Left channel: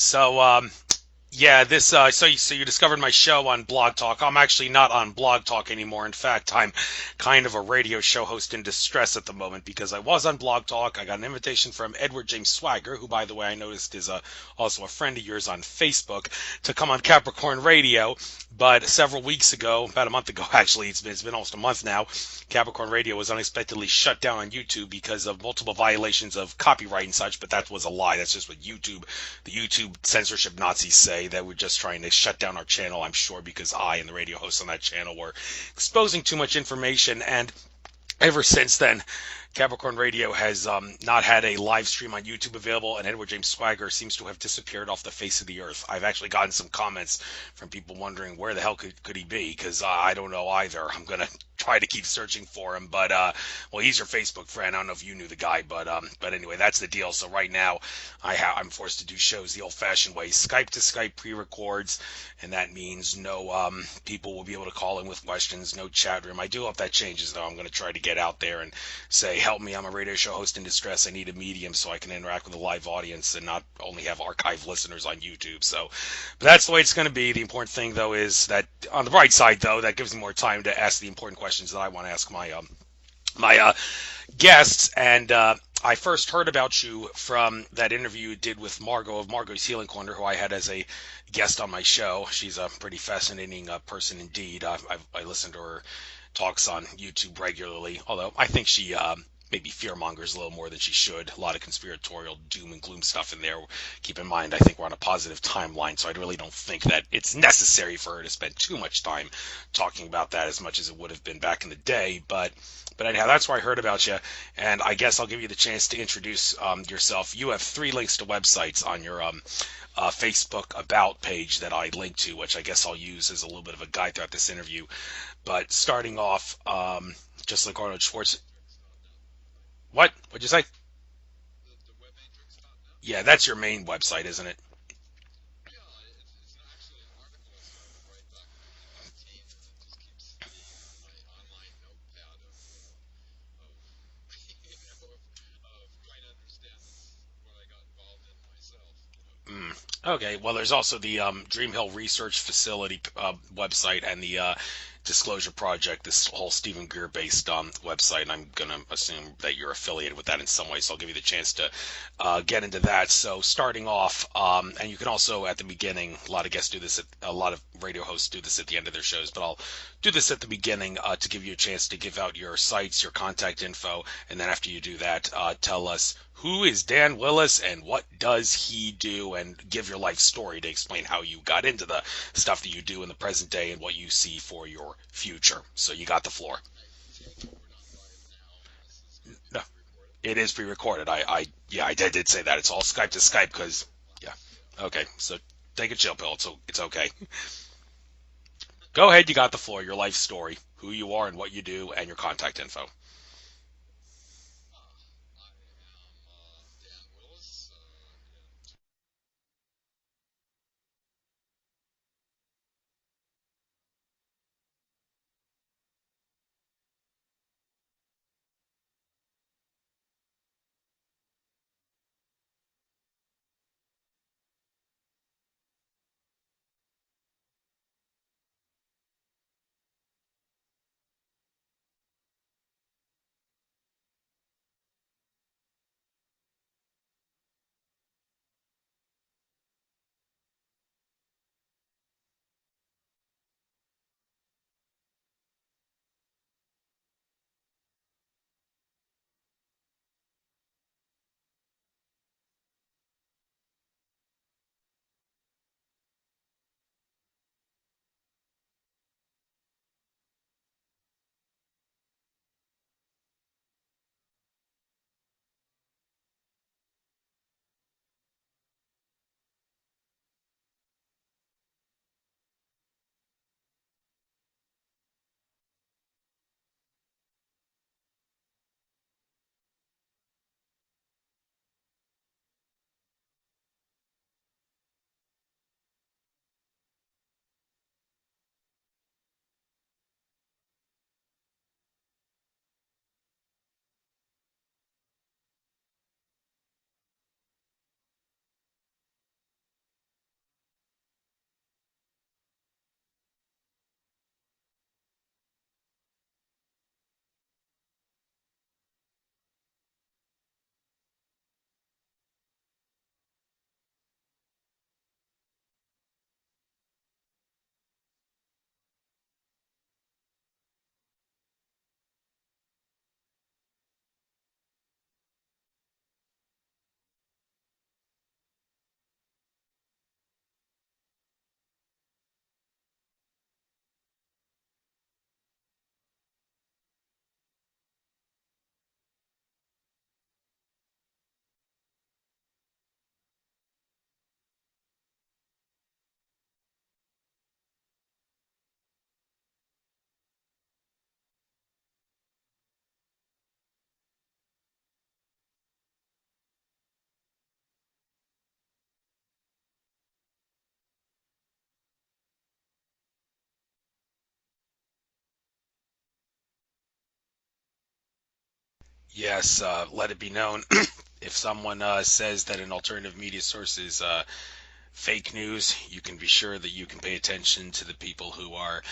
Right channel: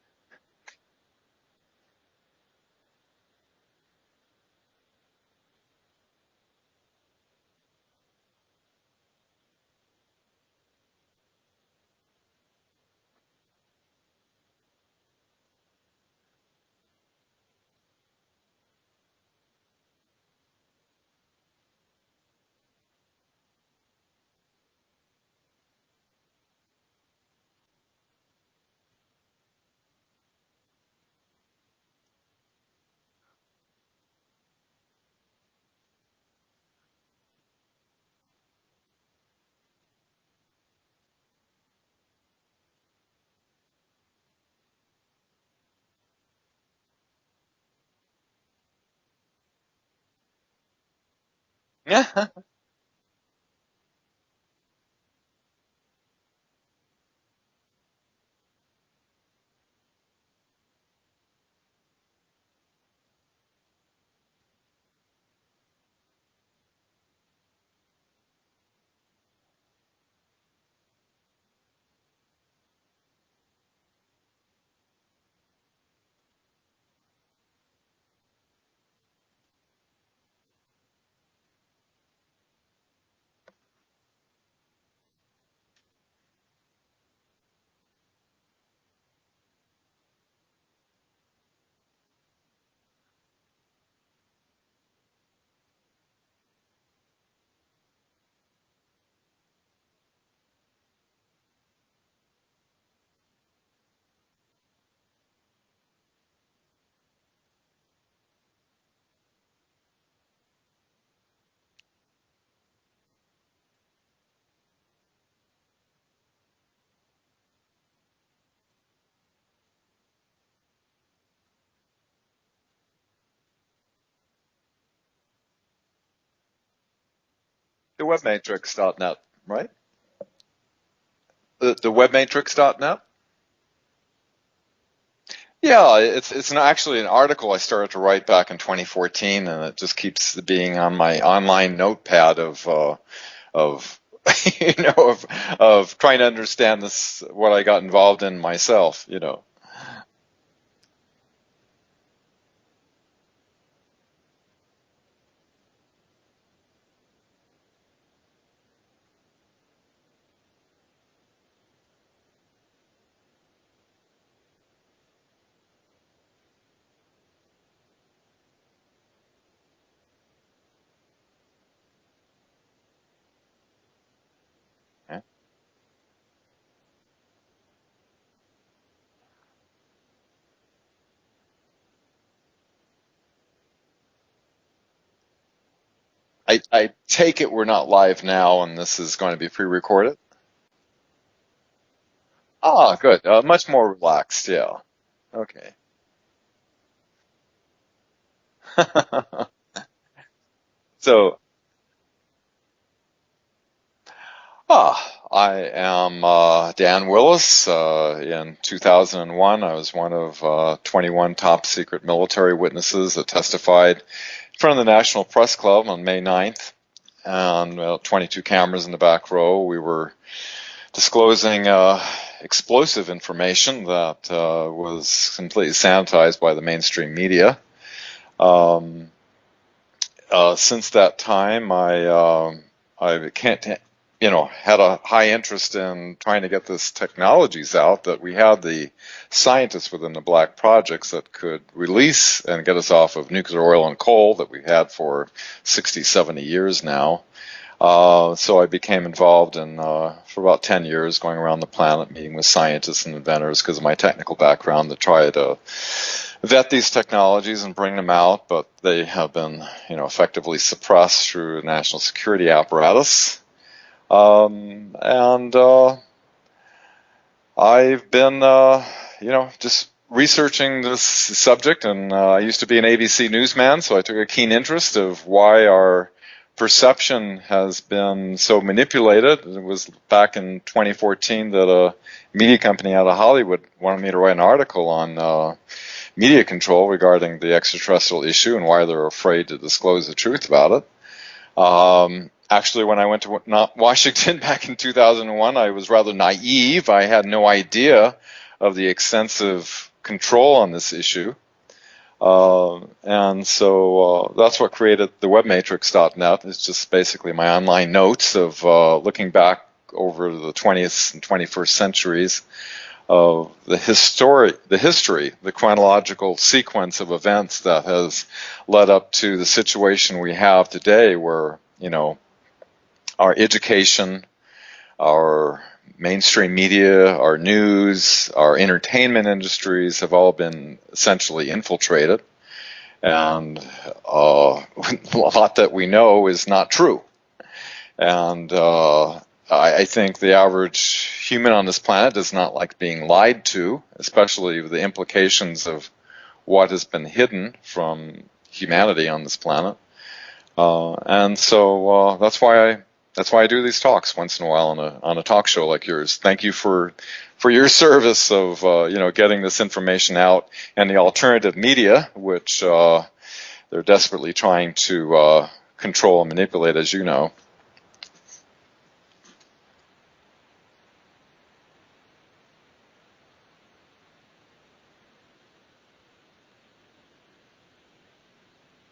So, yeah, so you discovered my show on Blog Talk. I'm actually not on Blog Talk anymore. In fact, I'm kind of a radio show host in distress at the moment because I was on Blog Talk. I got an invitation from Edward James Swagger, who, by the way, I noticed is also a friend of yours on Facebook, to come on Capricorn Radio. But several weeks ago, about a month ago actually, it's been almost a month now, Capricorn Radio was unexpectedly shut down on YouTube because of multiple violations of copyright and such. But that was a lie. That's just what the YouTube censorship Nazis say, that we're just trying to shut down our channel, I'm sure, because I and the radio hosts on that channel were exposing too much information. And ever since then, Capricorn Radio has not had a live stream on YouTube available, and Edward James Swagger seems to have disappeared off the face of the earth. I've actually gotten some comments from people wondering where the hell could he be, because I don't know either. I'm going to try to keep searching for him, but well, he's your Facebook friend. I don't know if you knew the guy, but anyway, that's the deal. So right now, I'm forced to do shows the old-fashioned way, Skype to Skype pre-records, and that means no people will be able to call in with questions, no chat room. I do hope that changes, though. I'm going to try to get out there and say, help me, I'm a radio show host in distress. I need a medium so I can interact with a live audience and not only have archive listeners on YouTube. So, but that's the way it's going to be. The important thing, though, is that on the bright side, though, that gives me more time to ask the important questions that I want to ask my guests. And I first heard about you from that interview you did with Margo of Margo's Healing Corner, who I had as a guest on my show. She's a pretty fascinating person indeed. I listen to her talks on YouTube regularly, although I think she maybe fear-mongers a little more than she should. A lot of conspiratorial doom and gloom stuff in there. Keep in mind, I think we're on a positive timeline, so I really don't think that it's necessary for her to spend too much time talking about that as much as it would have been back in the day. But anyhow, that's where I heard about you, and I guess I'll give you the chance to introduce yourself. You have 3 links to websites on your Facebook About page that I link to, which I guess I'll use as a little bit of a guide throughout this interview. But starting off, just like Arnold Schwarzenegger. Webmatrix.net, right? What? What'd you say? The webmatrix.net? Yeah, that's your main website, isn't it? Yeah, it's actually an article I started to write back in 2014, and it just keeps being on my online notepad of of trying to understand what I got involved in myself. Okay. Well, there's also the Dream Hill Research Facility website and the Disclosure Project, this whole Stephen Greer-based website, and I'm going to assume that you're affiliated with that in some way, so I'll give you the chance to get into that. So starting off, and you can also at the beginning, a lot of guests do this, a lot of radio hosts do this at the end of their shows, but I'll do this at the beginning to give you a chance to give out your sites, your contact info, and then after you do that, tell us who is Dan Willis and what does he do, and give your life story to explain how you got into the stuff that you do in the present day and what you see for your future. So you got the floor. I take it we're not live now, and this is going to be pre-recorded? It is pre-recorded. I did say that. It's good. Skype much more relaxed, yeah. Okay, so take a chill pill. It's okay. Go ahead, you got the floor. Your life story, who you are, and what you do, and your contact info. I am Dan Willis. In 2001, I was one of 21 top secret military witnesses that testified in front of the National Press Club on May 9th. And 22 cameras in the back row. We were disclosing explosive information that was completely sanitized by the mainstream media. Since that time, I had a high interest in trying to get these technologies out, that we had the scientists within the Black Projects that could release and get us off of nuclear oil and coal that we've had for 60, 70 years now. So I became involved in, for about 10 years, going around the planet, meeting with scientists and inventors because of my technical background, to try to vet these technologies and bring them out, but they have been, effectively suppressed through national security apparatus. I've been, just researching this subject, and I used to be an ABC newsman, so I took a keen interest of why our perception has been so manipulated. It was back in 2014 that a media company out of Hollywood wanted me to write an article on media control regarding the extraterrestrial issue and why they're afraid to disclose the truth about it. Actually, when I went to Washington back in 2001, I was rather naive. I had no idea of the extensive control on this issue. And so that's what created the webmatrix.net. It's just basically my online notes of looking back over the 20th and 21st centuries of the history, the chronological sequence of events that has led up to the situation we have today, where, our education, our mainstream media, our news, our entertainment industries have all been essentially infiltrated. And a lot that we know is not true. And I think the average human on this planet does not like being lied to, especially the implications of what has been hidden from humanity on this planet. And so that's why I do these talks once in a while on a talk show like yours. Thank you for your service of getting this information out, and the alternative media, which they're desperately trying to control and manipulate, as you know. Yes, let it be known if someone says that an alternative media source is fake news, you can be sure that you can pay attention to the people who are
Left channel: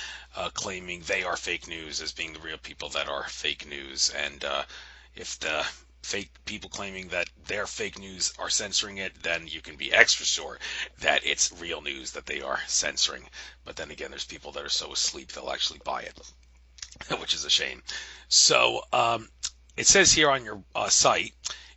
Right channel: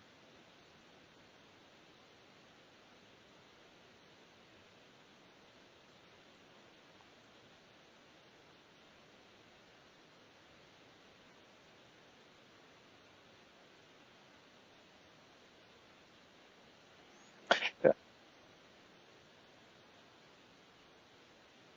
claiming they are fake news as being the real people that are fake news. And if the fake people claiming that they're fake news are censoring it, then you can be extra sure that it's real news that they are censoring. But then again, there's people that are so asleep they'll actually buy it, which is a shame. Yeah. So it says here on your site,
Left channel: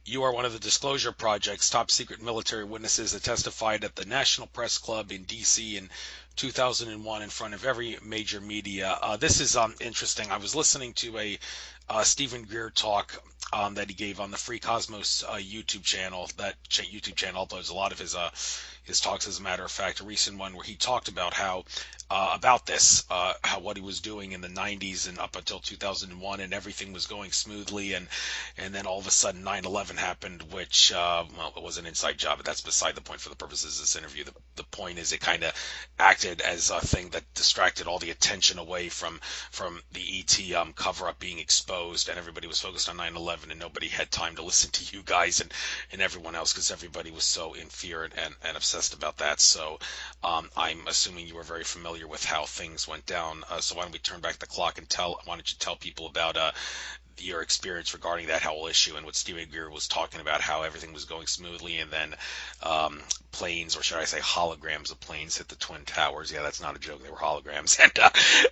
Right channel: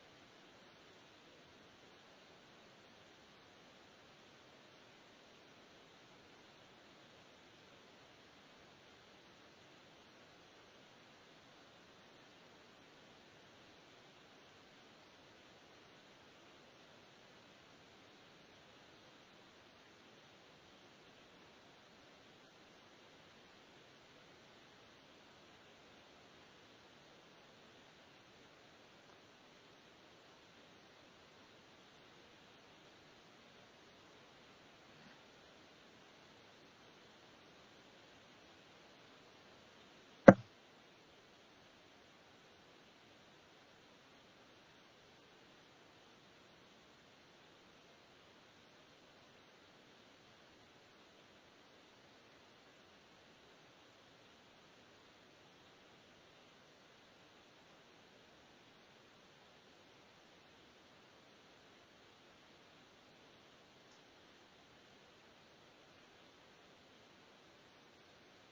you are one of the Disclosure Project's top secret military witnesses that testified at the National Press Club in D.C. in 2001 in front of every major media. This is interesting. I was listening to a Stephen Greer talk that he gave on the Free Cosmos YouTube channel. That YouTube channel uploads a lot of his talks. As a matter of fact, a recent one where he talked about how what he was doing in the 90s and up until 2001, and everything was going smoothly, and then all of a sudden 9/11 happened, which it was an inside job, but that's beside the point for the purposes of this interview. The point is, it kind of acted as a thing that distracted all the attention away from the ET cover-up being exposed, and everybody was focused on 9/11, and nobody had time to listen to you guys and everyone else, because everybody was so in fear and obsessed about that. So I'm assuming you were very familiar with how things went down. So why don't we turn back the clock and why don't you tell people about your experience regarding that whole issue, and what Stephen Greer was talking about, how everything was going smoothly, and then planes, or should I say holograms of planes, hit the Twin Towers. Yeah, that's not a joke. They were holograms,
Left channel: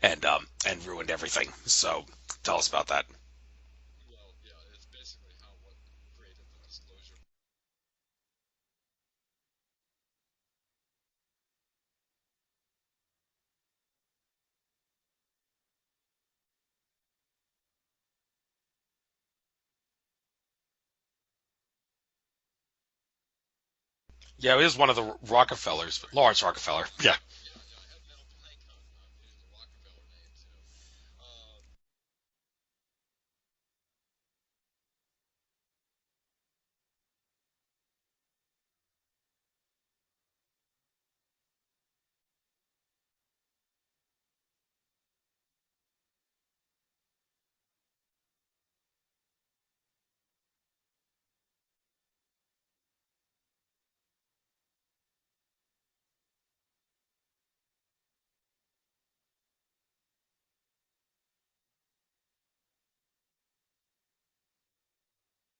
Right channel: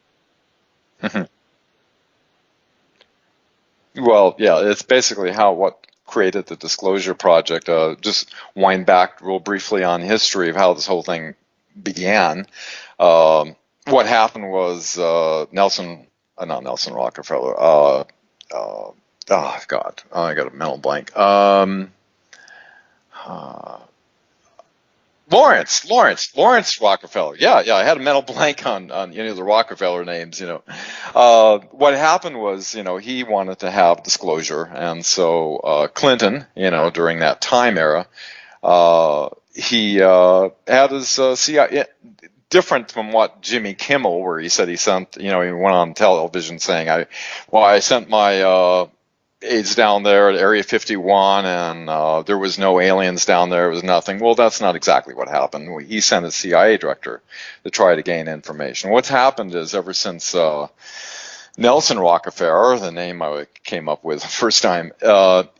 and ruined everything. So tell us about that. Well, yeah, it's basically what created the Disclosure Project. Just wind back real briefly on history of how this whole thing began. What happened was not Nelson Rockefeller. Oh God, I got a mental blank. Yeah, it was one of the Lawrence Rockefeller. Yeah. I had a mental blank on the Rockefeller names. What happened was, he wanted to have disclosure, and so Clinton, during that time era, he had his CIA. Different from what Jimmy Kimmel, where he said he sent, he went on television saying, I sent my aides down there at Area 51, and there was no aliens down there. It was nothing. Well, that's not exactly what happened. He sent a CIA director to try to gain information. What's happened is, ever since Nelson Rockefeller, the name I came up with the first time,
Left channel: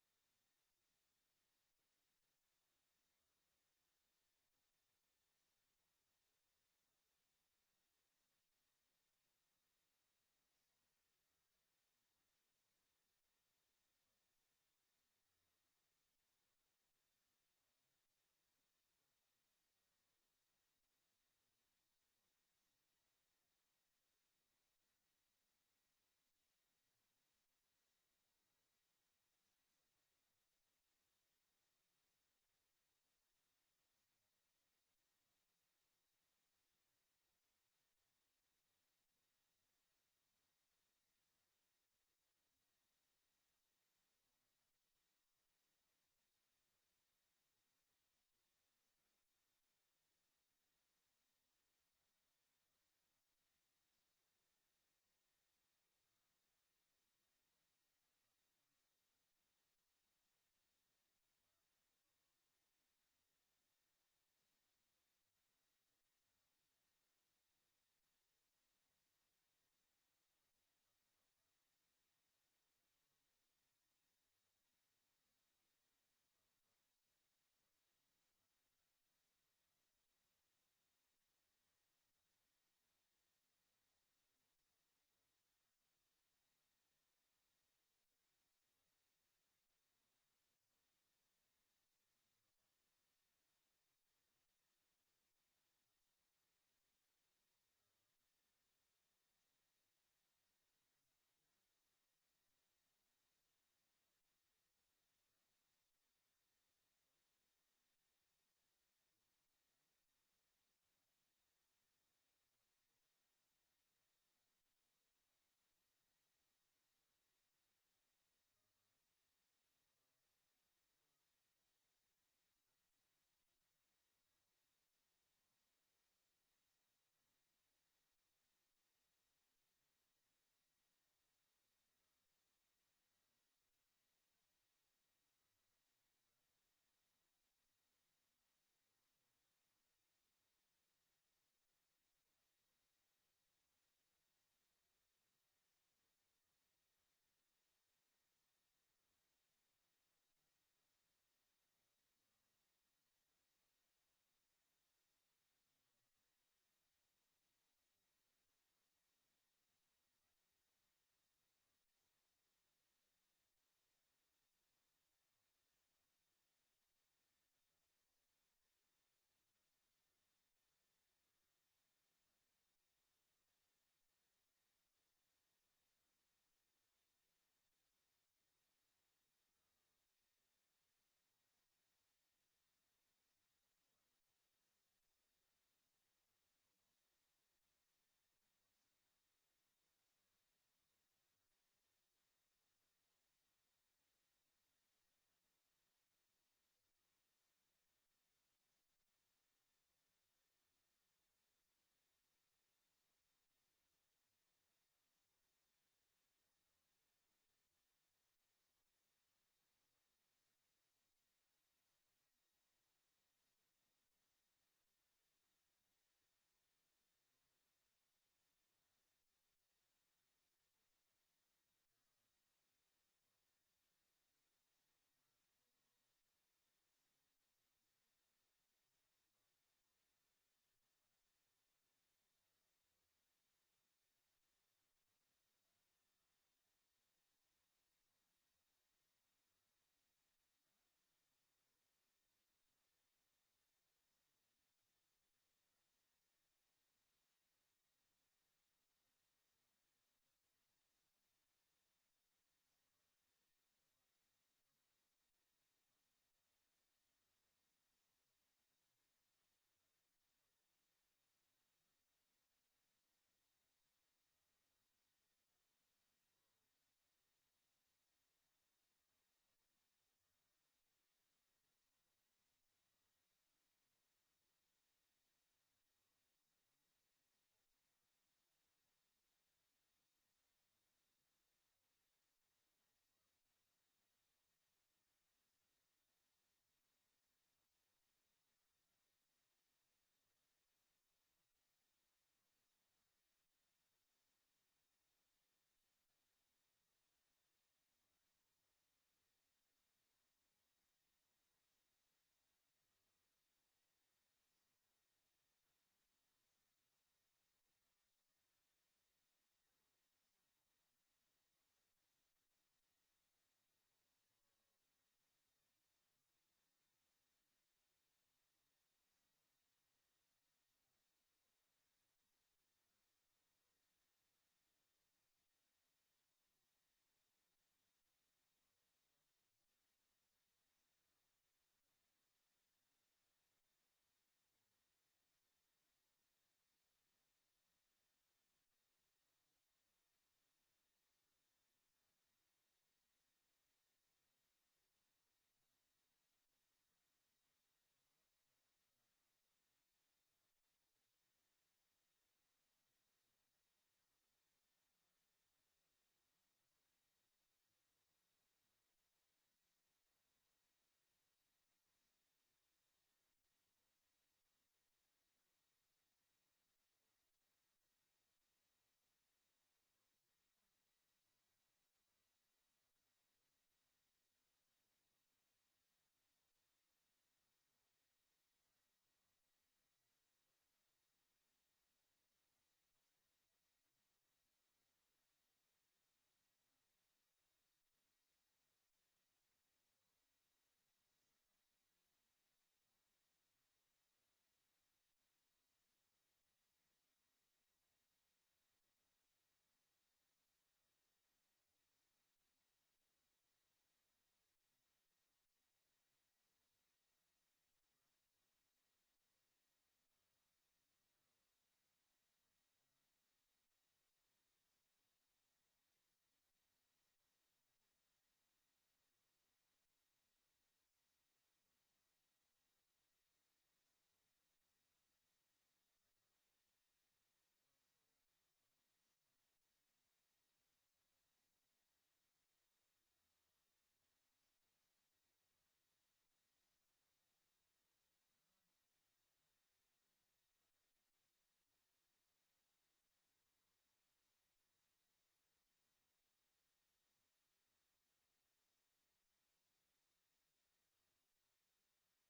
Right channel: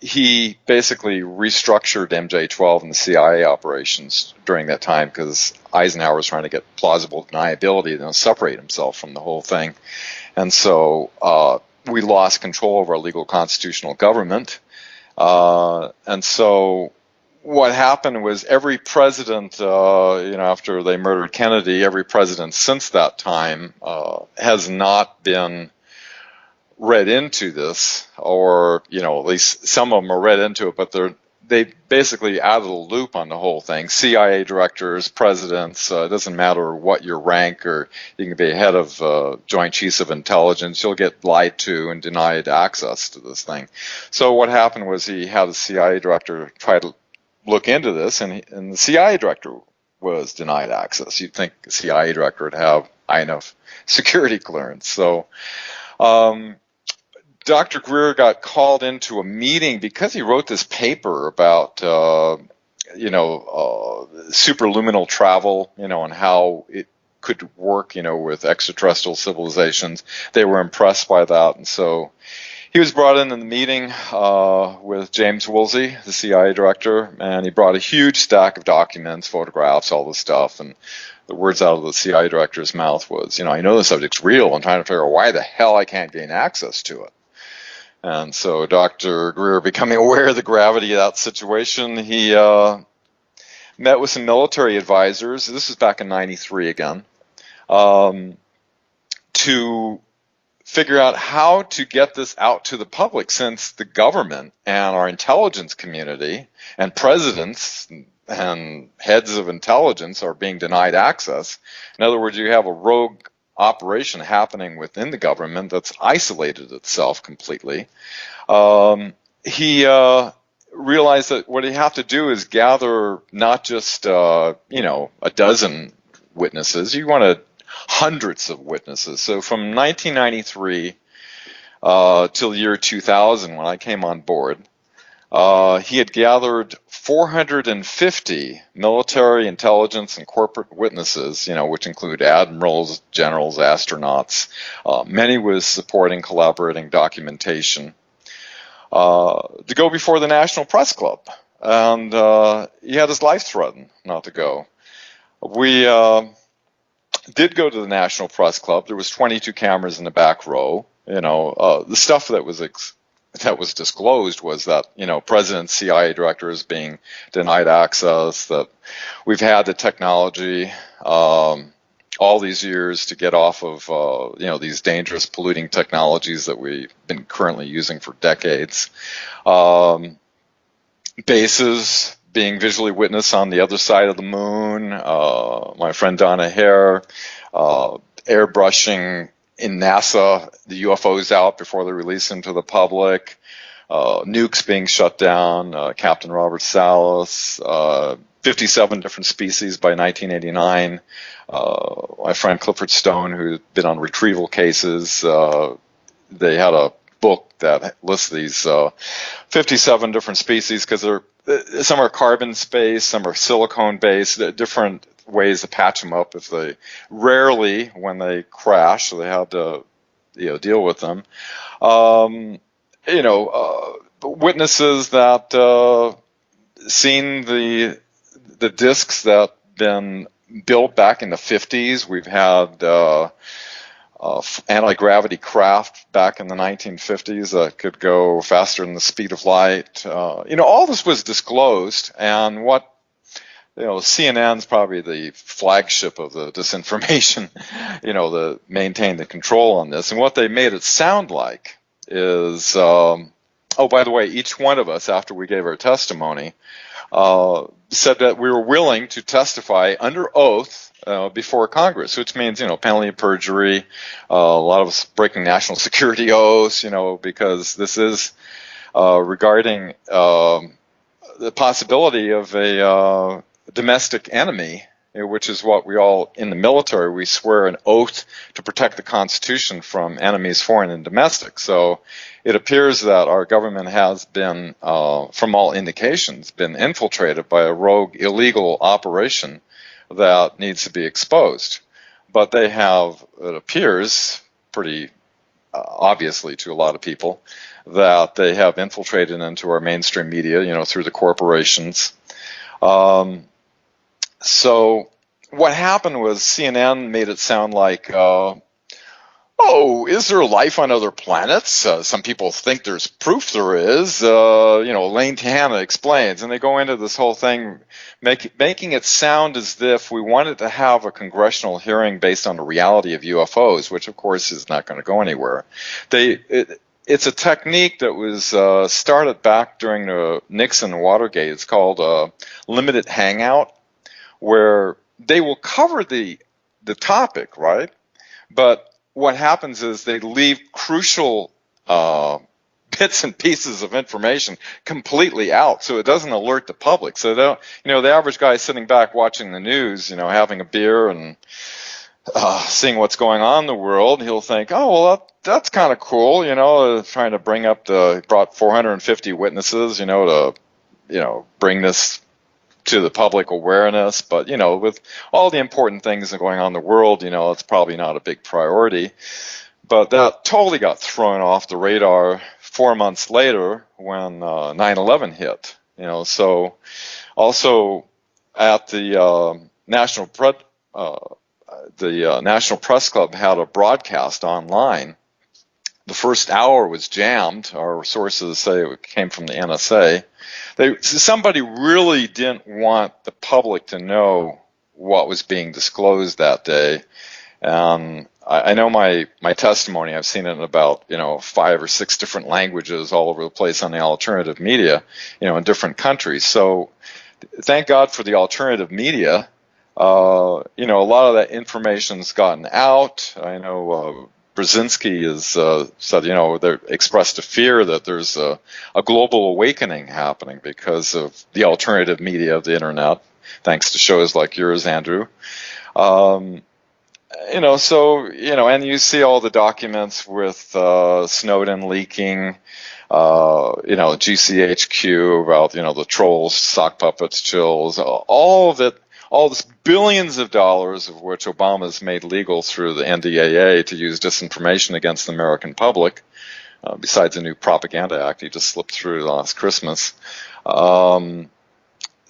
he basically restructured MJ-12 and the CIA operations during that time, because Eisenhower was trying to get plausible deniability to separate himself from the whole thing. And so we lost control of our legal constitutional government. And so what happened was, every president, after they murdered Kennedy, every president since that time has not been read into this, or at least some of them are read into it, but they basically added a loop on the whole thing. CIA directors, presidents, it doesn't matter what your rank, or you can be head of Joint Chiefs of Intelligence, you'll get lied to and denied access to this thing. So what happened was, he had a CIA director try to look into this, and the CIA director was denied access. You'd think the CIA director would have high enough security clearance. So Dr. Greer got called into a meeting because he wrote this paper about superluminal travel, and how it could work, with extraterrestrial civilizations. They were impressed by that, and so he was brought in the meeting with James Woolsey, the CIA director, and he brought a huge stack of documents, photographs, all this stuff, and the words out of the CIA director's mouth was, I know the subject's real. I'm trying to figure out why the hell I can't gain access to it. And so Dr. Greer, becoming aware of the gravity of that situation, he met with some military advisors. This was back in '93 again, to figure out how to get this out to the public, since the government and our intelligence community and presidents and heads of intelligence are being denied access. In other words, you have a rogue operation happening within the government that's isolated itself completely. He realized that what you have to do is gather not just a dozen witnesses. You wanted hundreds of witnesses. So from 1993 till the year 2000, when I came on board, he had gathered 450 military, intelligence, and corporate witnesses, which include admirals, generals, astronauts, many with supporting, collaborating documentation, to go before the National Press Club. And he had his life threatened not to go. We did go to the National Press Club. There was 22 cameras in the back row. The stuff that was disclosed was that, President, CIA directors being denied access, that we've had the technology all these years to get off of, these dangerous polluting technologies that we've been currently using for decades. Bases being visually witnessed on the other side of the moon. My friend Donna Hare airbrushing in NASA the UFOs out before they release them to the public. Nukes being shut down. Captain Robert Salas. 57 different species by 1989. My friend Clifford Stone, who's been on retrieval cases, they had a book that lists these 57 different species, because some are carbon-based, some are silicone-based, different ways to patch them up if they rarely, when they crash, so they had to deal with them. Witnesses that seen the discs that been built back in the 50s. We've had anti-gravity craft back in the 1950s that could go faster than the speed of light. All this was disclosed, and what CNN's probably the flagship of the disinformation, to maintain the control on this. And what they made it sound like is, by the way, each one of us, after we gave our testimony, said that we were willing to testify under oath before Congress, which means, penalty of perjury, a lot of us breaking national security oaths, because this is regarding the possibility of a domestic enemy, which is what we all, in the military, we swear an oath to protect the Constitution from enemies, foreign and domestic. So it appears that our government has been, from all indications, been infiltrated by a rogue illegal operation that needs to be exposed. But they have, it appears, pretty obviously to a lot of people, that they have infiltrated into our mainstream media, through the corporations. So what happened was CNN made it sound like, is there life on other planets? Some people think there's proof there is. Elaine Tanna explains, and they go into this whole thing, making it sound as if we wanted to have a congressional hearing based on the reality of UFOs, which of course is not going to go anywhere. It's a technique that was started back during the Nixon Watergate. It's called limited hangout, where they will cover the topic, right? But what happens is they leave crucial bits and pieces of information completely out, so it doesn't alert the public. So the average guy sitting back watching the news, having a beer and seeing what's going on in the world, he'll think, that's kind of cool, trying to bring up brought 450 witnesses, to bring this to the public awareness, but with all the important things going on in the world, it's probably not a big priority. But that totally got thrown off the radar 4 months later when 9/11 hit. So also at the National Press Club had a broadcast online. The first hour was jammed. Our sources say it came from the NSA. Somebody really didn't want the public to know what was being disclosed that day. And I know my testimony, I've seen it in about 5 or 6 different languages all over the place on the alternative media, in different countries. So thank God for the alternative media. A lot of that information's gotten out. I know Brzezinski has said, they expressed a fear that there's a global awakening happening because of the alternative media of the internet, thanks to shows like yours, Andrew. And you see all the documents with Snowden leaking, GCHQ about, the trolls, sock puppets, chills, all of it. All this billions of dollars of which Obama's made legal through the NDAA to use disinformation against the American public, besides a new propaganda act he just slipped through last Christmas, so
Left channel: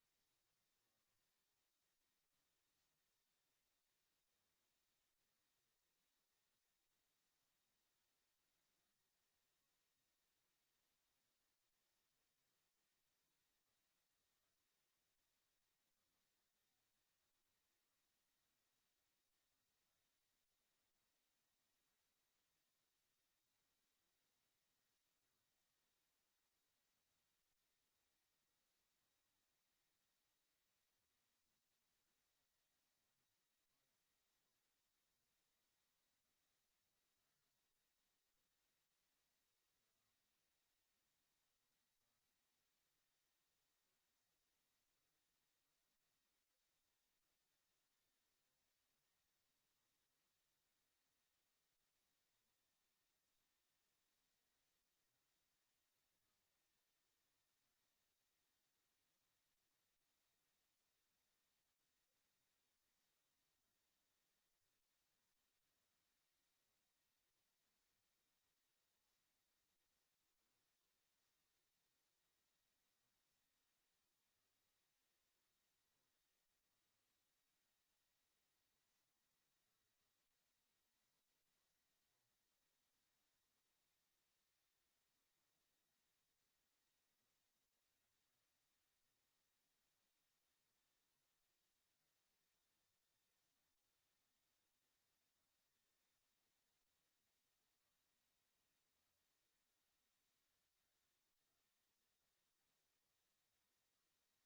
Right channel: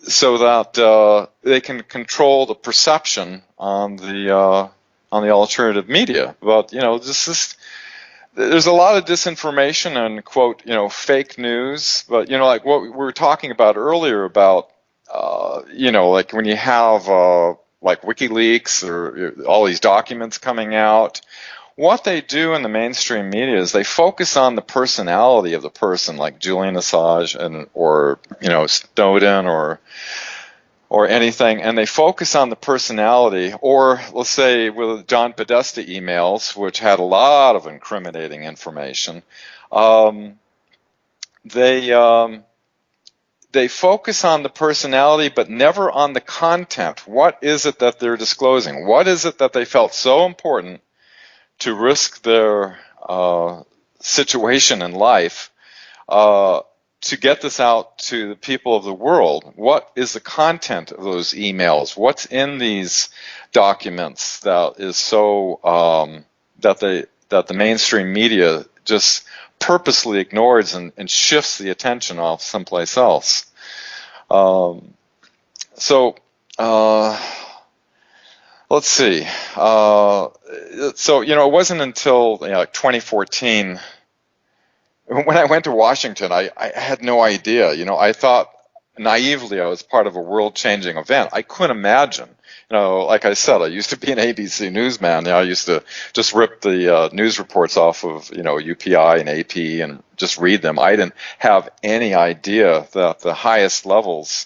that they can control the perception on the alternative media. But there's a lot of disinformation and quote fake news. But like what we were talking about earlier about. Like when you have like Wikileaks or all these documents coming out, what they do in the mainstream media is they focus on the personality of the person, like Julian Assange or Snowden or anything, and they focus on the personality. Or let's say with John Podesta emails, which had a lot of incriminating information, they focus on the personality, but never on the content. What is it that they're disclosing? What is it that they felt so important to risk their situation in life to get this out to the people of the world? What is the content of those emails? What's in these documents that is so that the mainstream media just purposely ignores and shifts the attention off someplace else. Let's see. It wasn't until 2014 when I went to Washington, I had no idea. I thought naively I was part of a world-changing event. I couldn't imagine. Like I said, I used to be an ABC newsman. I used to just rip the news reports off of, UPI and AP and just read them. I didn't have any idea that the highest levels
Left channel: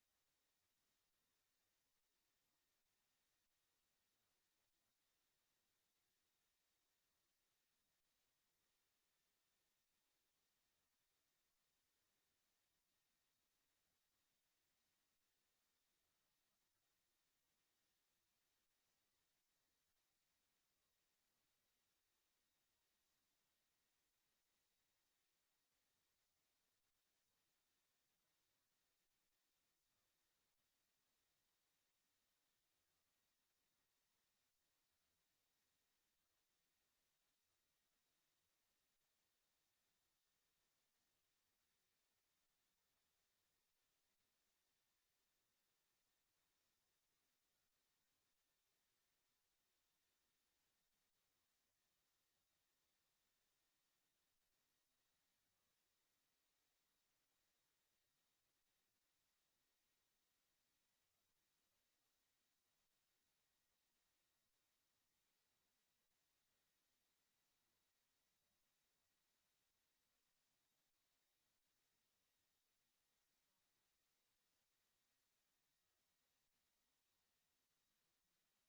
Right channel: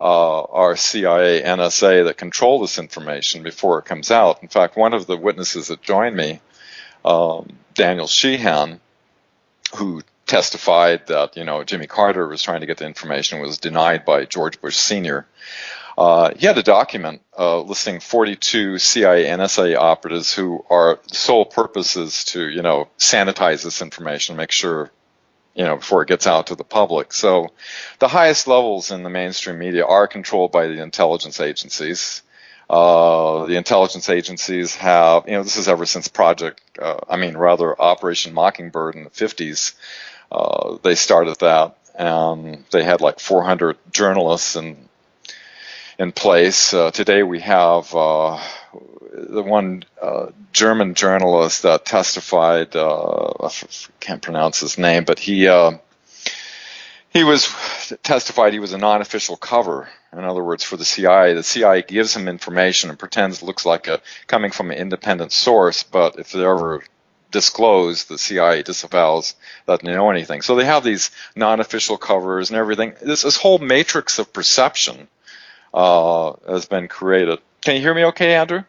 are CIA, NSA that control this information before it comes out. In fact, one of the witnesses that joined me, Daniel Sheehan, who testified that, Jimmy Carter was trying to get the information, was denied by George Bush Sr., he had a document listing 42 CIA NSA operatives who are sole purpose is to, sanitize this information, make sure, before it gets out to the public. So the highest levels in the mainstream media are controlled by the intelligence agencies. The intelligence agencies have, this is ever since Operation Mockingbird in the 50s. They started that, and they had like 400 journalists in place. Today we have the one German journalist that testified. I can't pronounce his name, but he was testified he was a non-official cover. In other words, for the CIA gives him information and pretends it looks like coming from an independent source, but if they're ever disclosed, the CIA disavows that they know anything. So they have these non-official covers and everything. This whole matrix of perception has been created. Can you hear me okay, Andrew?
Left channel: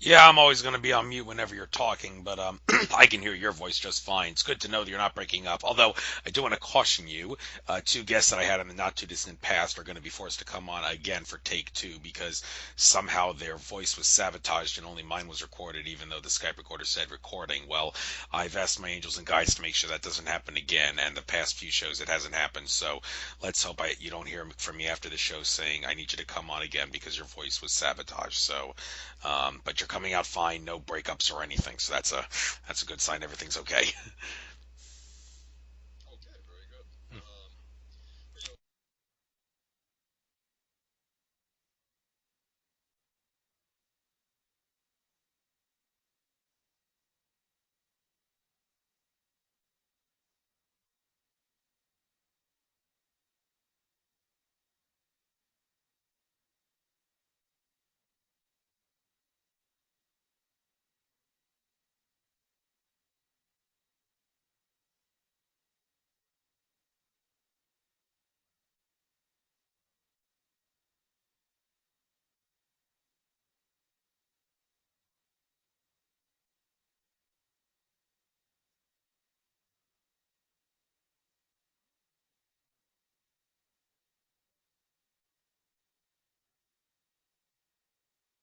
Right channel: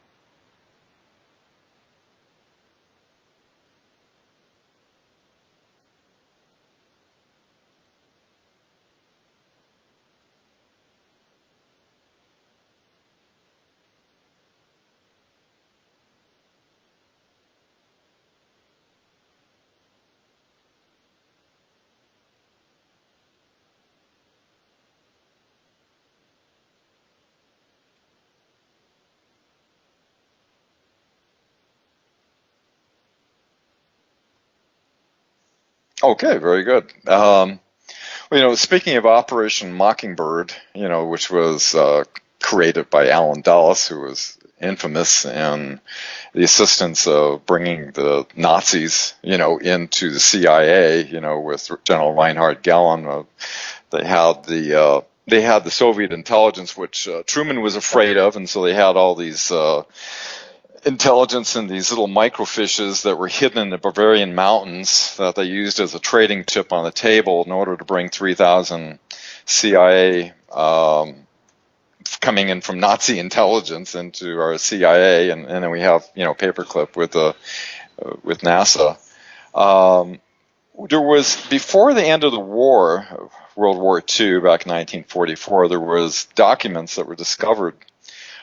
Yeah, I'm always going to be on mute whenever you're talking, but I can hear your voice just fine. It's good to know that you're not breaking up. Although I do want to caution you, two guests that I had in the not too distant past are going to be forced to come on again for take two because somehow their voice was sabotaged and only mine was recorded, even though the Skype recorder said recording. Well, I've asked my angels and guides to make sure that doesn't happen again, and the past few shows it hasn't happened. So let's hope you don't hear from me after the show saying I need you to come on again because your voice was sabotaged. So. But you're coming out fine, no breakups or anything, so that's a good sign. Everything's okay. Okay, very good. Well, speaking of Operation Mockingbird, which was created by Alan Dulles, who was infamous in the assistance of bringing the Nazis, into the CIA, with General Reinhard Gehlen. They had the Soviet intelligence, which Truman was afraid of, and so they had all these intelligence in these little microfishes that were hidden in the Bavarian mountains that they used as a trading chip on the table in order to bring 3,000 CIA coming in from Nazi intelligence into our CIA, and then we have paperclip with NASA. There was, before the end of the war, World War II, back in 1944, there was documents that were discovered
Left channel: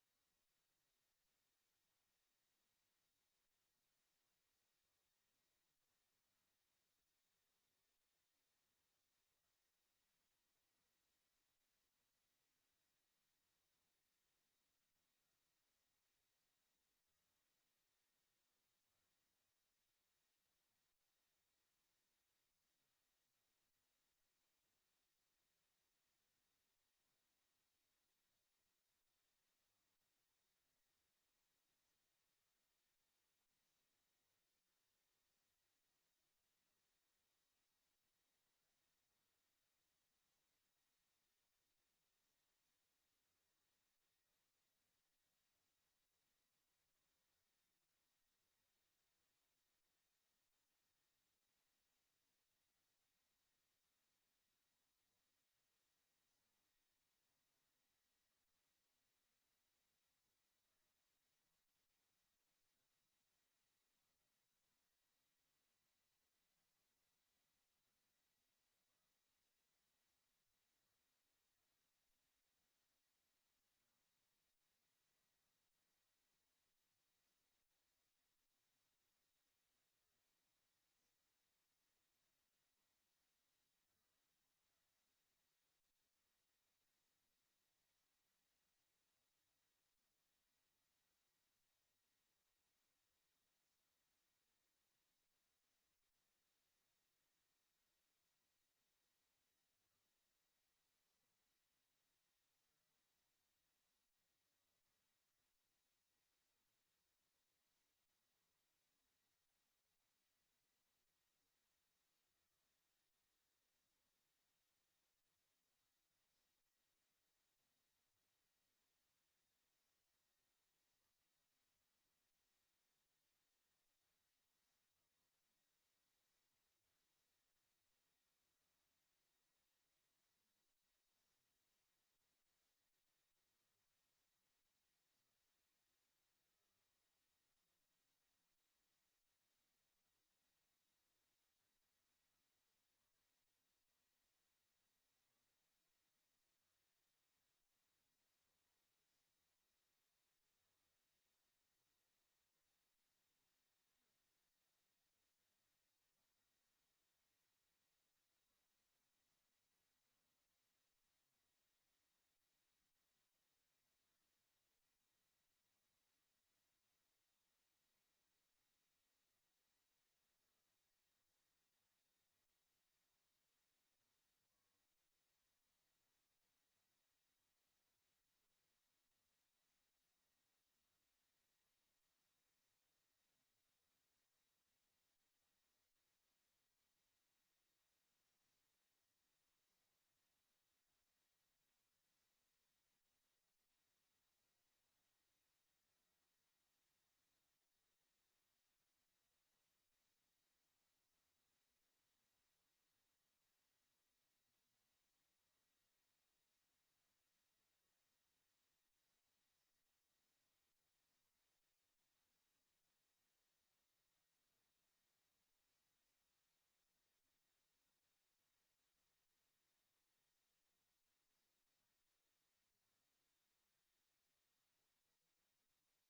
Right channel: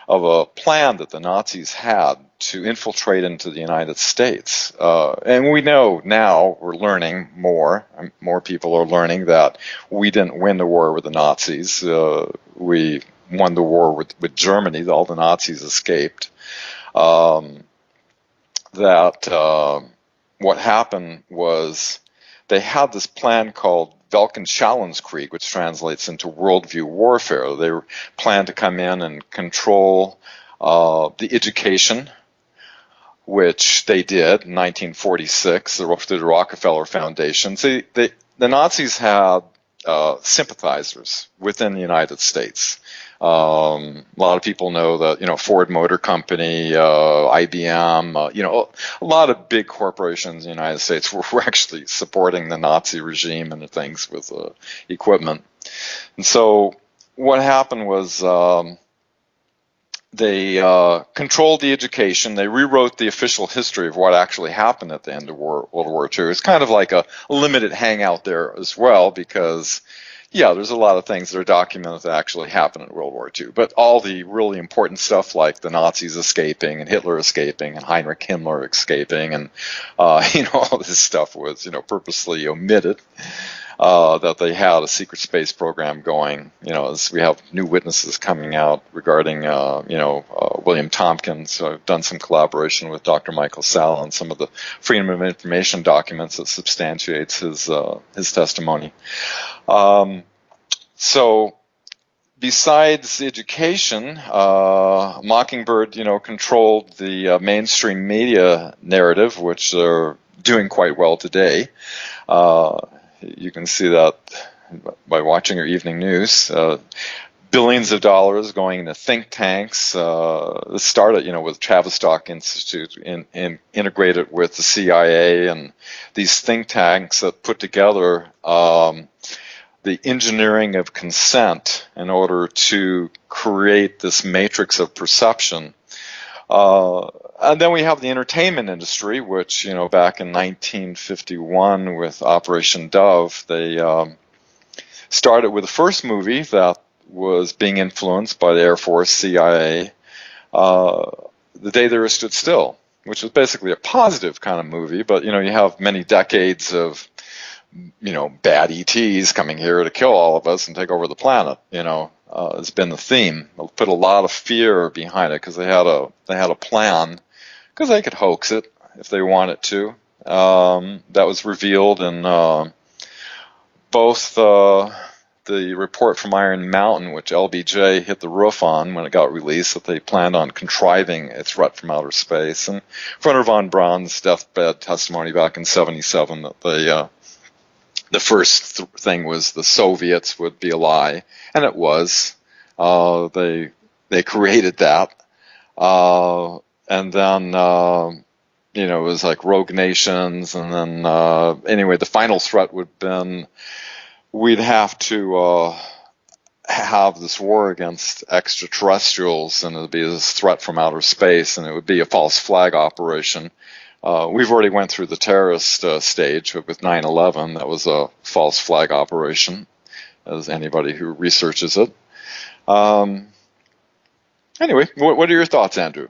of a plan that the Nazis had to infiltrate into the United States. And we know now, we're learning more people are learning that we didn't win the war with the Nazis. We won the war with Germany. All the Nazis escaped. What happened was they had this plan called Welkenschallungskrieg, which translates into worldview warfare. They planned to come in and control the education, which they did in 1946 through the Rockefeller Foundation. The Nazis had sympathizers within the United States. A lot of people know that, Ford Motor Company, IBM, a lot of big corporations in the United States were actually supporting the Nazi regime and the things with equipment. And so what happened was they controlled the education. They rewrote the official history of what actually happened at the end of World War II. It's kind of like a limited hangout there as well because there's a lot of things that are documented that actually happened in World War II. But all the really important stuff like the Nazis escaping and Hitler escaping and Heinrich Himmler escaping and, all this stuff was, purposely omitted. That they had a secret space program going, as we have new witnesses coming out regarding, William Tompkins. So I've done some collaboration with Dr. Michael Sall on some of the Freedom of Information documents that substantiates his testimony. So besides education, Mockingbird, controlled the mainstream media narrative, which they're doing quite well today. You can see that by watching your evening news. Billions of dollars going into think tanks. This started, with Tavistock Institute, integrated with the CIA and these think tanks that put together the engineering of consent in order to create this matrix of perception. And then we have the entertainment industry, which, back in 1951 with Operation Dove, they started with the first movie that was being influenced by the Air Force, CIA, The Day the Earth Stood Still, which was basically a positive kind of movie. But, you have many decades of, bad ETs coming here to kill all of us and take over the planet, has been the theme. They'll put a lot of fear behind it because they had a plan, because they could hoax it if they wanted to. That was revealed in both the report from Iron Mountain, which LBJ hit the roof on when it got released, that they planned on contriving a threat from outer space, and Wernher von Braun's deathbed testimony back in '77 that the first thing was the Soviets would be a lie, and it was. They created that, and then it was like rogue nations, and then anyway, the final threat would have been we'd have to have this war against extraterrestrials, and it would be this threat from outer space, and it would be a false flag operation. We've already went through the terrorist stage with 9/11. That was a false flag operation, as anybody who researches it. Anyway, what are your thoughts, Andrew?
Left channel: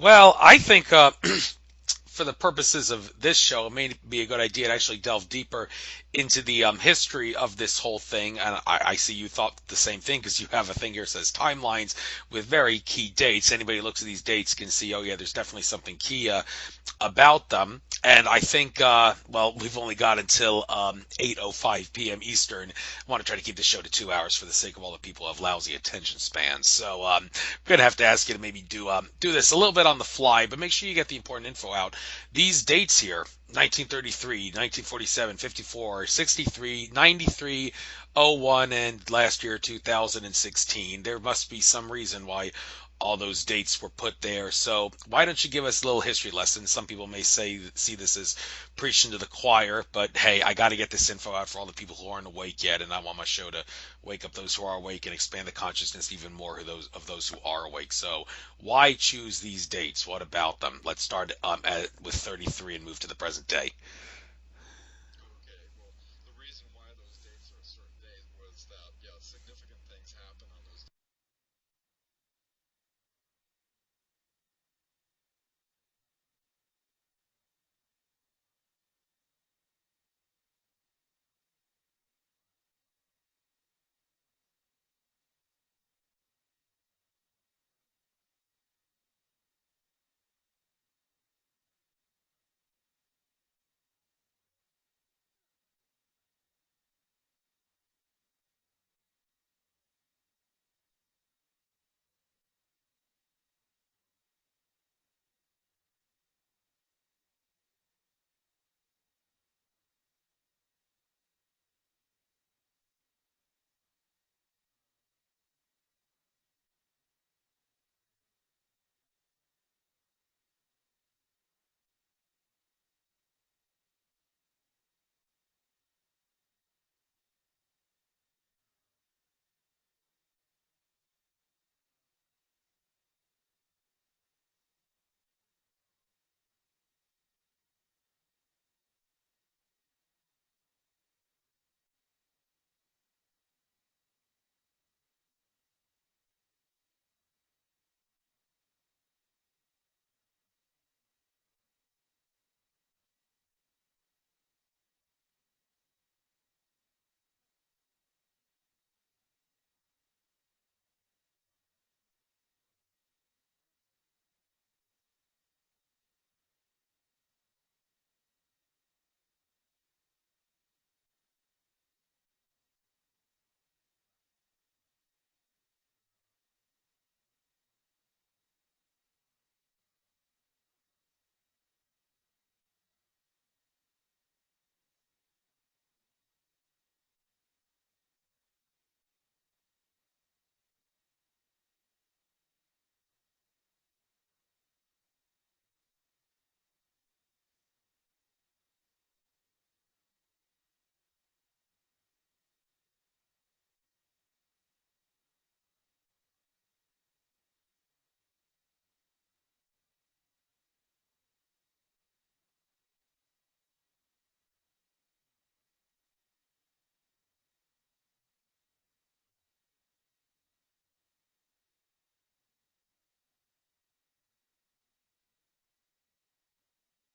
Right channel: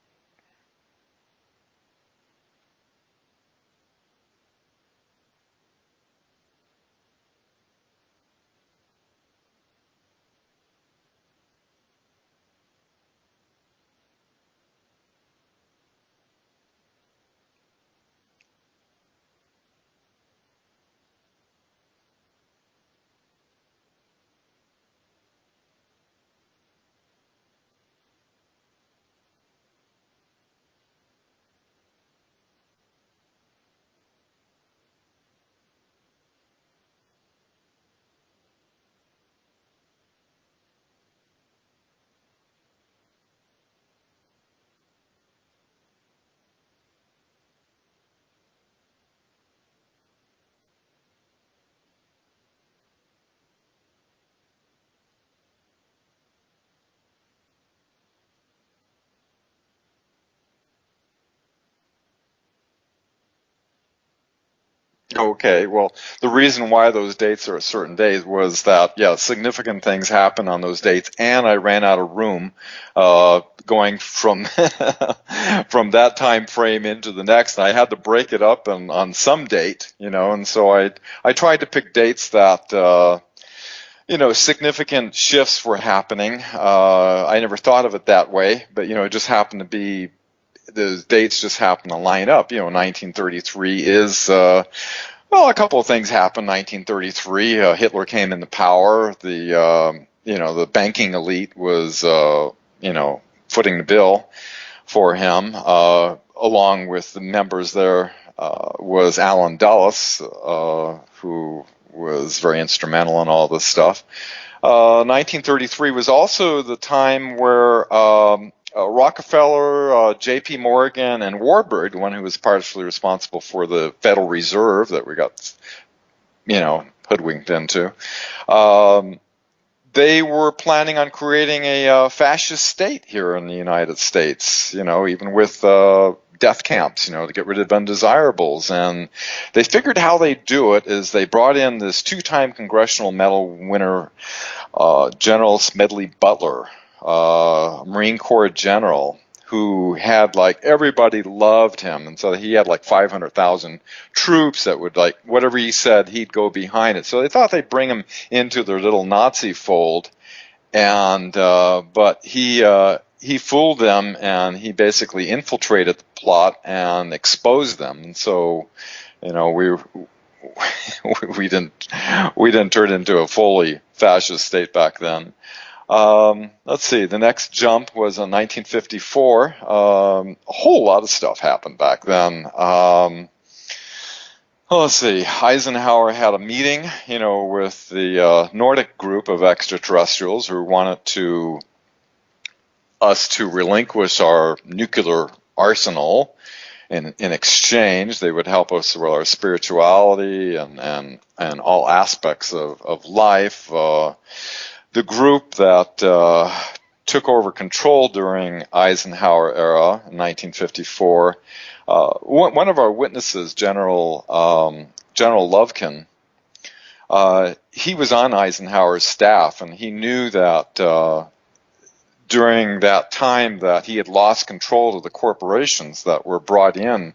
Well, I think for the purposes of this show, it may be a good idea to actually delve deeper into the history of this whole thing. And I see you thought the same thing, because you have a thing here that says timelines with very key dates. Anybody who looks at these dates can see, oh yeah, there's definitely something key about them. And I think, well, we've only got until 8:05 p.m. Eastern. I want to try to keep the show to 2 hours for the sake of all the people who have lousy attention spans. So I'm going to have to ask you to maybe do this a little bit on the fly, but make sure you get the important info out. These dates here: 1933, 1947, 54, 63, 93, 01, and last year 2016. There must be some reason why all those dates were put there. So why don't you give us a little history lesson? Some people may see this as preaching to the choir, but hey, I got to get this info out for all the people who aren't awake yet, and I want my show to wake up those who are awake and expand the consciousness even more of those who are awake. So why choose these dates? What about them? Let's start with 33 and move to the present day. Okay, well, the reason why those dates are at certain days was that, yeah, significant things happened on those dates, and I ran out of room going from from that time frame into the next. And I had to break it up on some date, and so I tried to pick dates that significant shifts were happening. I never thought of it that way, but it just happened to be the dates just happen to line up. 1933 is well, a couple of things happened. 1933, Hitler came into power. The banking elite was footing the bill for him. Along with the members there was Alan Dulles, who was very instrumental in all this stuff. 1933 was also the time where Rockefeller, J.P. Morgan, and Warburg, the one who was partially responsible for the Federal Reserve that we got, hoodwinked into, they were planning on creating a fascist state here in the United States, even with death camps, to get rid of undesirables. And they figured how they do it is they brought in this two-time Congressional Medal winner, General Smedley Butler, Marine Corps general, who had everybody loved him, and so he had 500,000 troops that would whatever he said, he'd go behind it. So they thought they'd bring him into their little Nazi fold, and but he fooled them, and he basically infiltrated the plot and exposed them. And so we didn't turn into a fully fascist state back then. Let's see, the next jump was in 1954. A whole lot of stuff happened back then. Let's see, Eisenhower had a meeting, with the Nordic group of extraterrestrials who wanted us to relinquish our nuclear arsenal. In exchange, they would help us with our spirituality and all aspects of life. The group that took over control during Eisenhower era in 1954, one of our witnesses, General Lovekin, he was on Eisenhower's staff, and he knew that during that time that he had lost control of the corporations that were brought in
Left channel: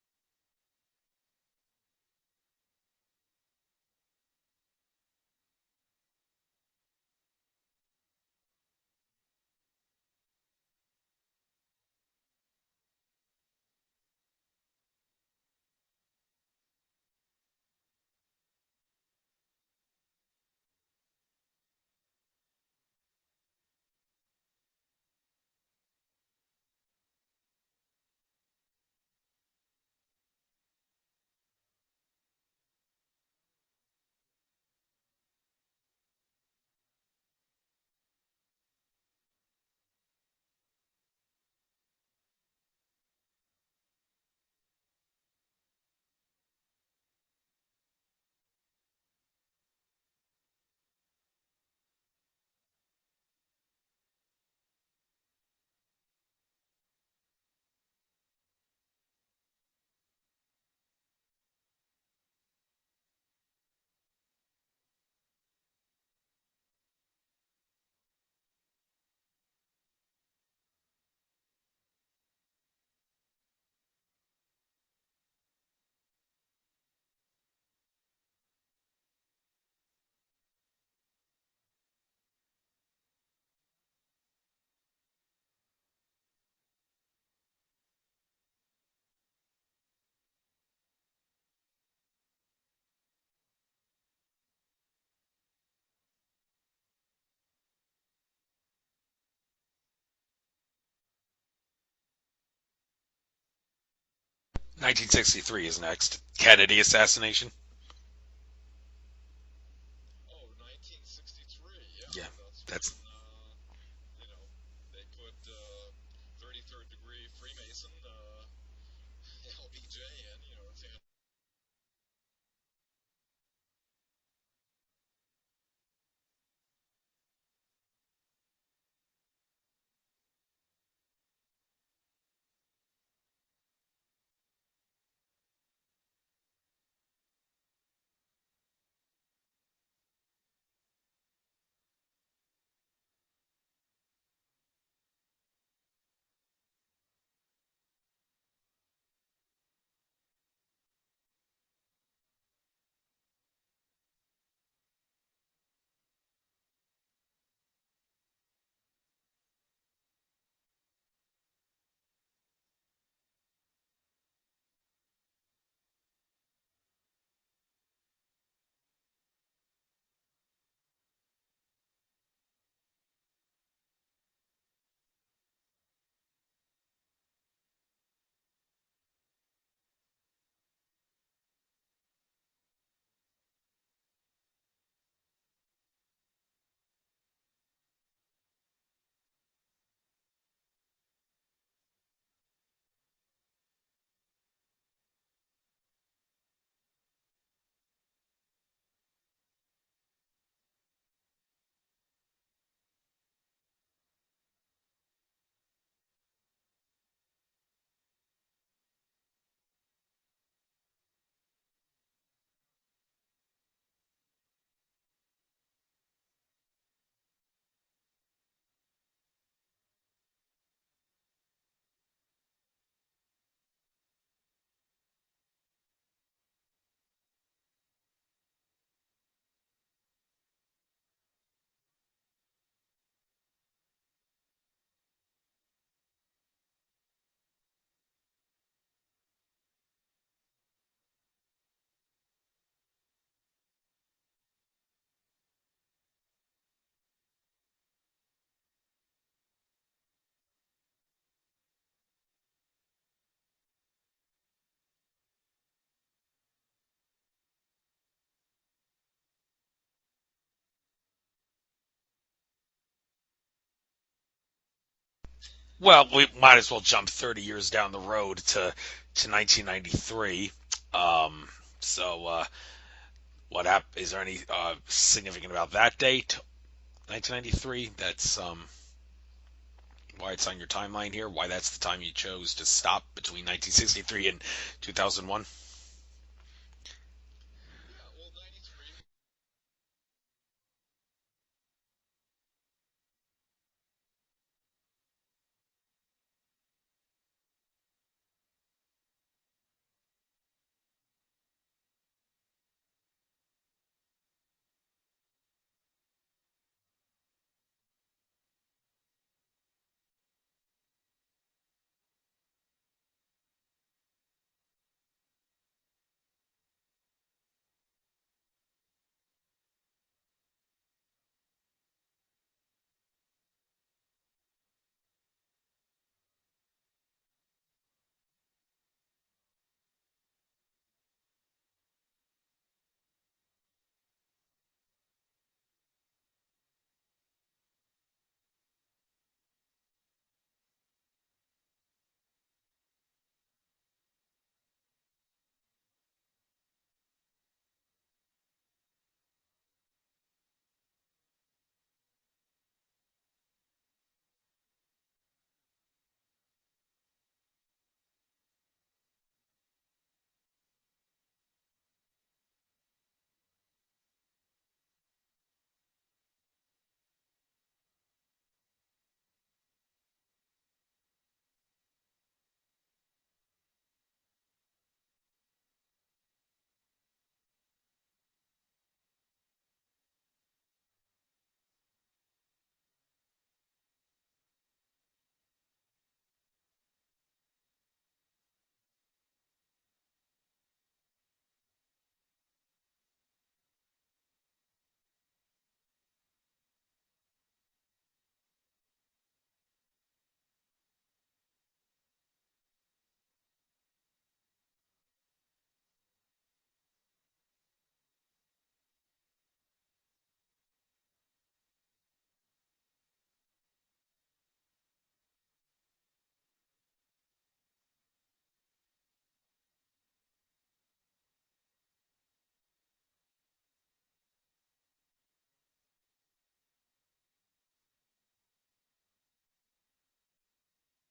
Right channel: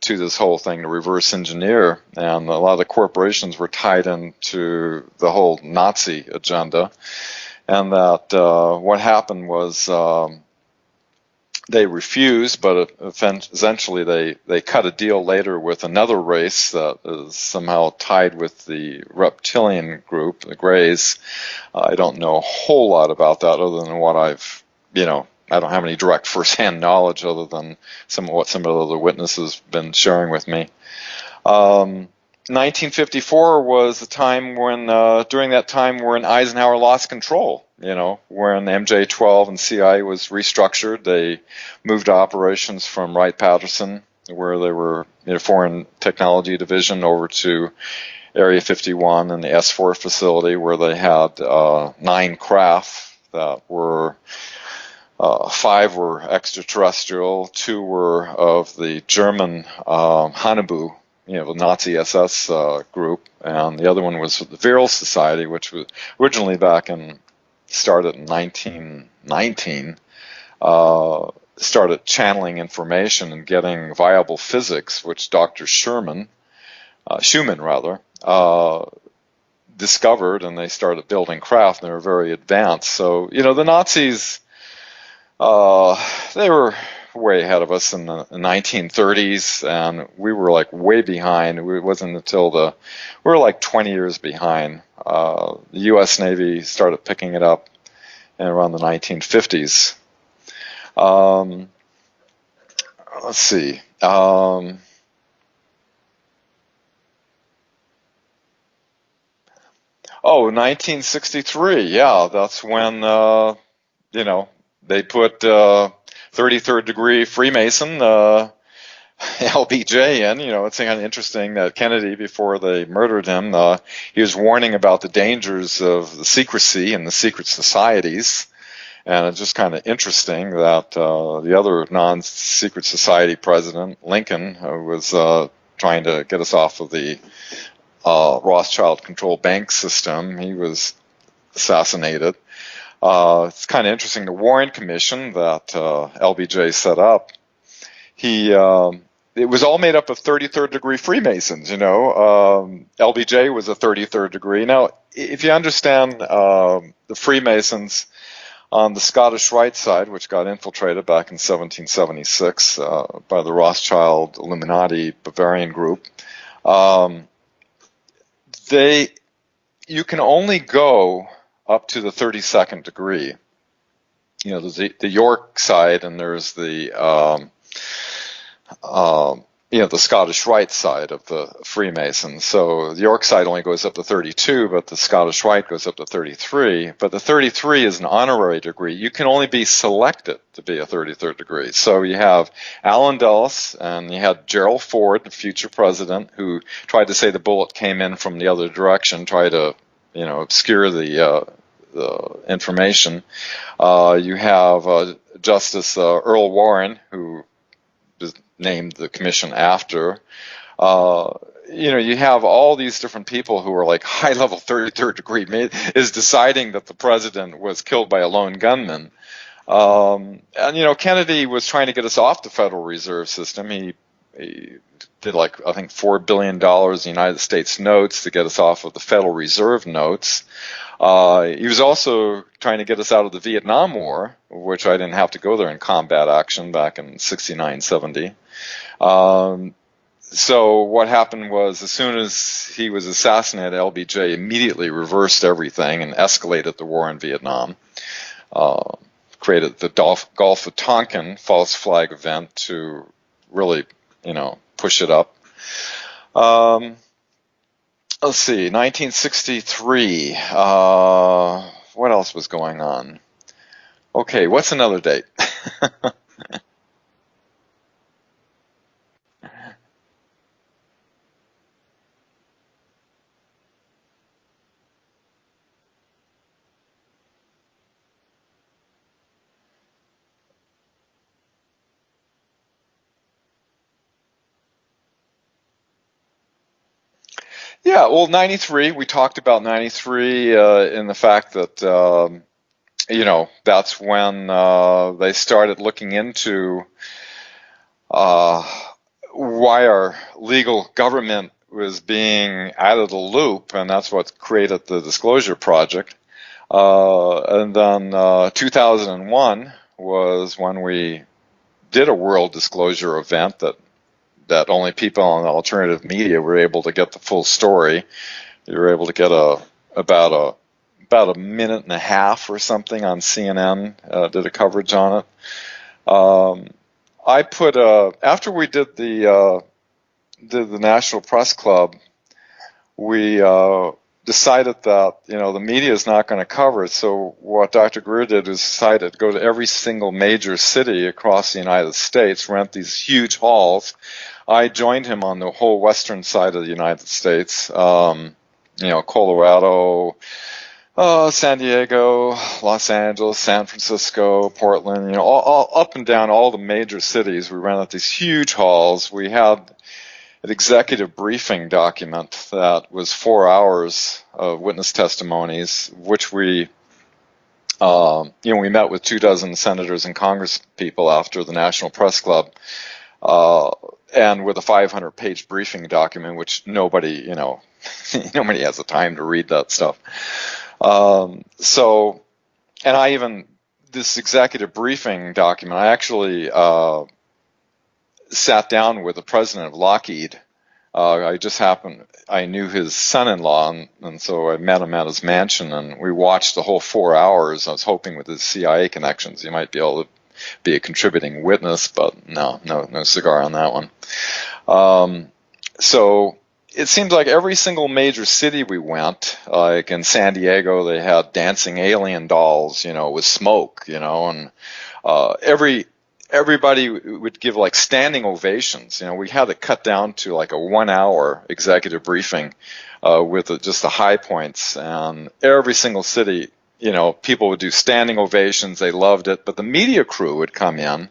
to this whole thing to reverse engineer, and a lot of the corporations were tied into the whole Nazi agenda, and that what happened was they refused, but essentially they cut a deal later with another race that is somehow tied with the reptilian group, the Greys. I don't know a whole lot about that other than what I've, I don't have any direct first-hand knowledge other than what some of the other witnesses have been sharing with me. 1954 was the time when, during that time when Eisenhower lost control, when MJ-12 and CIA was restructured. They moved operations from Wright-Patterson, where they were Foreign Technology Division, over to Area 51 and the S4 facility, where they had 9 craft that were 5 were extraterrestrial, 2 were of the German Hanabu, the Nazi SS group, and the other one was the Viral Society, which was originally started in 1919, started channeling information and getting viable physics, which Dr. Schumann discovered, and they started building craft, and they were very advanced. So, the Nazis, they were way ahead of us in the 1930s, and we were like way behind. It wasn't until we were like 20 years behind. The U.S. Navy started picking it up in around the 1950s. Let's see. 1963 is next. Kennedy assassination. Oh, 1963. Yeah, that's when, they put 33rd degree Freemason, LBJ in. It's kind of interesting that Kennedy, before they murdered him, he was warning about the dangers of the secrecy and the secret societies. And it's just kind of interesting that the other non-secret society president, Lincoln, was trying to get us off of the Rothschild-controlled bank system. He was assassinated. It's kind of interesting. The Warren Commission that LBJ set up, it was all made up of 33rd degree Freemasons. LBJ was a 33rd degree. Now, if you understand the Freemasons on the Scottish Rite side, which got infiltrated back in 1776 by the Rothschild Illuminati Bavarian group, you can only go up to the 32nd degree. There's the York side, and there's the the Scottish Rite side of the Freemasons. So the York side only goes up to 32, but the Scottish Rite goes up to 33. But the 33 is an honorary degree. You can only be selected to be a 33rd degree. So you have Allen Dulles, and you had Gerald Ford, the future president, who tried to say the bullet came in from the other direction, tried to obscure the information. You have Justice Earl Warren, who is named the commission after. You have all these different people who are like high-level 33rd degree is deciding that the president was killed by a lone gunman. And Kennedy was trying to get us off the Federal Reserve System. He did I think $4 billion in United States notes to get us off of the Federal Reserve notes. He was also trying to get us out of the Vietnam War, which I didn't have to go there in combat action back in 69, 70. So what happened was, as soon as he was assassinated, LBJ immediately reversed everything and escalated the war in Vietnam, created the Gulf of Tonkin false flag event to really, push it up. Let's see, 1963. What else was going on? Okay, what's another date? Well, we might as well jump 30 years down the road to 1993. What happened? Is there any significant about that date? 1993. That's why it's on your timeline here. Why that's the time you chose to stop between 1963 and 2001. Yeah, well, 93, we talked about 93 in the fact that, that's when they started looking into why our legal government was being out of the loop, and that's what created the Disclosure Project. And then 2001 was when we did a world disclosure event that only people on alternative media were able to get the full story. You were able to get about a minute and a half or something on CNN, did a coverage on it. I put after we did the National Press Club, we decided that, the media is not going to cover it. So what Dr. Greer did was decided to go to every single major city across the United States, rent these huge halls. I joined him on the whole western side of the United States, Colorado, San Diego, Los Angeles, San Francisco, Portland, all up and down all the major cities. We rented these huge halls. We had an executive briefing document that was 4 hours of witness testimonies, which we met with 24 senators and Congress people after the National Press Club, and with a 500-page briefing document, which nobody has the time to read that stuff. And this executive briefing document, I actually sat down with the president of Lockheed. I knew his son-in-law, and so I met him at his mansion, and we watched the whole 4 hours. I was hoping with his CIA connections he might be able to be a contributing witness, but no cigar on that one. So it seems like every single major city we went, like in San Diego, they had dancing alien dolls, with smoke, and everybody would give like standing ovations. We had it cut down to like a 1 hour executive briefing with just the high points, and every single city, people would do standing ovations. They loved it, but the media crew would come in.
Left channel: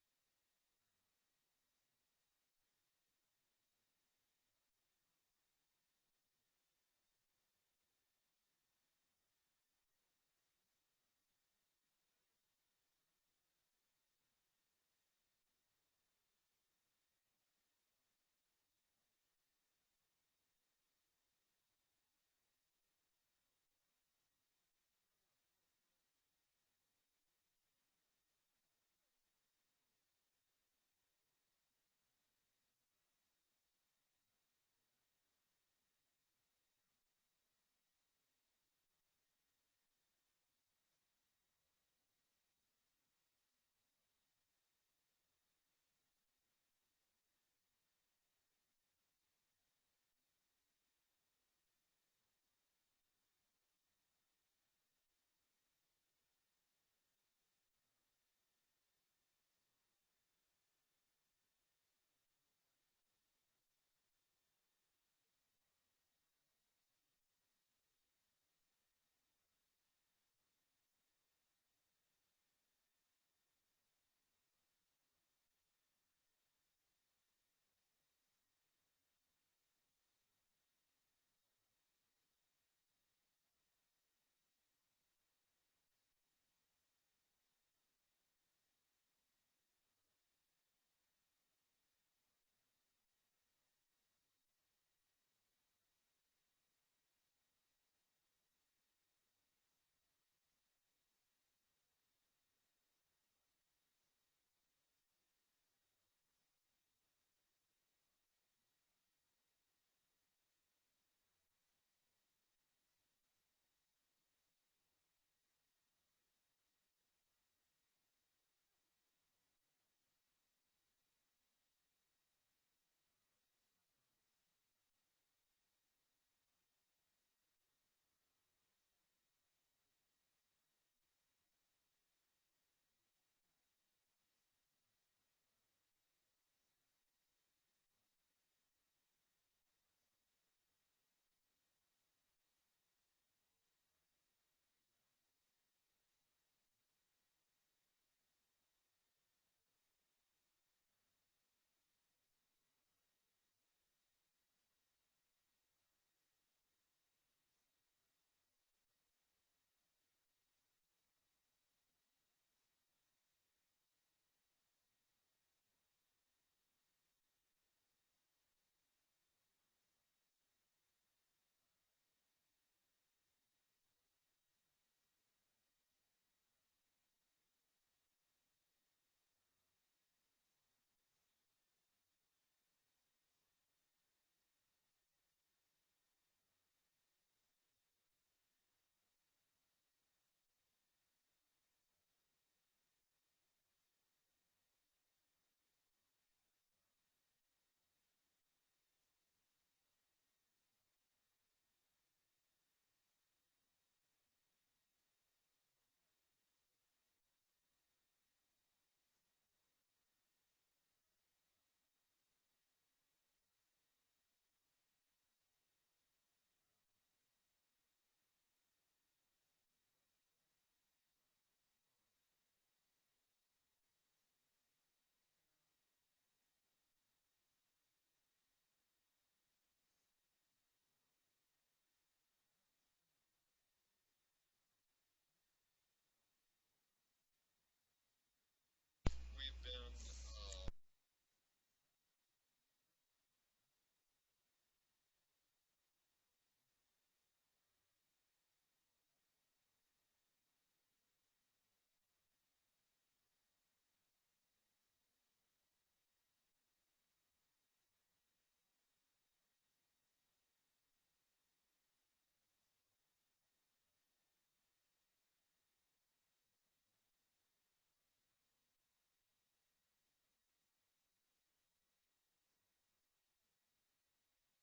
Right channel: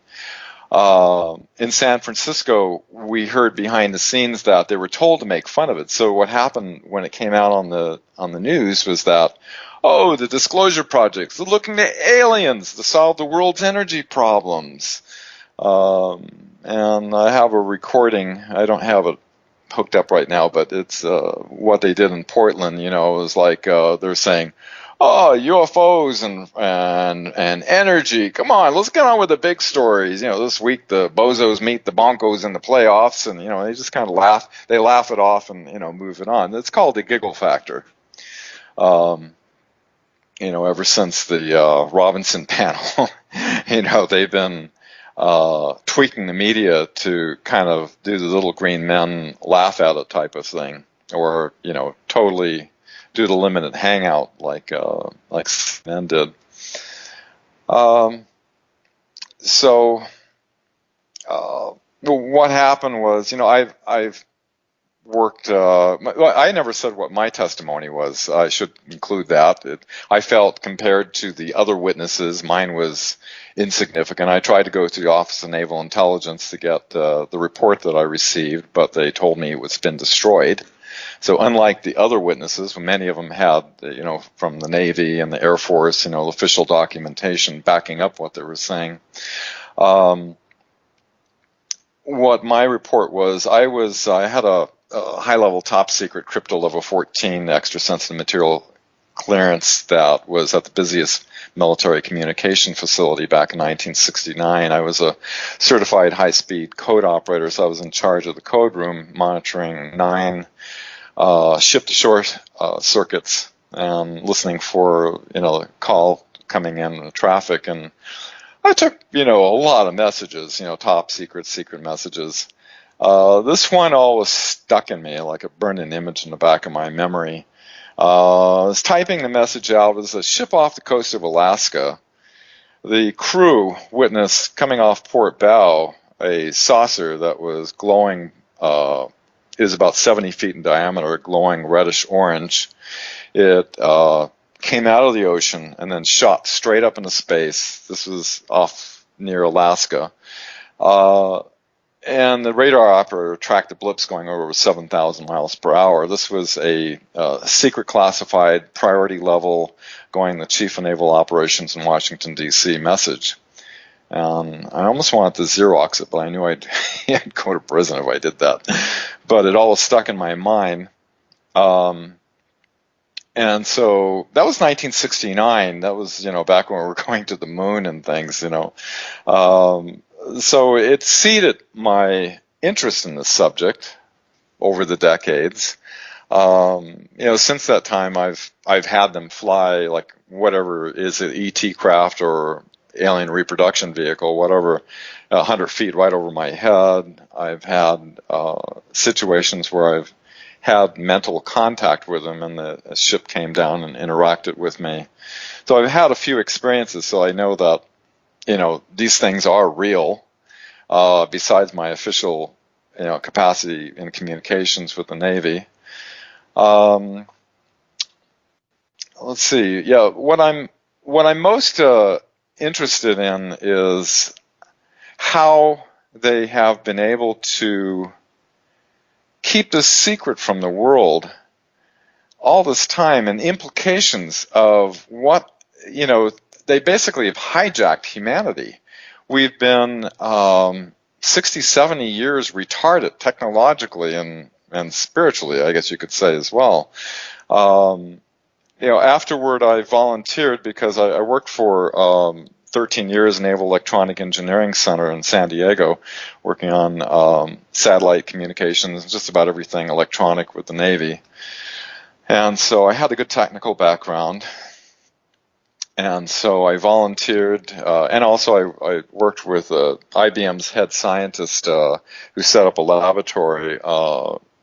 In San Francisco, we heard behind the scenes that they were told to make fun of it. So what happened when it came out on the news was that, the Disclosure Project, they're looking to aliens to solve the world's energy problems. And I have a recording. I don't have it hooked up right now, but it's what they did in Portland. It was like they're saying, UFOs and energy. Come on, let's get on with the big stories. This week the Bozos meet the Broncos in the playoffs, and they just kind of laugh. They laugh it off and move it on. It's called the giggle factor. Ever since the Robinson panel, they've been tweaking the media to kind of do the little green men laugh at it type of thing, or totally do the limited hangout like men did. So what happened was, I've worked. I never said what my testimony was. I should include that. I felt compared to the other witnesses, mine was insignificant. I tried to go to the Office of Naval Intelligence to get the report that I received, but they told me it's been destroyed. So unlike the other witnesses, many of them had, from the Navy and the Air Force, official documentation backing up what they were saying. What my report was, I had a high-level top-secret crypto level 14 extra-sensitive material clearance that was at the busiest military communication facility back in 1969. I was a certified high-speed code operator, so I was in charge of the code room, monitoring 9 ship-to-shore circuits and listening for, call coming in traffic. And I took, a lot of messages, top secret messages. This one always stuck in me like a burning image in the back of my memory. I was typing the message out. It was a ship off the coast of Alaska. The crew witnessed coming off port bow a saucer that was glowing, is about 70 feet in diameter, glowing reddish orange. It came out of the ocean and then shot straight up into space. This was off near Alaska. And the radar operator tracked the blips going over 7,000 miles per hour. This was a secret classified priority level going the Chief of Naval Operations in Washington, D.C. message. And I almost wanted to Xerox it, but I knew I'd go to prison if I did that. But it all stuck in my mind. And so that was 1969. That was, back when we were going to the moon and things, So it seeded my interest in this subject over the decades. Since that time, I've had them fly like whatever is it, ET craft or alien reproduction vehicle, whatever, 100 feet right over my head. I've had situations where I've had mental contact with them, and the ship came down and interacted with me. So I've had a few experiences, so I know that, these things are real, besides my official, capacity in communications with the Navy. Let's see. Yeah, what I'm most interested in is how they have been able to keep this secret from the world all this time, and implications of what, they basically have hijacked humanity. We've been 60, 70 years retarded technologically and spiritually, I guess you could say as well. Afterward, I volunteered because I worked for 13 years in Naval Electronic Engineering Center in San Diego, working on satellite communications, just about everything electronic with the Navy. And so I had a good technical background. And so I volunteered, and also I worked with IBM's head scientist who set up a laboratory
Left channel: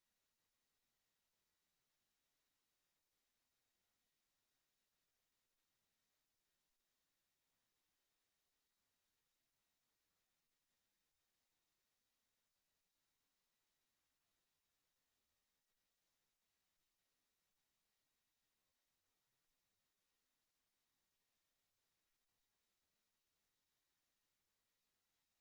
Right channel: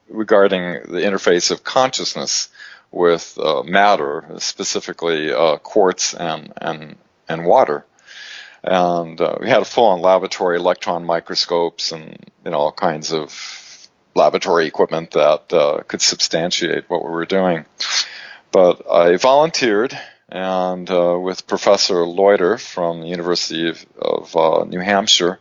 regarding the interface of consciousness with matter, specifically quartz and water. And we had a full-on laboratory, electron microscopes, and all kinds of laboratory equipment that could substantiate what we were doing. But I volunteered, and with Professor Loiter from the University of New Hampshire,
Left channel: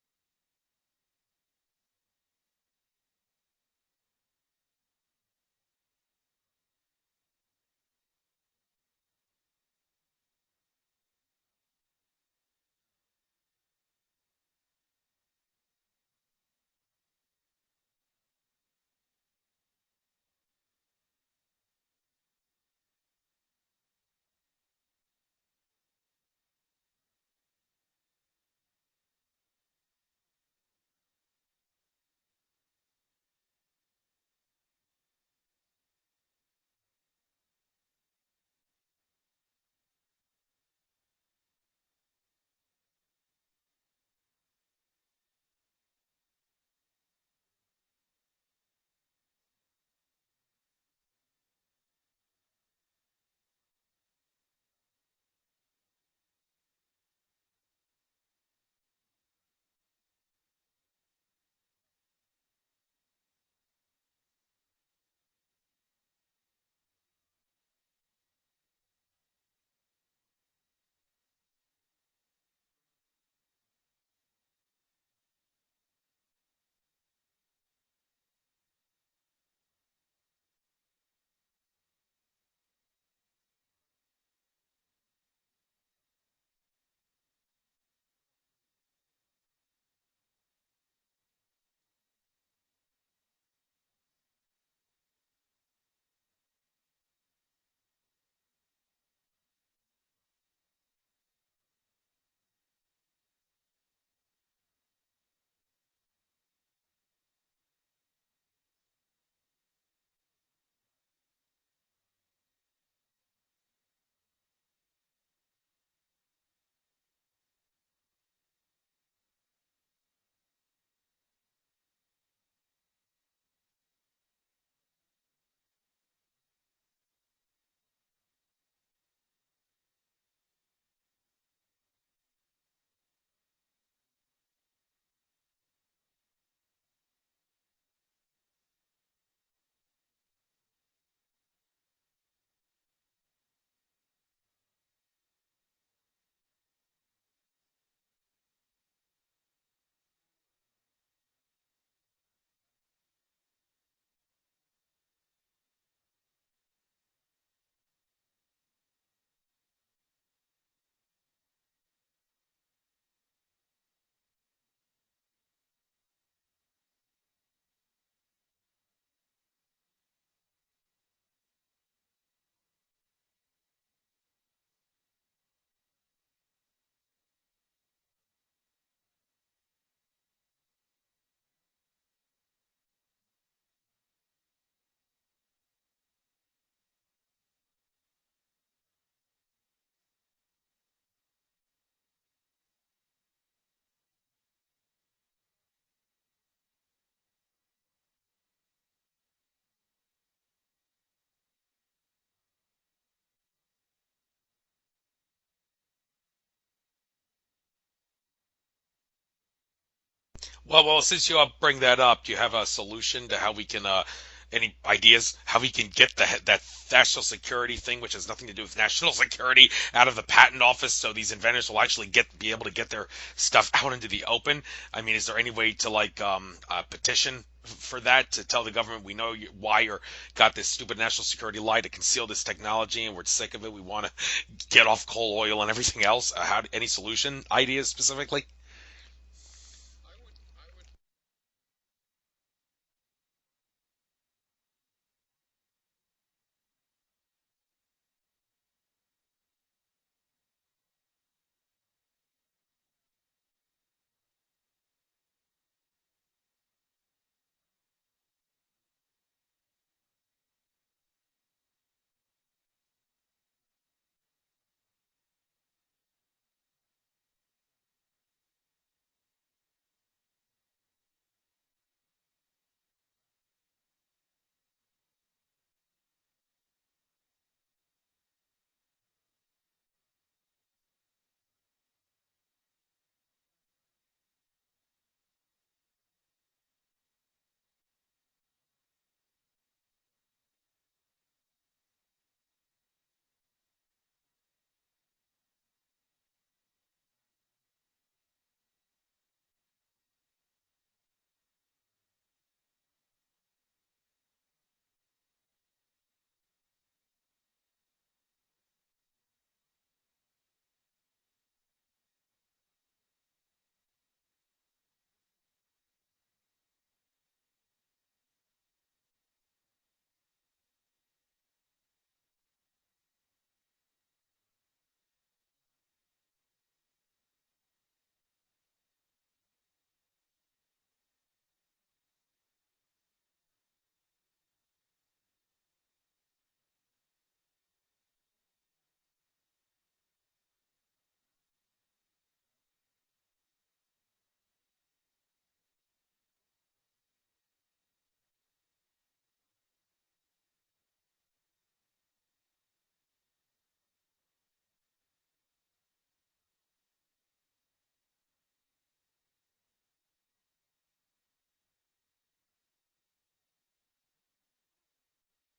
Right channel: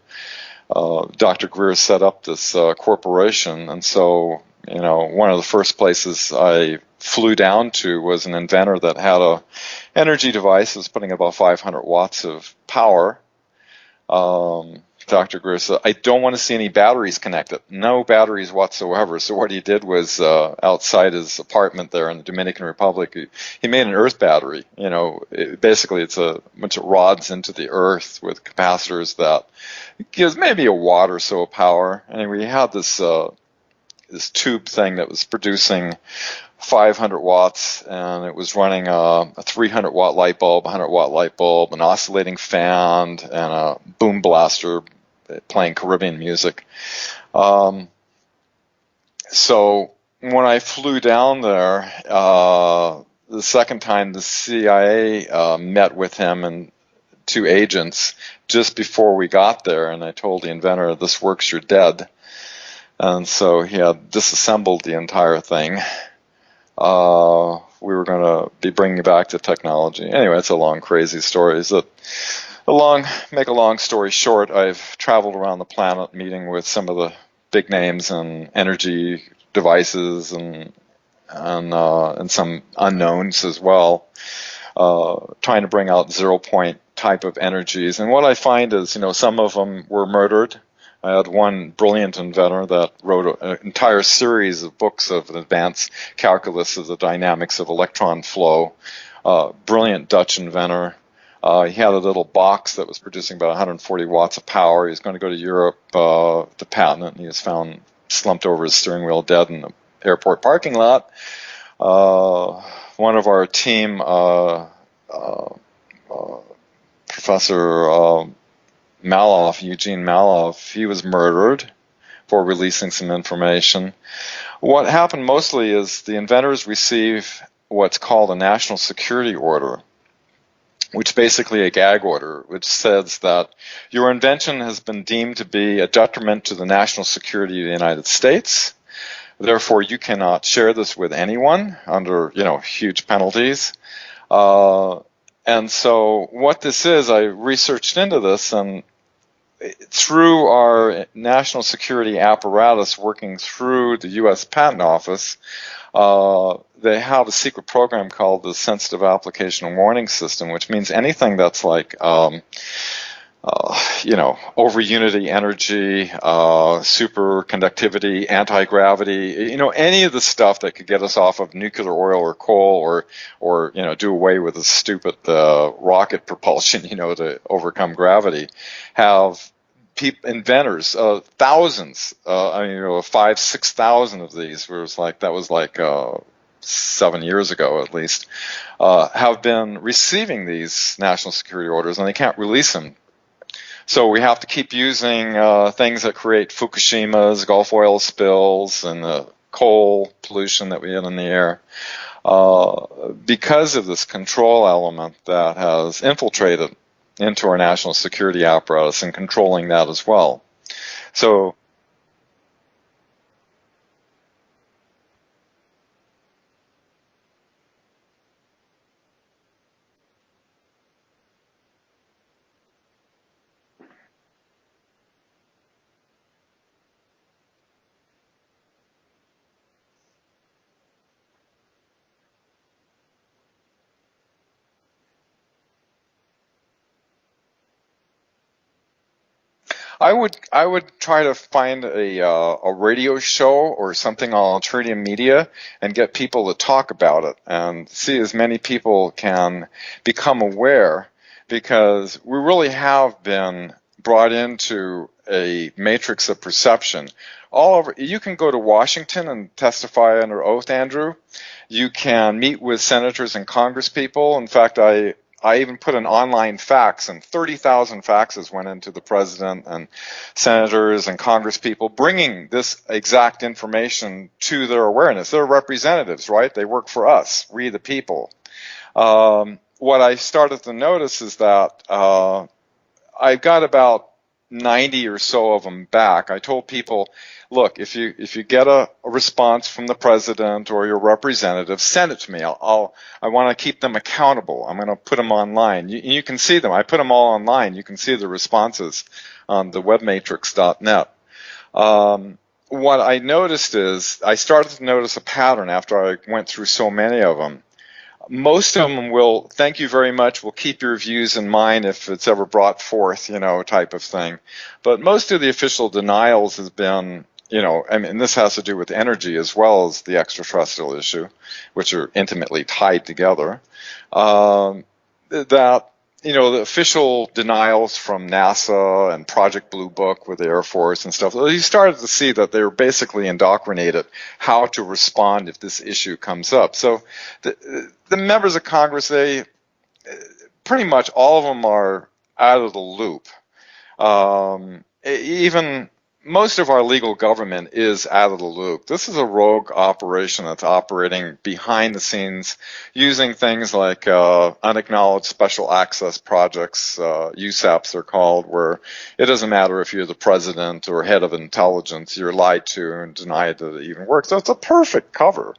Dr. Greer set up this corporation. And so, one of the first places I flew down to was an inventor that had a energy device that was putting about 500 watts of power. Dr. Greer said, I don't want to see any batteries connected. No batteries whatsoever. So what he did was outside his apartment there in the Dominican Republic, he made an earth battery. Basically it's a bunch of rods into the earth with capacitors that gives maybe a watt or so of power. And we had this tube thing that was producing 500 watts, and it was running a 300 watt light bulb, 100 watt light bulb, an oscillating fan, and a boom blaster playing Caribbean music. So when I flew down there, the second time the CIA met with him and two agents just before we got there, and I told the inventor, this works, you're dead. And so he had disassembled the entire thing. We were going to be bringing back the technology. Anyway, it's a long, crazy story. Make a long story short, I've traveled around the planet meeting with some of the big names and energy devices and some unknowns as well, trying to bring out 0 point type of energies. And what I find is, some of them were murdered. I had one brilliant inventor that wrote an entire series of books of advanced calculus of the dynamics of electron flow. Brilliant Dutch inventor. He had a little box that was producing about 140 watts of power. He was going to go to Europe to patent it, and he was found slumped over his steering wheel dead in the airport parking lot. One of our team, Professor Eugene Maloff, he was murdered for releasing some information. What happened mostly is the inventors receive what's called a national security order, which basically a gag order, which says that your invention has been deemed to be a detriment to the national security of the United States. Therefore, you cannot share this with anyone under, huge penalties. And so what this is, I researched into this, and through our national security apparatus working through the U.S. Patent Office, they have a secret program called the Sensitive Application Warning System, which means anything that's like, over unity energy, superconductivity, anti-gravity, any of the stuff that could get us off of nuclear oil or coal or do away with the stupid rocket propulsion, to overcome gravity, have inventors, thousands, 5,000-6,000 of these, that was 7 years ago at least, have been receiving these national security orders, and they can't release them. So we have to keep using things that create Fukushimas, Gulf oil spills, and the coal pollution that we had in the air, because of this control element that has infiltrated into our national security apparatus and controlling that as well. Well, since you So bring that up, do you have a solution to how we can, any ideas how we can get that national security thing, which has nothing to do with national security, out of the patent office, so these inventors will actually be able to get their stuff out into the open? I mean, is there any way to petition for that, to tell the government we know why you're got this stupid national security lie to conceal this technology, and we're sick of it. We want to get off coal, oil, and everything else. Any solution ideas specifically? I would try to find a radio show or something on alternative media and get people to talk about it and see as many people can become aware, because we really have been brought into a matrix of perception. All over, you can go to Washington and testify under oath, Andrew. You can meet with senators and congresspeople. In fact, I even put an online fax, and 30,000 faxes went into the president and senators and congresspeople, bringing this exact information to their awareness. They're representatives, right? They work for us, we the people. What I started to notice is that I've got about 90 or so of them back. I told people, look, if you get a response from the president or your representative, send it to me. I want to keep them accountable. I'm going to put them online. You can see them. I put them all online. You can see the responses on the webmatrix.net. What I noticed is I started to notice a pattern after I went through so many of them. Most of them will, thank you very much, we'll keep your views in mind if it's ever brought forth, type of thing. But most of the official denials has been, I mean, this has to do with energy as well as the extraterrestrial issue, which are intimately tied together. The official denials from NASA and Project Blue Book with the Air Force and stuff, you started to see that they were basically indoctrinated how to respond if this issue comes up. So the members of Congress, they pretty much all of them are out of the loop. Even most of our legal government is out of the loop. This is a rogue operation that's operating behind the scenes using things like unacknowledged special access projects, USAPs they're called, where it doesn't matter if you're the president or head of intelligence, you're lied to and denied that it even works. So it's a perfect cover,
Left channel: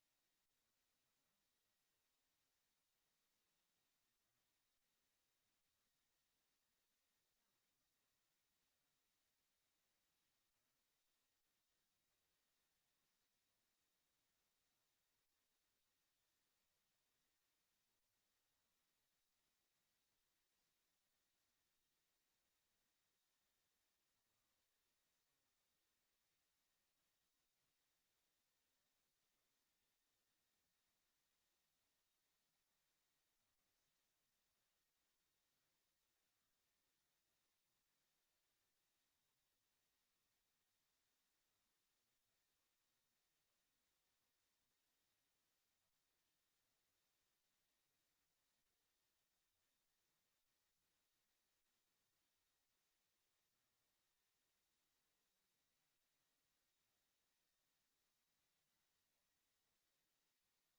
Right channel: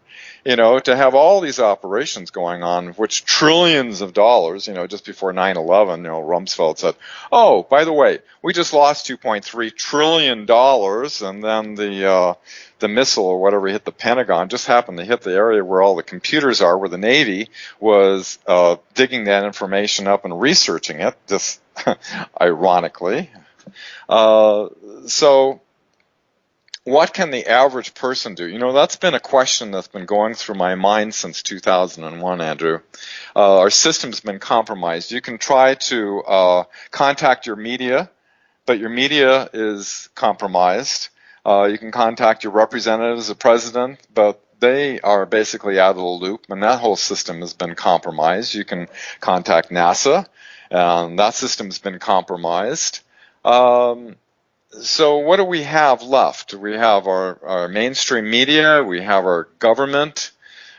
to have all these operations going on, which trillions of dollars, just before 9/11, Rumsfeld said, oh, by the way, we just lost $2.3 trillion, and then the missile or whatever hit the Pentagon just happened to hit the area where all the computers are, where the Navy was digging that information up and researching it, just ironically. So what can the average person do? That's been a question that's been going through my mind since 2001, Andrew. Our system's been compromised. You can try to contact your media, but your media is compromised. You can contact your representatives, the president, but they are basically out of the loop, and that whole system has been compromised. You can contact NASA, and that system's been compromised. So what do we have left? We have our mainstream media, we have our government.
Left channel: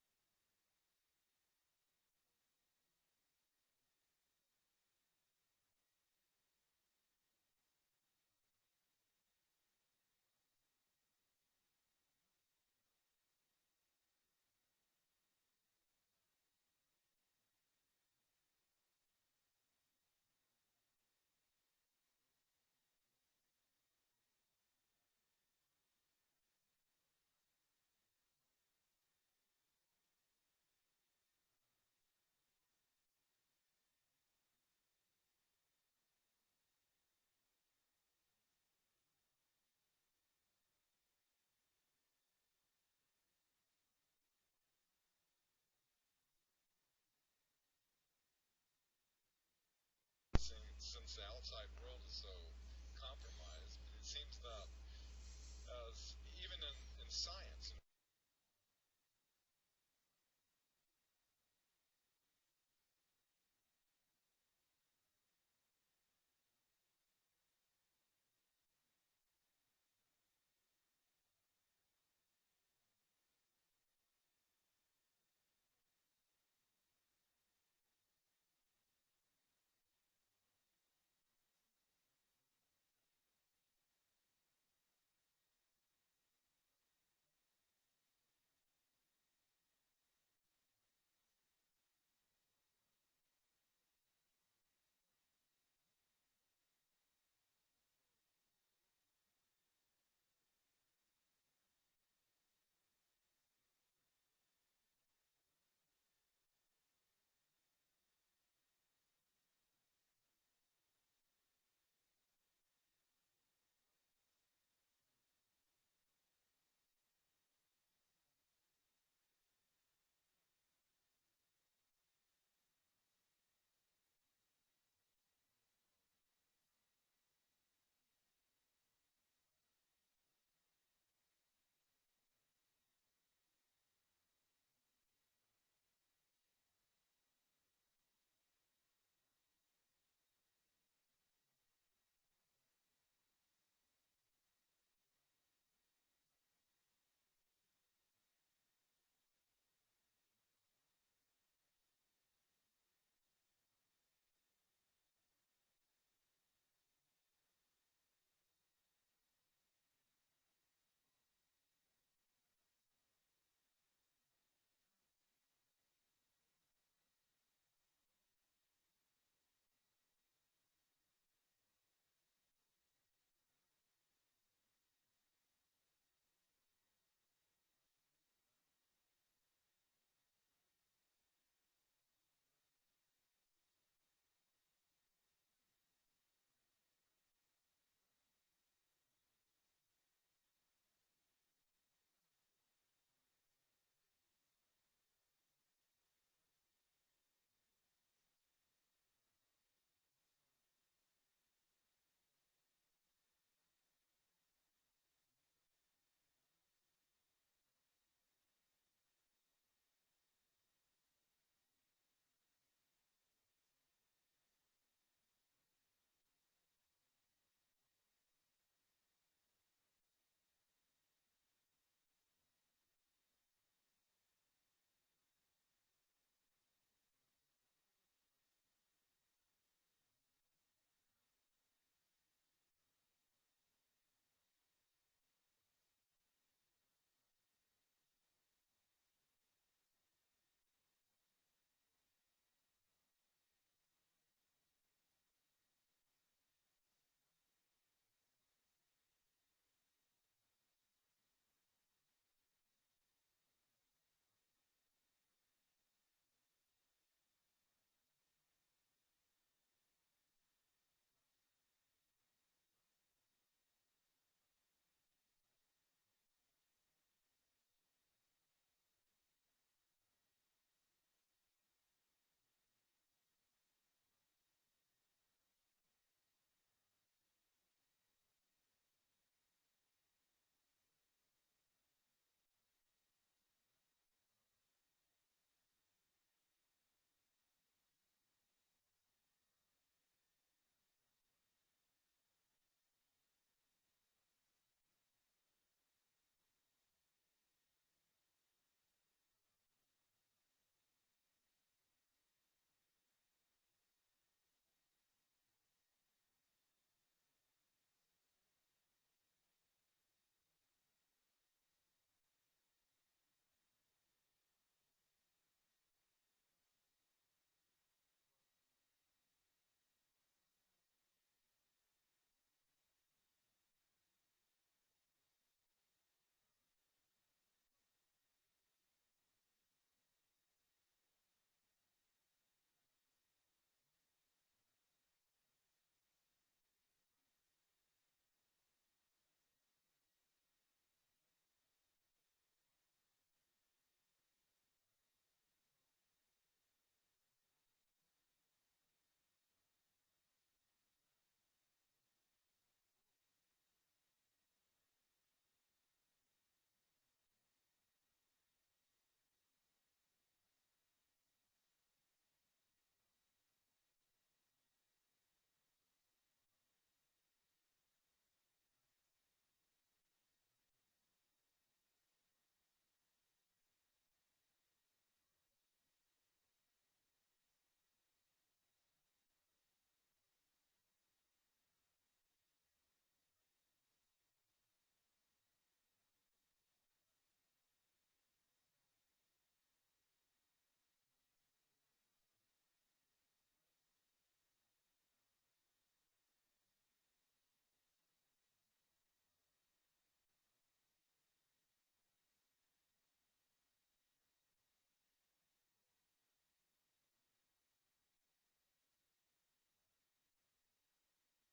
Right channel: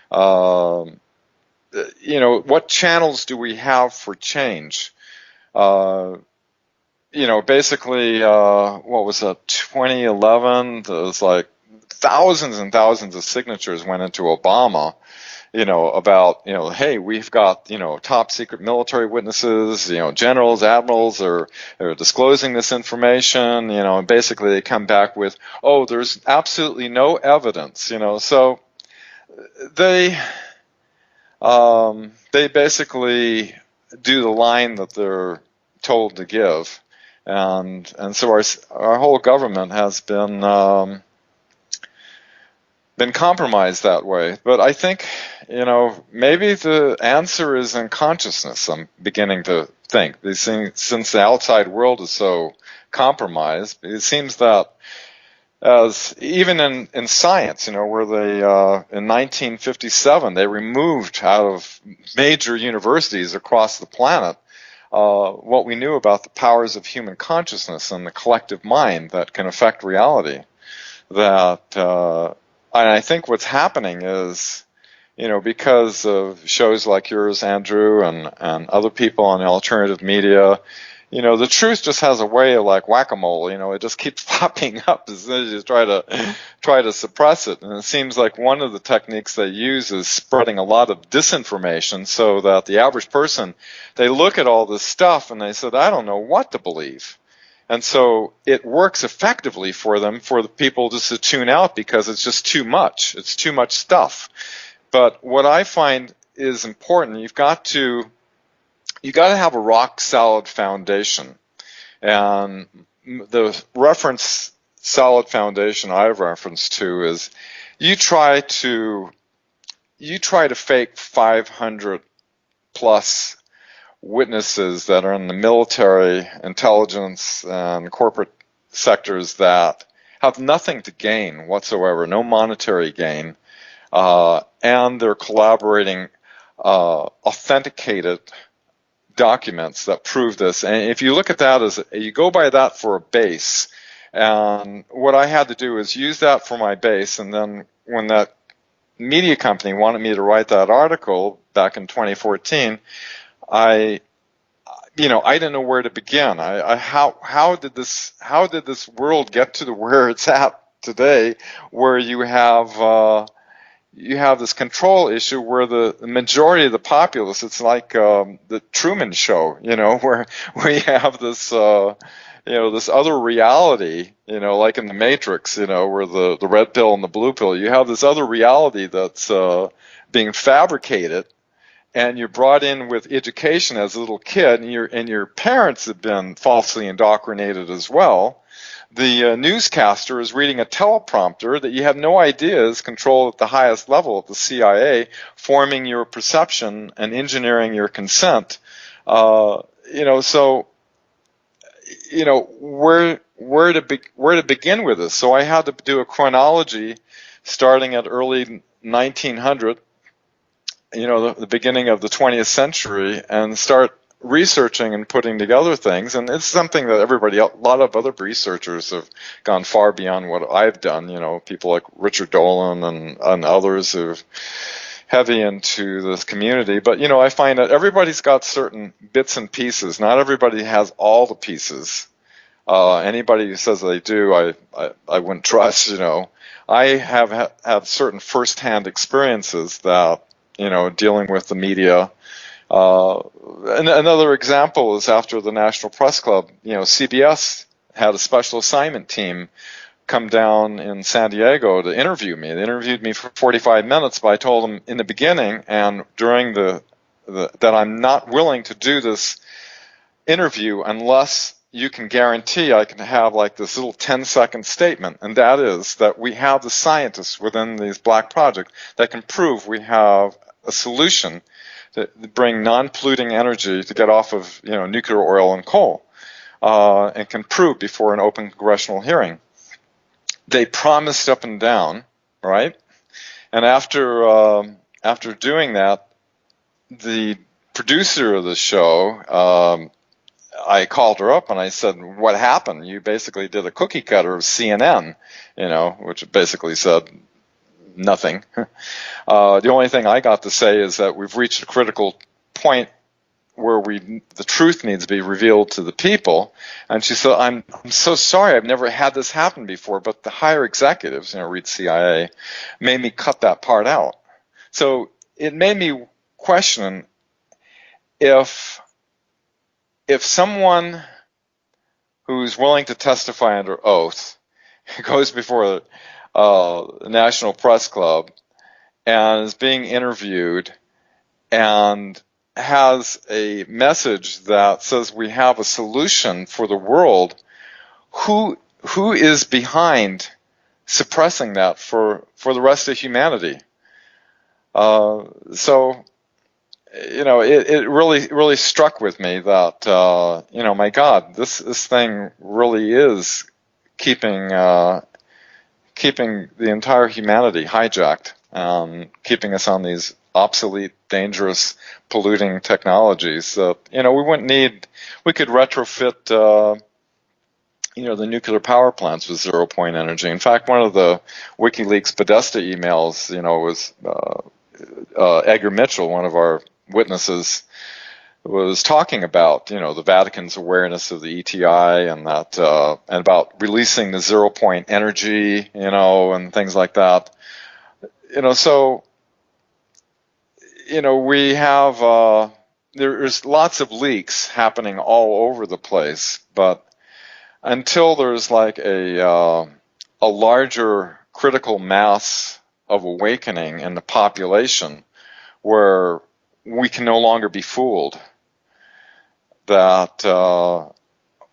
What channels do we have for change? Basically, what was that, 2011, there was like thousands and thousands of signatures went into Obama, about, hey, we've got, top secret military witnesses, generals, admirals are disclosing this information, and basically they come back with, oh, there's absolutely no evidence, so they basically do the line that they're told to give. And so our whole government has been compromised that way. But I think, maybe the answer is in consciousness. I'm beginning to think. Since the outside world is so compromised, it seems that as even in science, where they in 1957 they removed out of major universities across the planet what we knew about the powers of human consciousness and the collective mind that can affect reality. That I think what's happening is, because of shows like yours, Andrew, and other people on the alternative media, the truth just has a way of like whack-a-mole. It just keeps popping up as soon as you try to suppress it. And it seems like one of the techniques they use is spreading a lot of disinformation, so that the average person, they look at all this stuff and they said, I don't know what to believe. And so it works effectively for them, for the people just to tune out, because it's just too much. It's too much stuff. But what I find is important, you've got to have a rock solid foundation. And the reference solid foundation I've referenced to is you try to fake 500 plus witnesses that are in the military, intelligence, and corporate sectors that have nothing to gain whatsoever, no monetary gain, and they're collaborating authenticated documents that prove this. And if you look at that as you go by that for a base, and what I had to do is use that for my base, and then when that media company wanted me to write that article back in 2014, I didn't know where to begin. How did this world get to where it's at today, where you have this control issue where the majority of the populace, it's like the Truman Show, where you have this this other reality, like in the Matrix, where the red pill and the blue pill, you have this other reality that's being fabricated. And you're brought in with education as a little kid, and your parents have been falsely indoctrinated as well. The newscaster is reading a teleprompter that you have no idea is controlled at the highest level at the CIA, forming your perception and engineering your consent. So where to begin with this? So I had to do a chronology starting at early 1900. The beginning of the 20th century, and start researching and putting together things. And it's something that a lot of other researchers have gone far beyond what I've done. People like Richard Dolan and others who are heavy into this community. But, I find that everybody's got certain bits and pieces. Not everybody has all the pieces. Anybody who says they do, I wouldn't trust, I have had certain firsthand experiences that, dealing with the media. And another example is after the National Press Club, CBS had a special assignment team come down in San Diego to interview me. They interviewed me for 45 minutes, but I told them in the beginning and during that I'm not willing to do this interview unless you can guarantee I can have like this little 10-second statement, and that is that we have the scientists within these black projects that can prove we have a solution to bring non-polluting energy to get off of nuclear oil and coal, and can prove before an open congressional hearing. They promised up and down, right? And after doing that, the producer of the show, I called her up and I said, "What happened? You basically did a cookie cutter of CNN, which basically said nothing." The only thing I got to say is that we've reached a critical point where the truth needs to be revealed to the people. And she said, I'm so sorry, I've never had this happen before, but the higher executives, read CIA, made me cut that part out. So it made me question if someone who's willing to testify under oath goes before the National Press Club and is being interviewed and has a message that says we have a solution for the world, who is behind suppressing that for the rest of humanity? So it really struck with me that my God, this thing really is keeping the entire humanity hijacked, keeping us on these obsolete, dangerous, polluting technologies that we wouldn't need. We could retrofit the nuclear power plants with zero point energy. In fact, one of the WikiLeaks Podesta emails, was Edgar Mitchell, one of our witnesses, was talking about, the Vatican's awareness of the ETI and that, and about releasing the zero point energy, and things like that. So, we have, there's lots of leaks happening all over the place, but until there's like a larger critical mass of awakening in the population where we can no longer be fooled, that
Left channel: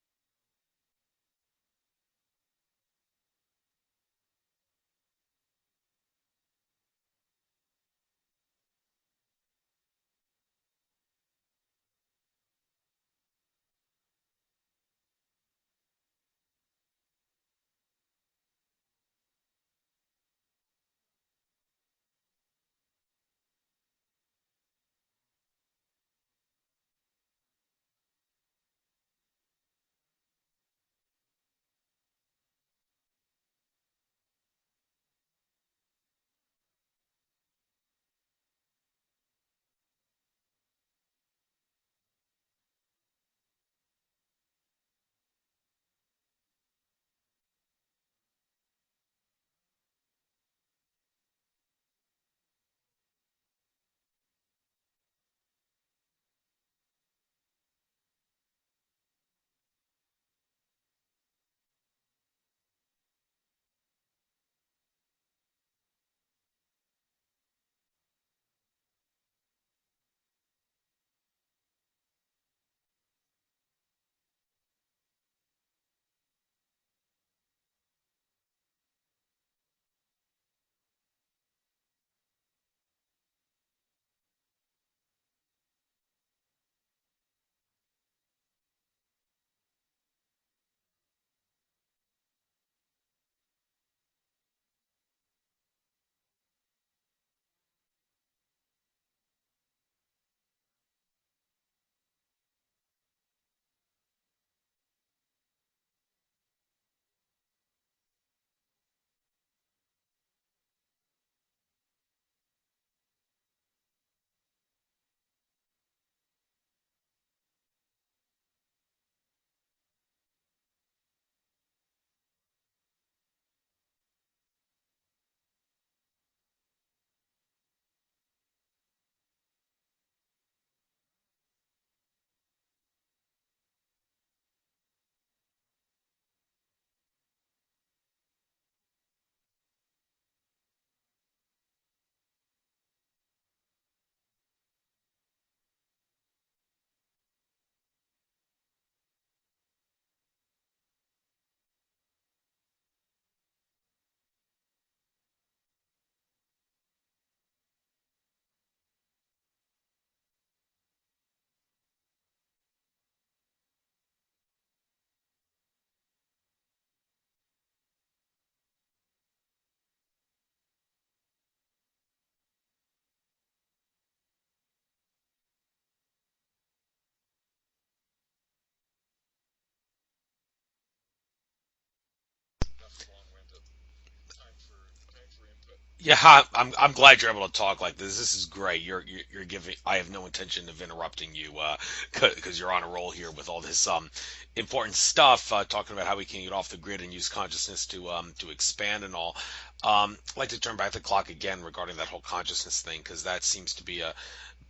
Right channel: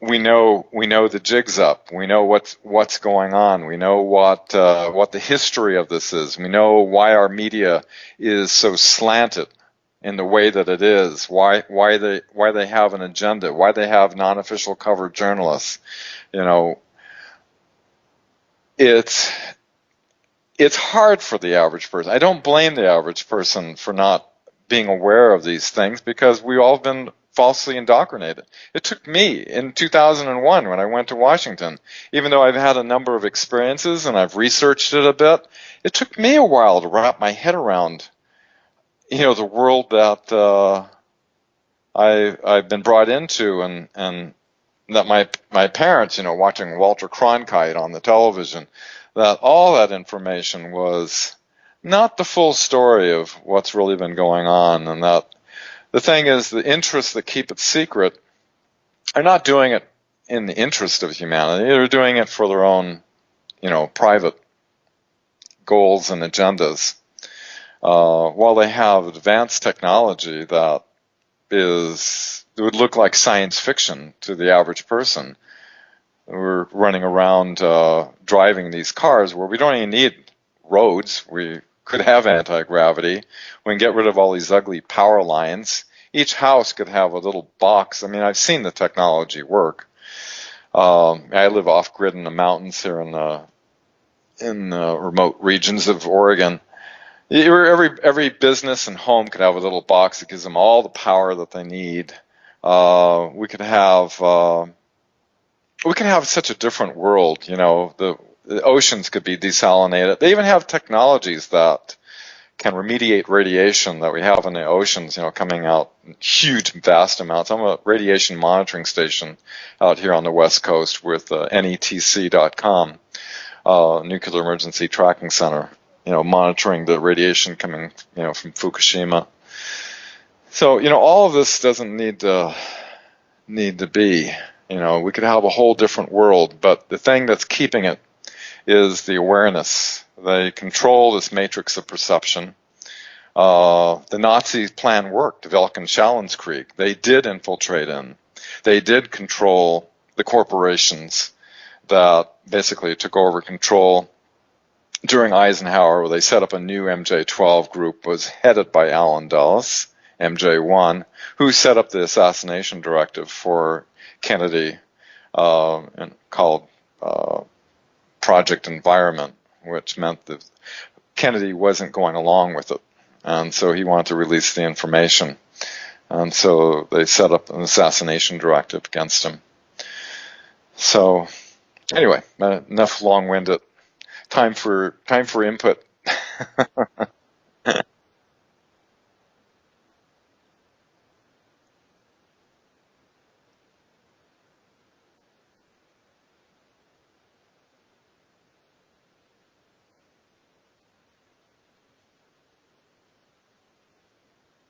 we know the jig's up. We know what's going on. We know what the history of this is. We know why our media is so slanted in the way that it is. Why they have an agenda. Why they have non-official covered journalists. It's hard for the average person. I don't blame the average person for not being aware of these things because we've all been falsely indoctrinated. It took me in 2001 when I went to Washington, even though I've had a number of experiences and I've researched it a bit, it took me a while to wrap my head around, the world that I've been brought into and that my parents, watching Walter Cronkite on the television, that all that information was not the full story of what's really been going on, and that the thing is, the interests that keep it secret are not doing it in the interest of humanity. They're doing it for their own, private goals and agendas. While they have advanced technology that it would look like science fiction to the average person. We're running around driving these cars where we don't even need roads. We could have anti-gravity. We can get rid of all these ugly power lines. Each house could have a little box. I mean, I've seen the technology work. I live off-grid in the mountains here in the remote regions of Oregon. Every business and home could have a little box that gives them all the power that they need. We could have such a different world. The oceans could be desalinated. They even have technologies that can remediate radiation that we have in the oceans, coming out in huge, vast amounts. I'm a radiation monitoring station out here on the West Coast with NETC.com, Nuclear Emergency Tracking Center, monitoring the radiation coming, from Fukushima. So, all of this doesn't need to be. We could have a whole different world, but the thing that's keeping it is the awareness. They control this matrix of perception. The Nazi plan worked, Velk and Shallonskrieg. They did infiltrate in. They did control the corporations that basically took over control during Eisenhower, where they set up a new MJ-12 group, was headed by Allen Dulles, MJ-1, who set up the assassination directive for Kennedy, and called Project Environment, which meant that Kennedy wasn't going along with it, and so he wanted to release the information, and so they set up an assassination directive against him. So anyway, enough long-winded. Time for input. Yeah, I'm glad you're able to talk like this. This is great. You're giving. I have no intention of interrupting you, because you're on a roll here with all this important stuff, talking about how we can get off the grid and use consciousness to expand and all. I'd like to turn back the clock again regarding that whole consciousness thing, because that seems to be a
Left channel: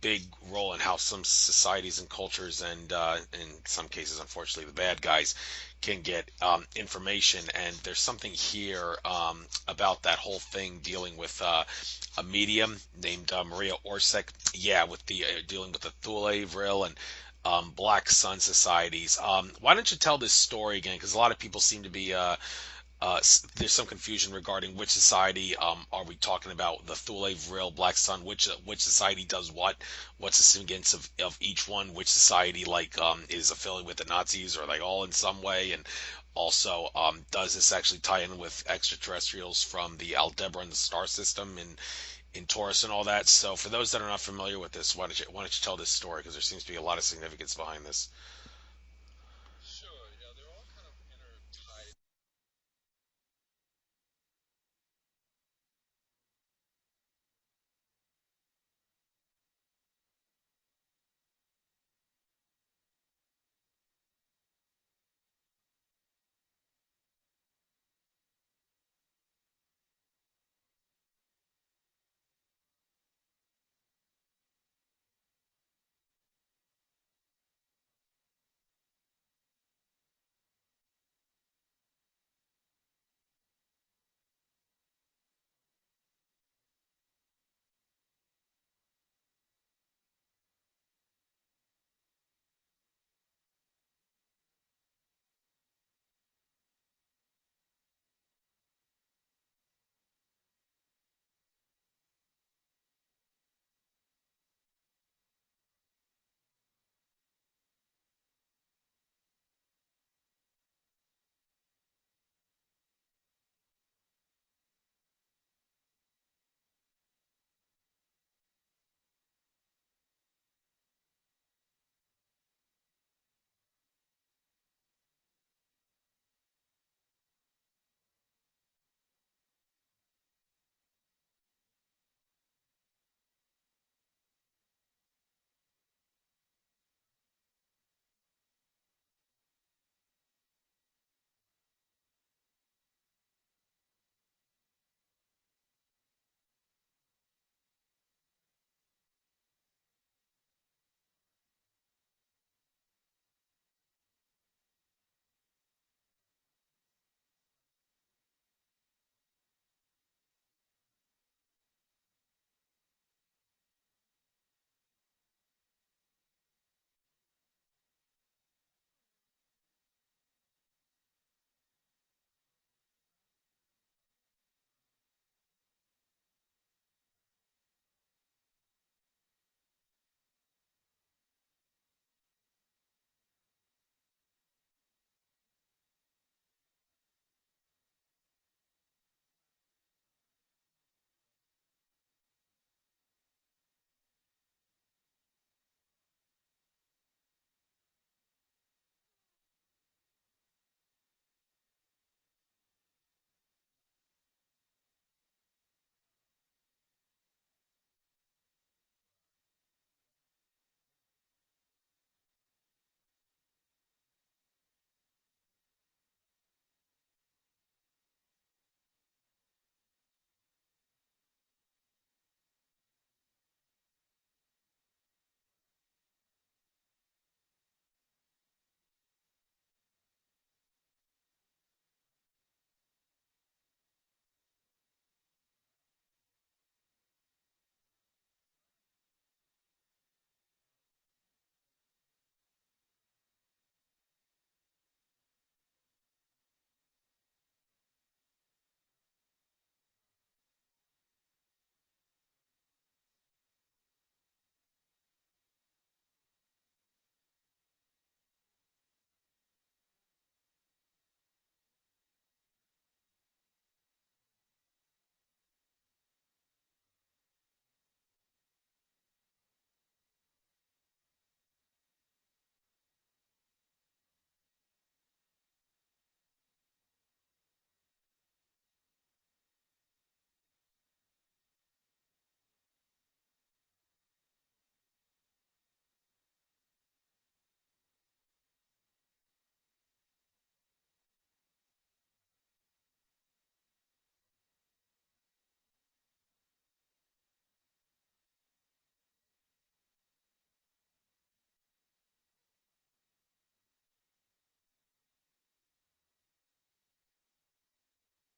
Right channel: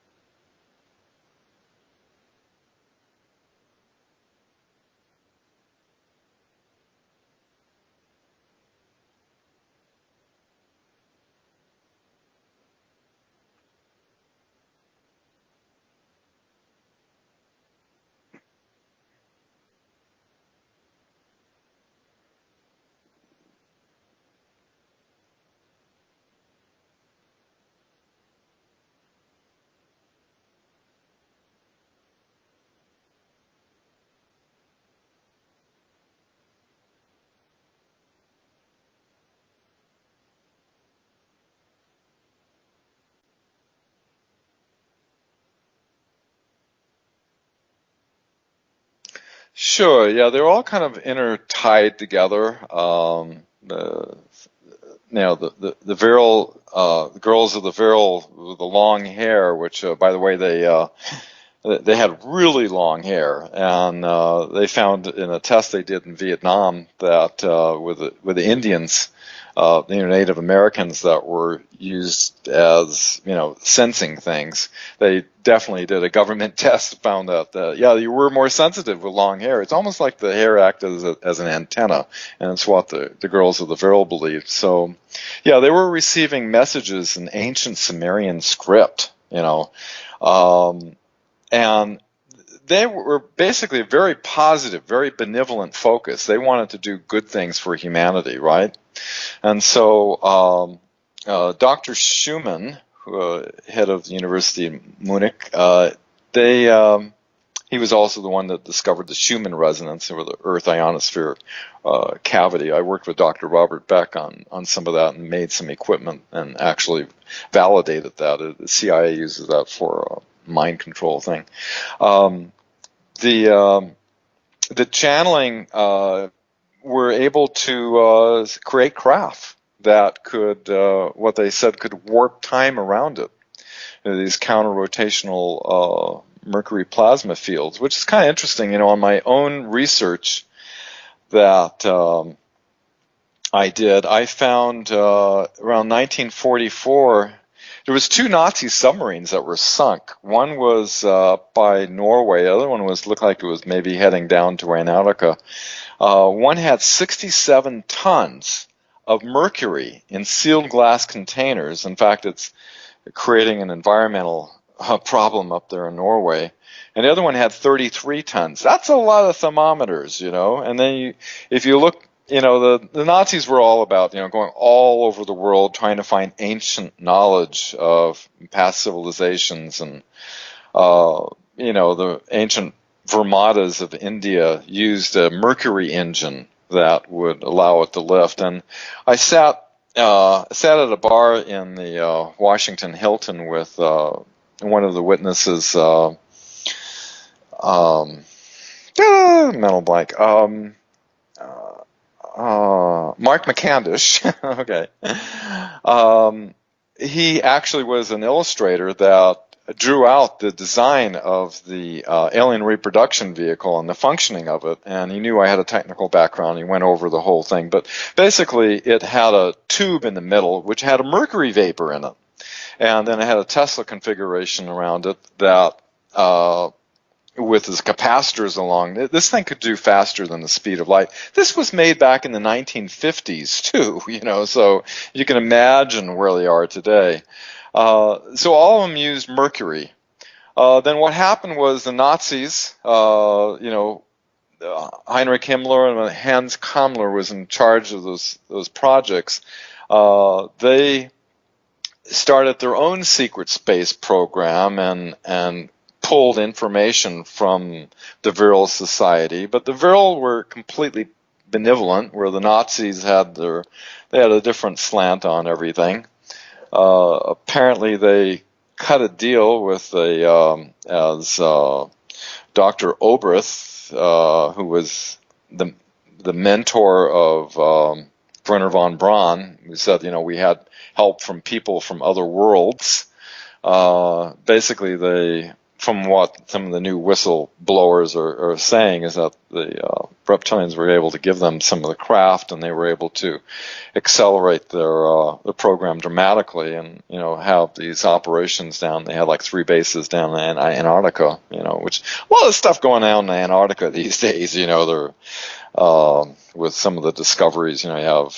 big role in how some societies and cultures, and in some cases, unfortunately, the bad guys can get information. And there's something here about that whole thing dealing with a medium named Maria Orsic. Yeah, with the dealing with the Thule, Vril, and Black Sun societies. Why don't you tell this story again? Because a lot of people seem to be there's some confusion regarding which society are we talking about, the Thule, Vril, Black Sun, which society does what's the significance of each one, which society is affiliated with the Nazis, or all in some way, and also does this actually tie in with extraterrestrials from the Aldebaran star system in Taurus and all that. So for those that are not familiar with this, why don't you tell this story, because there seems to be a lot of significance behind this. Sure. Yeah, they're all kind of intertied together. The, the virile girls of the virile with the long hair, which, by the way, they had really long hair, and they found in a test they did in Vietnam that with the Indians, Native Americans that were used as sensing things, they definitely did a government test, found out that yeah, you were more sensitive with long hair. It's almost like the hair acted as an antenna, and it's what the girls of the virile believed. So yeah, they were receiving messages in ancient Sumerian script, and they were basically a very positive, very benevolent focus. They wanted to do good things for humanity, right? And so Dr. Schumann, head of the University of Munich, he was also the one that discovered the Schumann resonance, or the Earth ionosphere cavity. I worked with Dr. Robert Beck on some of that and made some equipment and actually validated that. The CIA uses that for a mind control thing. The channeling were able to create craft that could, what they said, could warp time around it. These counter-rotational mercury plasma fields, which is kind of interesting. On my own research that I did, I found around 1944, there was 2 Nazi submarines that were sunk. One was by Norway. The other one looked like it was maybe heading down to Antarctica. One had 67 tons of mercury in sealed glass containers. In fact, it's creating an environmental problem up there in Norway. And the other one had 33 tons. That's a lot of thermometers, And then if you look, the Nazis were all about, going all over the world trying to find ancient knowledge of past civilizations. And, the ancient Vermatas of India used a mercury engine that would allow it to lift. And I sat at a bar in the Washington Hilton with one of the witnesses, mental blank, Mark McCandish. Okay. He actually was an illustrator that drew out the design of the alien reproduction vehicle and the functioning of it, and he knew I had a technical background. He went over the whole thing, but basically it had a tube in the middle which had a mercury vapor in it, and then it had a Tesla configuration around it that with its capacitors along. This thing could do faster than the speed of light. This was made back in the 1950s too, so you can imagine where they are today. So all of them used mercury. Then what happened was the Nazis, Heinrich Himmler and Hans Kammler was in charge of those projects. They started their own secret space program and pulled information from the Virile Society, but the Virile were completely benevolent, where the Nazis had a different slant on everything. Apparently, they cut a deal with as Dr. Obrith, who was the mentor of Brenner von Braun, who said, we had help from people from other worlds. Basically, from what some of the new whistleblowers are saying, is that the reptilians were able to give them some of the craft, and they were able to accelerate their program dramatically, and have these operations down. They had like 3 bases down in Antarctica, which a lot of stuff going on in Antarctica these days. They're with some of the discoveries. You have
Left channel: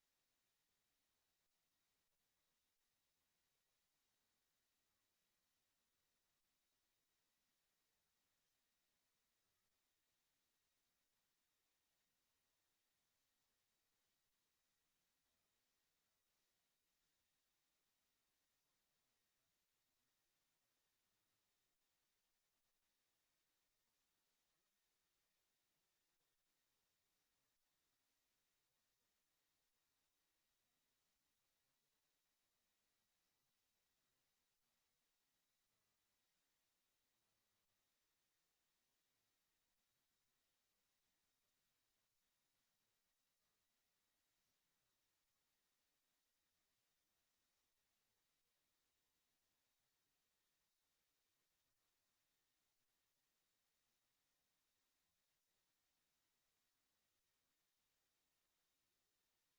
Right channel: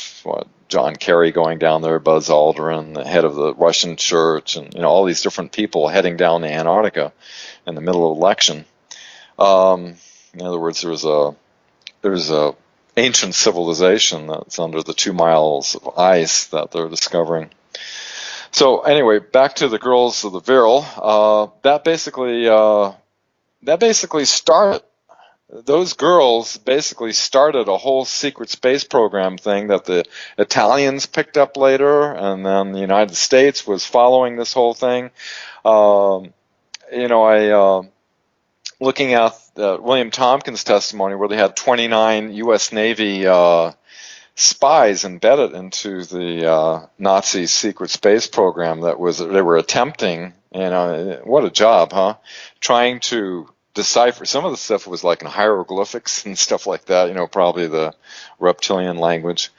John Kerry going down there, Buzz Aldrin, the head of the Russian church, and all these different people heading down to Antarctica in the middle of election. In other words, there's a ancient civilization that's under the 2 miles of ice that they're discovering. So anyway, back to the girls of the Virile. That basically started. Those girls basically started a whole secret space program thing that the Italians picked up later, and then the United States was following this whole thing. Looking at William Tompkins' testimony, where they had 29 U.S. Navy spies embedded into the Nazi secret space program they were attempting. What a job, huh? Trying to decipher. Some of the stuff was like in hieroglyphics and stuff like that, probably the reptilian language.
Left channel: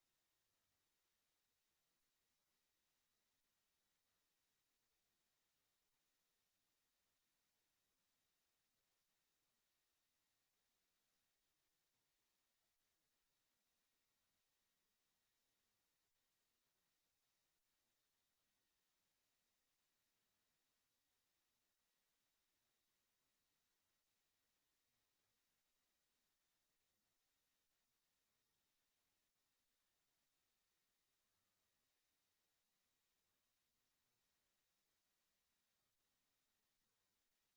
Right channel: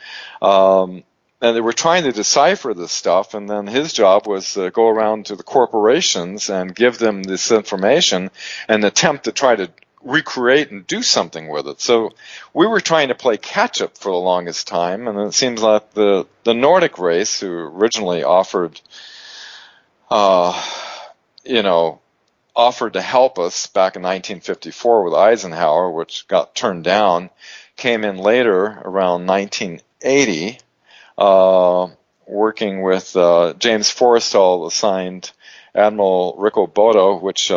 And they were trying to decipher this stuff, and then his job was to go around to the corporations and give them this information and attempt to try to recreate and do something with it. So we were trying to play catch up for the longest time, and it seems like the Nordic race, who originally offered to help us back in 1954 with Eisenhower, which got turned down, came in later around 1980, working with James Forrestal assigned Admiral Rico Bodo, which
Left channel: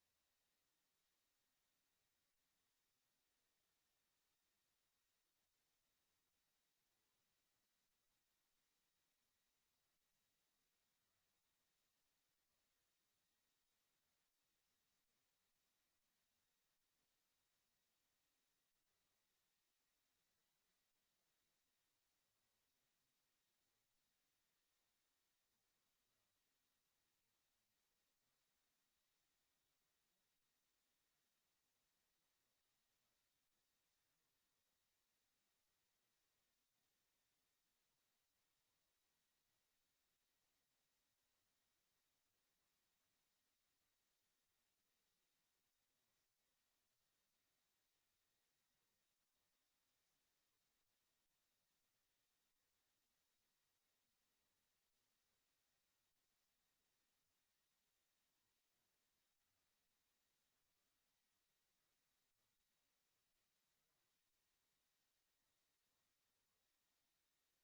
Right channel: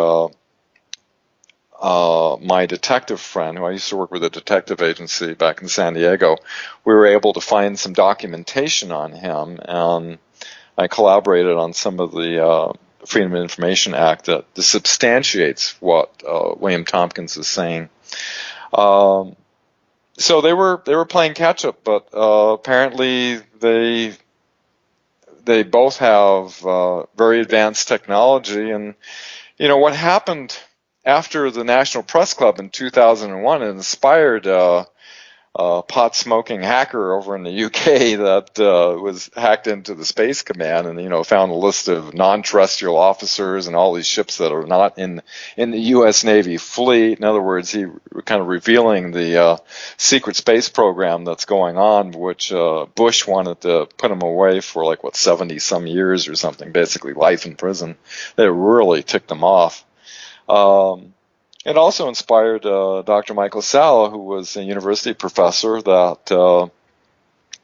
my detective friend, who I used to work with a detective agency back in San Diego, we were able to find some documentation on him, and I collaborated on some of the Freedom of Information Act that substantiates what William Tompkins is saying. So they were playing catch up, but apparently they both have very advanced technology. And what happened after the National Press Club in 2001 inspired pot-smoking hacker over in the UK that was hacked into the Space Command and, found a list of non-terrestrial officers and all these ships that are not in the U.S. Navy fleet. In other words, he kind of revealing the secret space program that's going on, which Bush wanted to put him away for 70-some years or something, basically life in prison. They really ticked them off. It also inspired Dr. Michael Salla, who was a university professor, that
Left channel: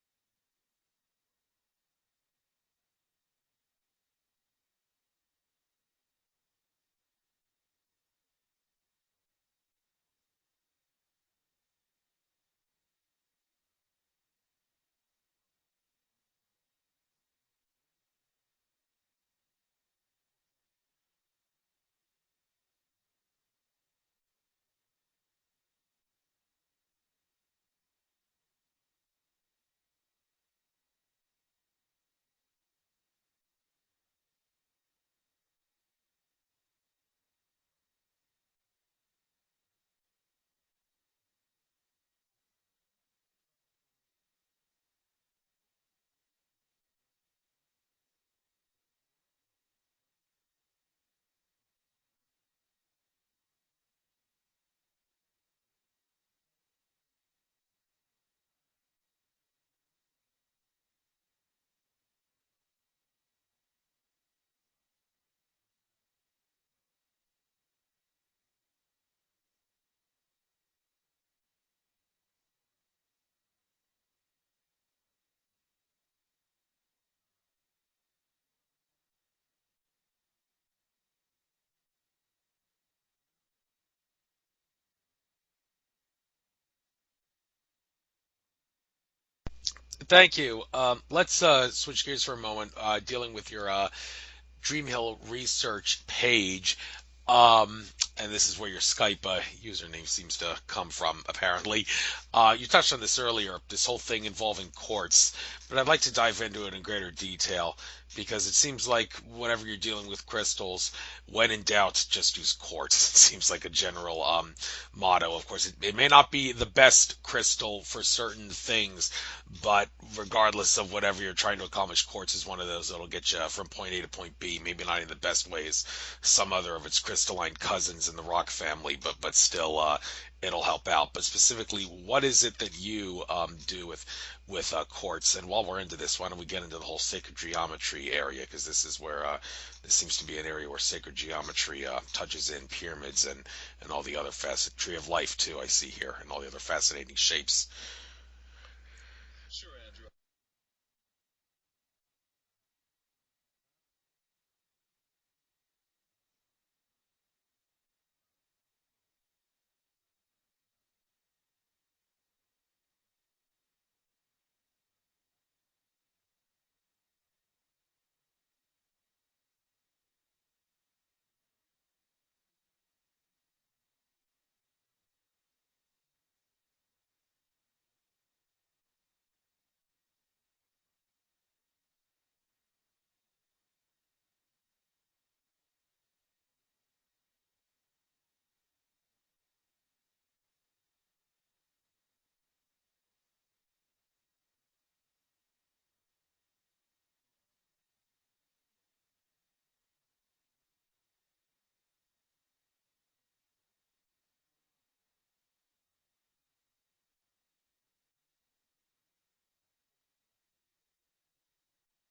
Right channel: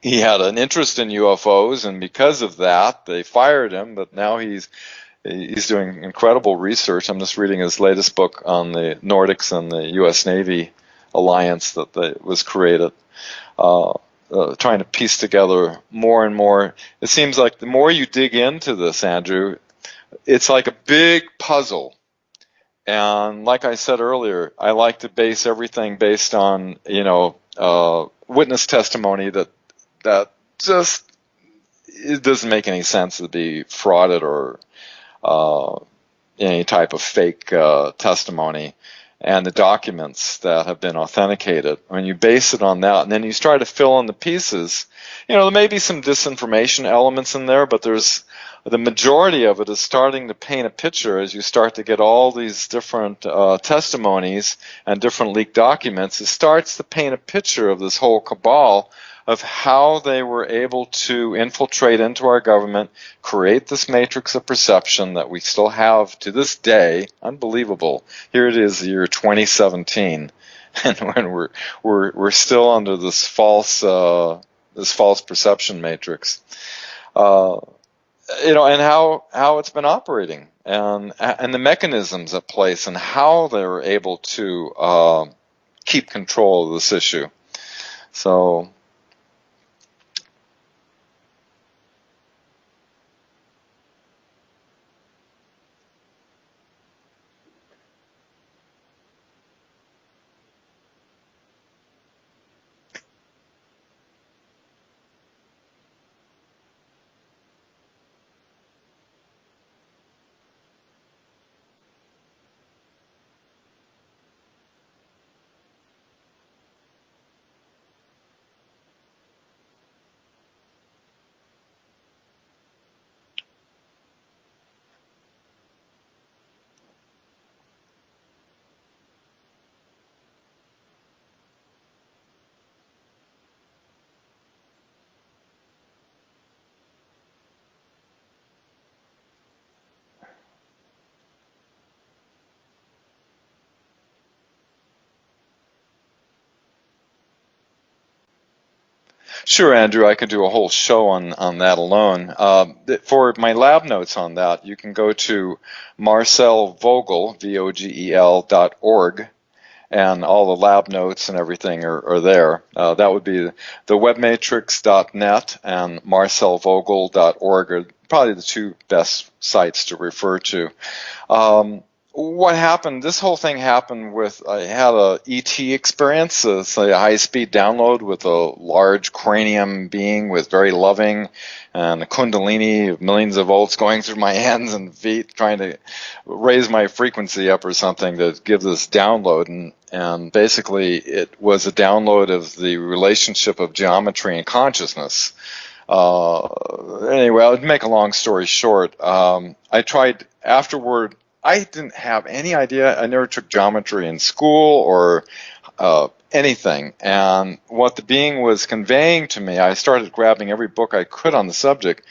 he had an interest in UFOs, and because of that, they fired him. But now he's doing incredible research. I'm just reading his latest book on the Nordics and the U.S. Navy alliance that was created, trying to piece together more and more. It seems like the more you dig into this, Andrew, it's like a big puzzle. And like I said earlier, I like to base everything based on, witness testimony that just it doesn't make any sense to be frauded or any type of fake testimony, and the documents that have been authenticated. When you base it on that, and then you try to fill in the pieces, there may be some disinformation elements in there, but the majority of it is starting to paint a picture as you start to get all these different testimonies and different leaked documents. It starts to paint a picture of this whole cabal of how they were able to infiltrate into our government, create this matrix of perception that we still have to this day. Unbelievable. Here it is, the year 2017, and when we're still under this false perception matrix. And how it's been operating, and the mechanisms at place, and how they were able to keep control of this issue. So, thank you. Let's switch gears for a moment, dealing with your Dream Hill research page. And this is where your Skype username seems to come from, apparently. You touched on this earlier, this whole thing involving courts, but I'd like to dive into it in greater detail, because it seems like whenever you're dealing with crystals, when in doubt, just use quartz. It seems like a general motto. Of course, it may not be the best crystal for certain things, but regardless of whatever you're trying to accomplish, quartz is one of those that'll get you from point A to point B, maybe not in the best ways, some other of its crystalline cousins in the rock family, but still it'll help out. But specifically, what is it that you do with quartz? And while we're into this, why don't we get into the whole sacred geometry area, because this is where this seems to be an area where sacred geometry touches in pyramids and all the other tree of life too, I see here, and all the other fascinating shapes. Sure, Andrew, I could do a whole show on that alone. For my lab notes on that, you can go to Marcel Vogel, VOGEL.org, and all the lab notes and everything are there. That would be the webmatrix.net and marcelvogel.org are probably the two best sites to refer to. what happened, this whole thing happened with, I had a ET experience, it's a high-speed download with a large cranium being with very loving and a kundalini of millions of volts going through my hands and feet trying to raise my frequency up or something to give this download. And basically it was a download of the relationship of geometry and consciousness. Anyway, I'll make a long story short. I tried afterward. I didn't have any idea. I never took geometry in school or anything. And what the being was conveying to me, I started grabbing every book I could on the subject.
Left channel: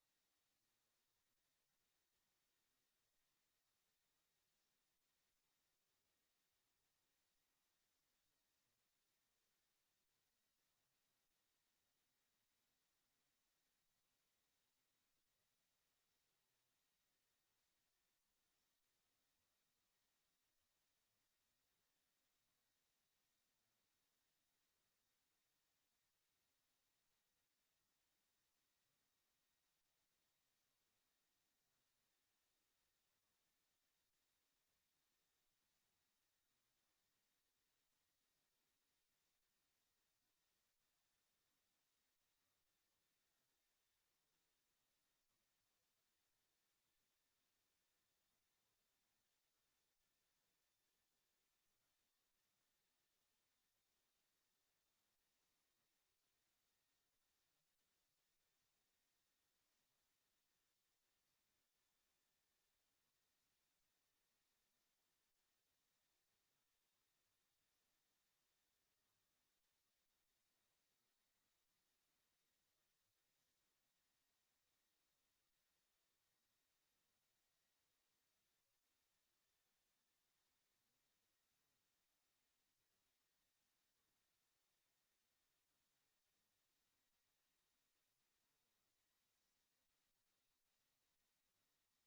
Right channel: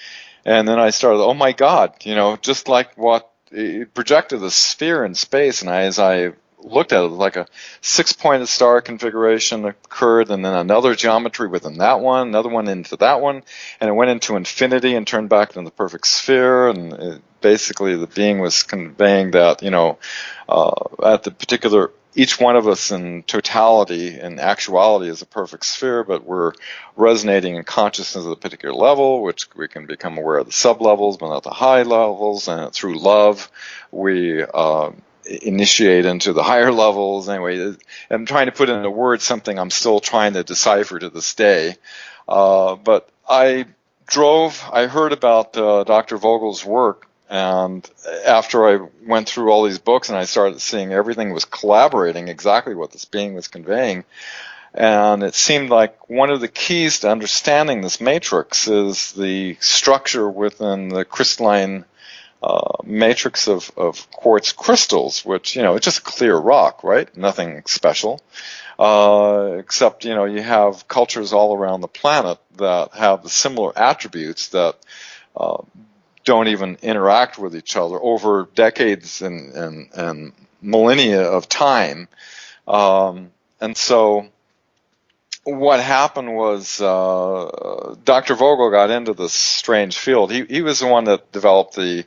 And then I started, oh my God, just like what it projected the sphere in space. And as I looked at it, like a 6-pointed star configuration occurred, and then another geometry within that one, another one into that one, and it went into infinity and turned back into the perfect sphere. And basically the being was conveying that, at the particular, each one of us in totality and actuality is a perfect sphere, but we're resonating in consciousness at a particular level, which we can become aware of the sub-levels, but not the high levels, and through love, we initiate into the higher levels. Anyway, I'm trying to put into words something I'm still trying to decipher to this day. But I heard about Dr. Vogel's work, and after I went through all these books and I started seeing everything was collaborating exactly what this being was conveying, and it seemed like one of the keys to understanding this matrix is the structure within the crystalline matrix of quartz crystals, which, it's just clear rock, right? Nothing special. Except, you have cultures all around the planet that have the similar attributes that don't even interact with each other over decades and millennia of time. And so what happened was Dr. Vogel got into this strange field. He was the one that developed the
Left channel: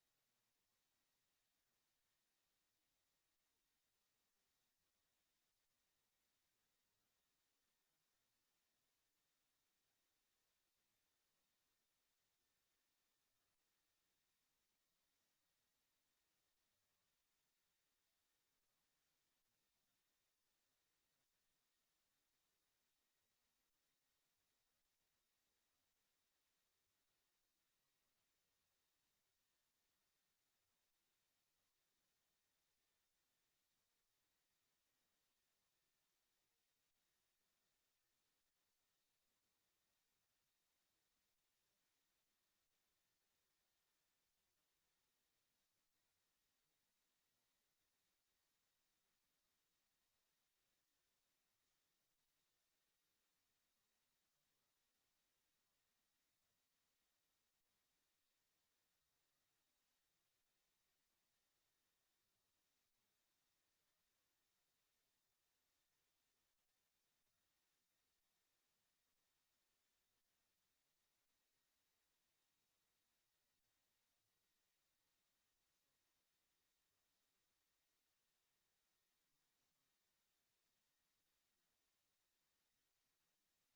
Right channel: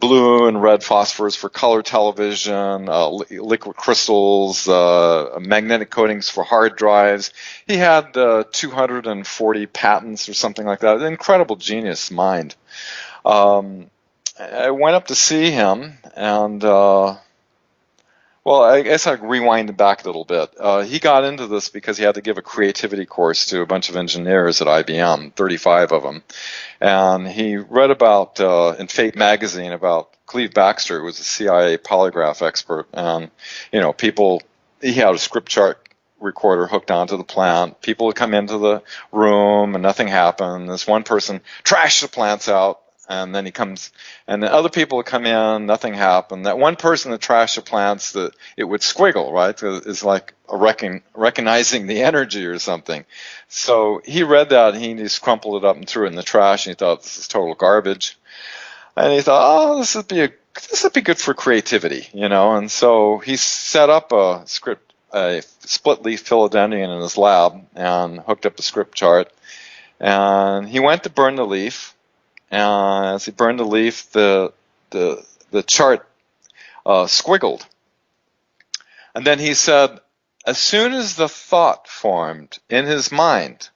blue and red phosphors for color television, liquid crystals, magnetic coatings for hard drives. He had 240 patents or something like that. An incredible genius mind. I went up to see him, and well, I guess I'll rewind it back a little bit. He got into this because he had to give a creativity course to a bunch of engineers at IBM, 35 of them. And he read about, in Fate magazine, about Cleve Baxter, who was a CIA polygraph expert. And, he had a script chart recorder hooked onto the plant. People would come into the room and nothing happened. This one person trashed the plants out. And then he comes, and the other people would come in, nothing happened. That one person that trashed the plants, it would squiggle, right? It's like recognizing the energy or something. So he read that, and he just crumpled it up and threw it in the trash, and he thought, this is total garbage. And he thought, oh, this would be good for creativity, And so he set up a split leaf philodendron in his lab and hooked up a script chart. And he went to burn the leaf. And as he burned the leaf, the chart squiggled. And then he said, as soon as the thought formed in his mind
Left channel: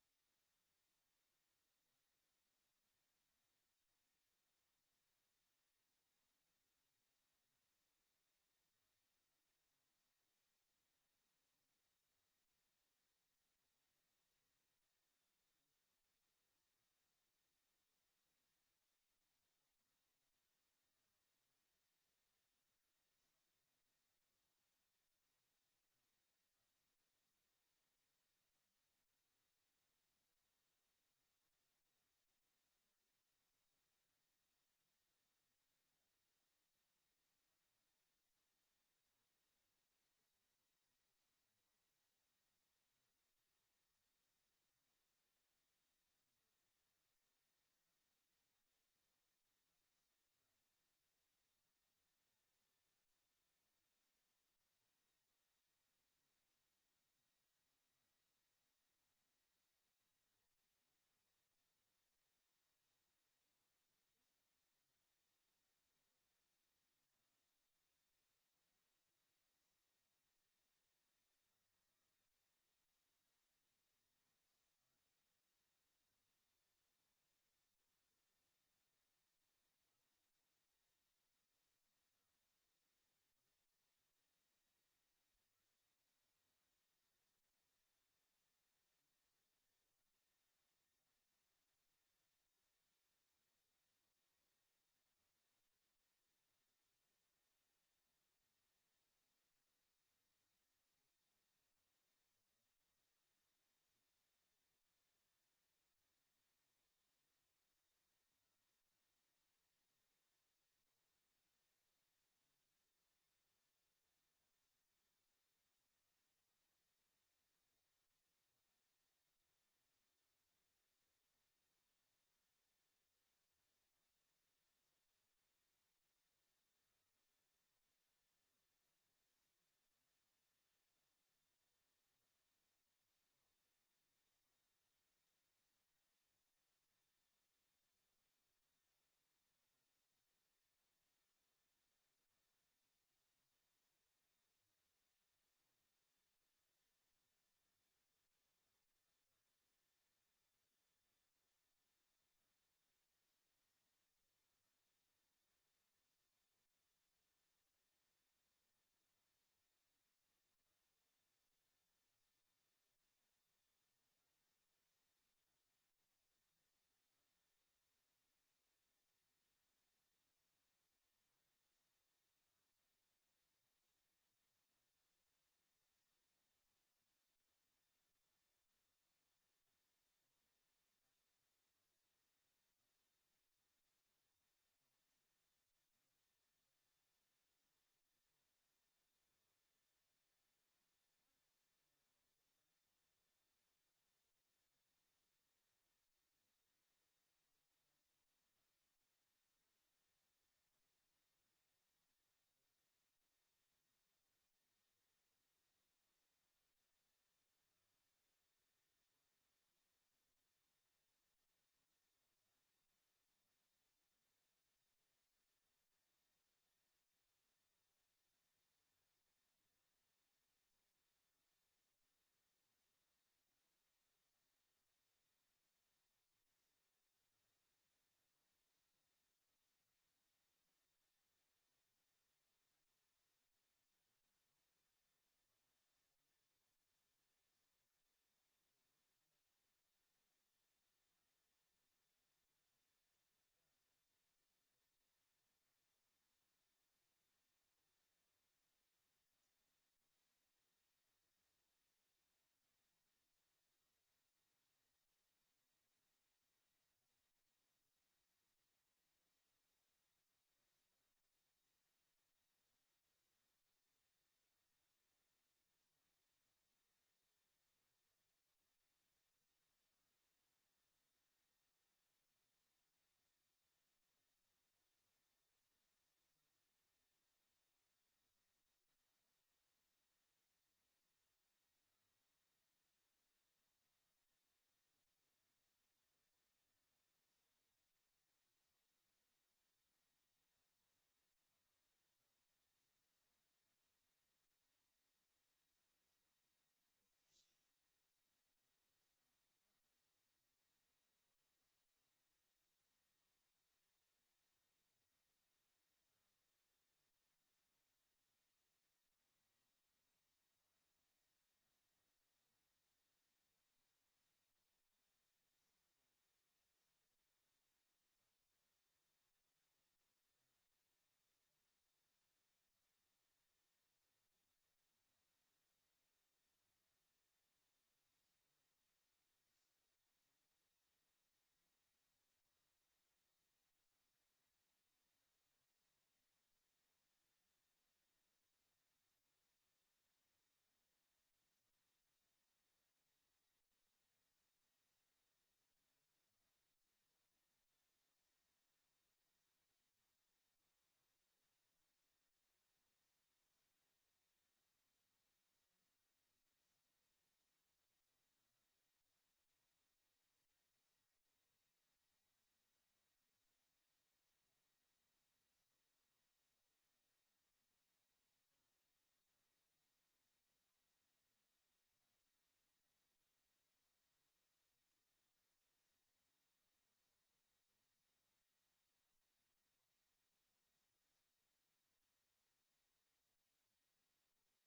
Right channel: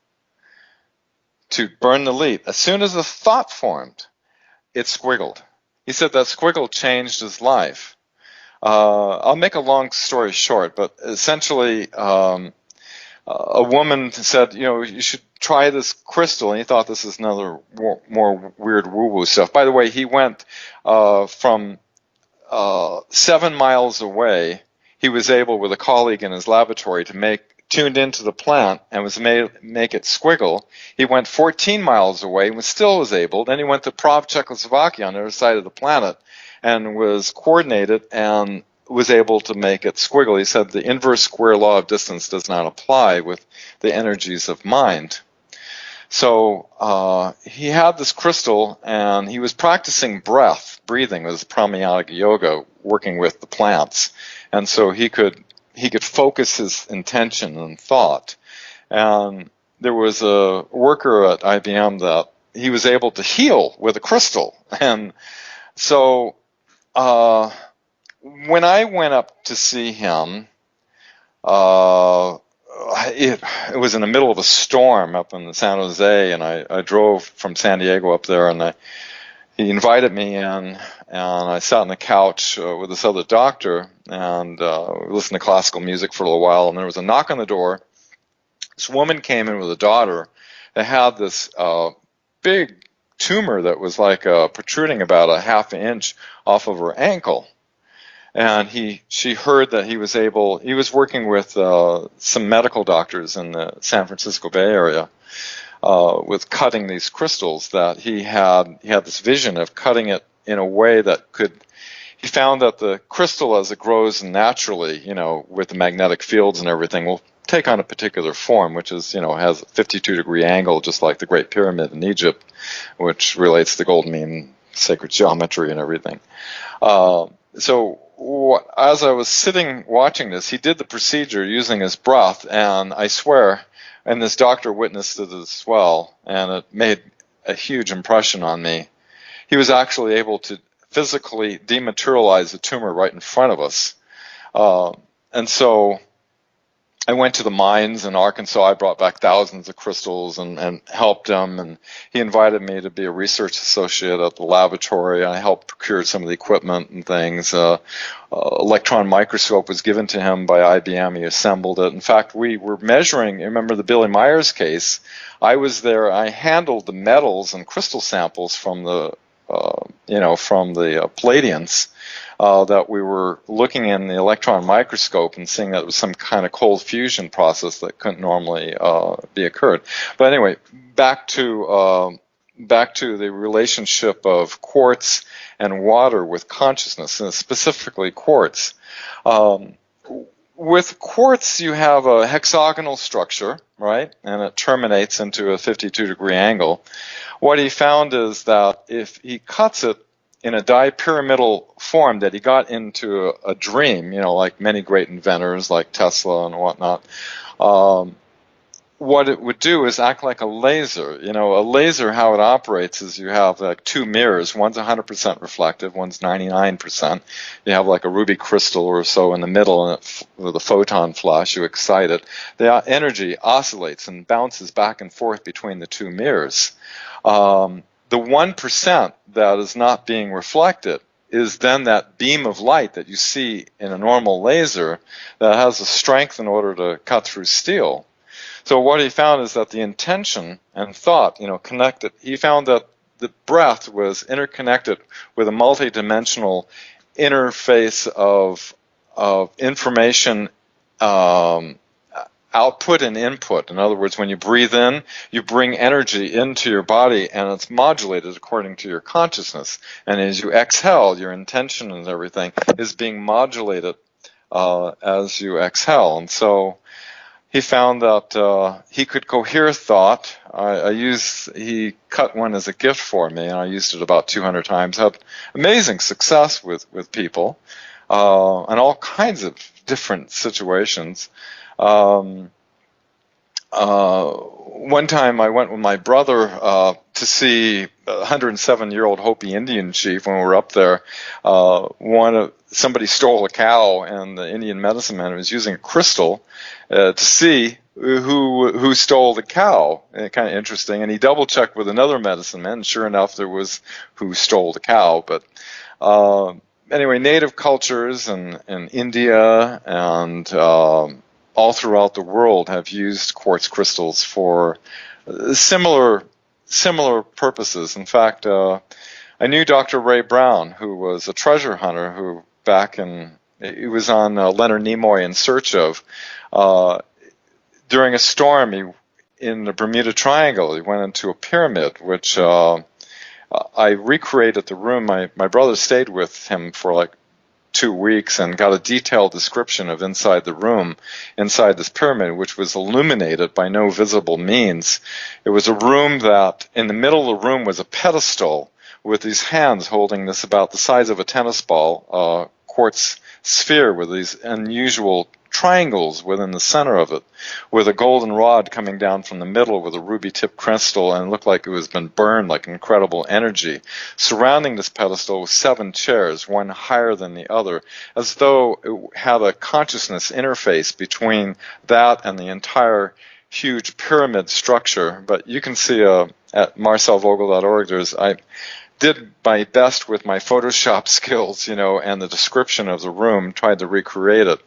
to burn the leaf, as soon as the thought formed, it squiggled. He said that squiggle changed his life. I'll make a long story short, but essentially a woman said, you should try this crystal, and he thought this is another more weird woo-woo stuff. By the way, he went from 7 miles away. He was able, with a colleague in his laboratory, to tuned into the plant and was make it squiggle. He went 14 miles away and was able. Then he went to Prague, Czechoslovakia, on the other side of the planet, and was coordinated and was able to make it squiggle. He said the inverse square law of distance does not apply with the energies of mind. So he had this crystal, and he was practicing breathing with pranayama yoga, working with the plants, and so he could focus his intention and thought. And there was a worker at IBM that he was able to heal with a crystal, and so when I went up to see him, it was in the middle of a storm up in San Jose, and I drove from San Diego up there, and he invited me in, and I sat on the couch with this other doctor, and we listened to classical music for a little while, and there was a knock on the door. This woman came in with a daughter that had this big tumor that was like protruding about a half inch off of her ankle. And she heard that he was working with some medical doctors in the San Francisco Bay Area with cutting these crystals, that he had this vision of cutting it in a way that he found that the crystal, as it grows naturally, with the magnetic fields and everything, will take on a particular form, which is, has a 52-degree angle, just like the Great Pyramid in Egypt, which relates to the golden mean, sacred geometry and everything. So as I was sitting watching this, he did the procedure using his breath, and I swear, and this doctor witnessed it as well, and it made a huge impression on me. He was actually able to physically dematerialize the tumor right in front of us. And so I went to the mines in Arkansas. I brought back thousands of crystals and helped him. And he invited me to be a research associate at the laboratory. I helped procure some of the equipment and things. Electron microscope was given to him by IBM. He assembled it. In fact, we were measuring, remember the Billy Myers case? I was there. I handled the metals and crystal samples from the Palladians that we were looking in the electron microscope and seeing that it was some kind of cold fusion process that couldn't normally be occurred. But anyway, back to the relationship of quartz and water with consciousness, and specifically quartz. With quartz, you have a hexagonal structure, right? And it terminates into a 52-degree angle. What he found is that if he cuts it in a dipyramidal form that he got into a dream, like many great inventors like Tesla and whatnot, what it would do is act like a laser. A laser, how it operates is you have like two mirrors. One's 100% reflective, one's 99%. You have like a ruby crystal or so in the middle, and with a photon flash, you excite it. The energy oscillates and bounces back and forth between the two mirrors. The 1% that is not being reflected is then that beam of light that you see in a normal laser that has the strength in order to cut through steel. So what he found is that the intention and thought, connected. He found that the breath was interconnected with a multidimensional interface of information output and input. In other words, when you breathe in, you bring energy into your body, and it's modulated according to your consciousness. And as you exhale, your intention and everything is being modulated as you exhale. And so he found that he could cohere thought. He cut one as a gift for me, and I used it about 200 times. Had amazing success with people in all kinds of different situations. One time I went with my brother to see a 107-year-old Hopi Indian chief. When we were up there, somebody stole a cow, and the Indian medicine man was using a crystal to see who stole the cow. Kind of interesting. And he double-checked with another medicine man, and sure enough, there was who stole the cow. But anyway, native cultures in India and all throughout the world have used quartz crystals for similar purposes. In fact, I knew Dr. Ray Brown, who was a treasure hunter, who he was on Leonard Nimoy In Search Of. During a storm in the Bermuda Triangle, he went into a pyramid, which I recreated the room. My brother stayed with him for like 2 weeks and got a detailed description of inside the room, inside this pyramid, which was illuminated by no visible means. It was a room that in the middle of the room was a pedestal with these hands holding this about the size of a tennis ball, quartz sphere with these unusual triangles within the center of it, with a golden rod coming down from the middle with a ruby-tipped crystal, and it looked like it was been burned, like incredible energy. Surrounding this pedestal was 7 chairs, one higher than the other, as though it had a consciousness interface between that and the entire huge pyramid structure. But you can see at marcelvogel.org, did my best with my Photoshop skills, and the description of the room, tried to recreate it.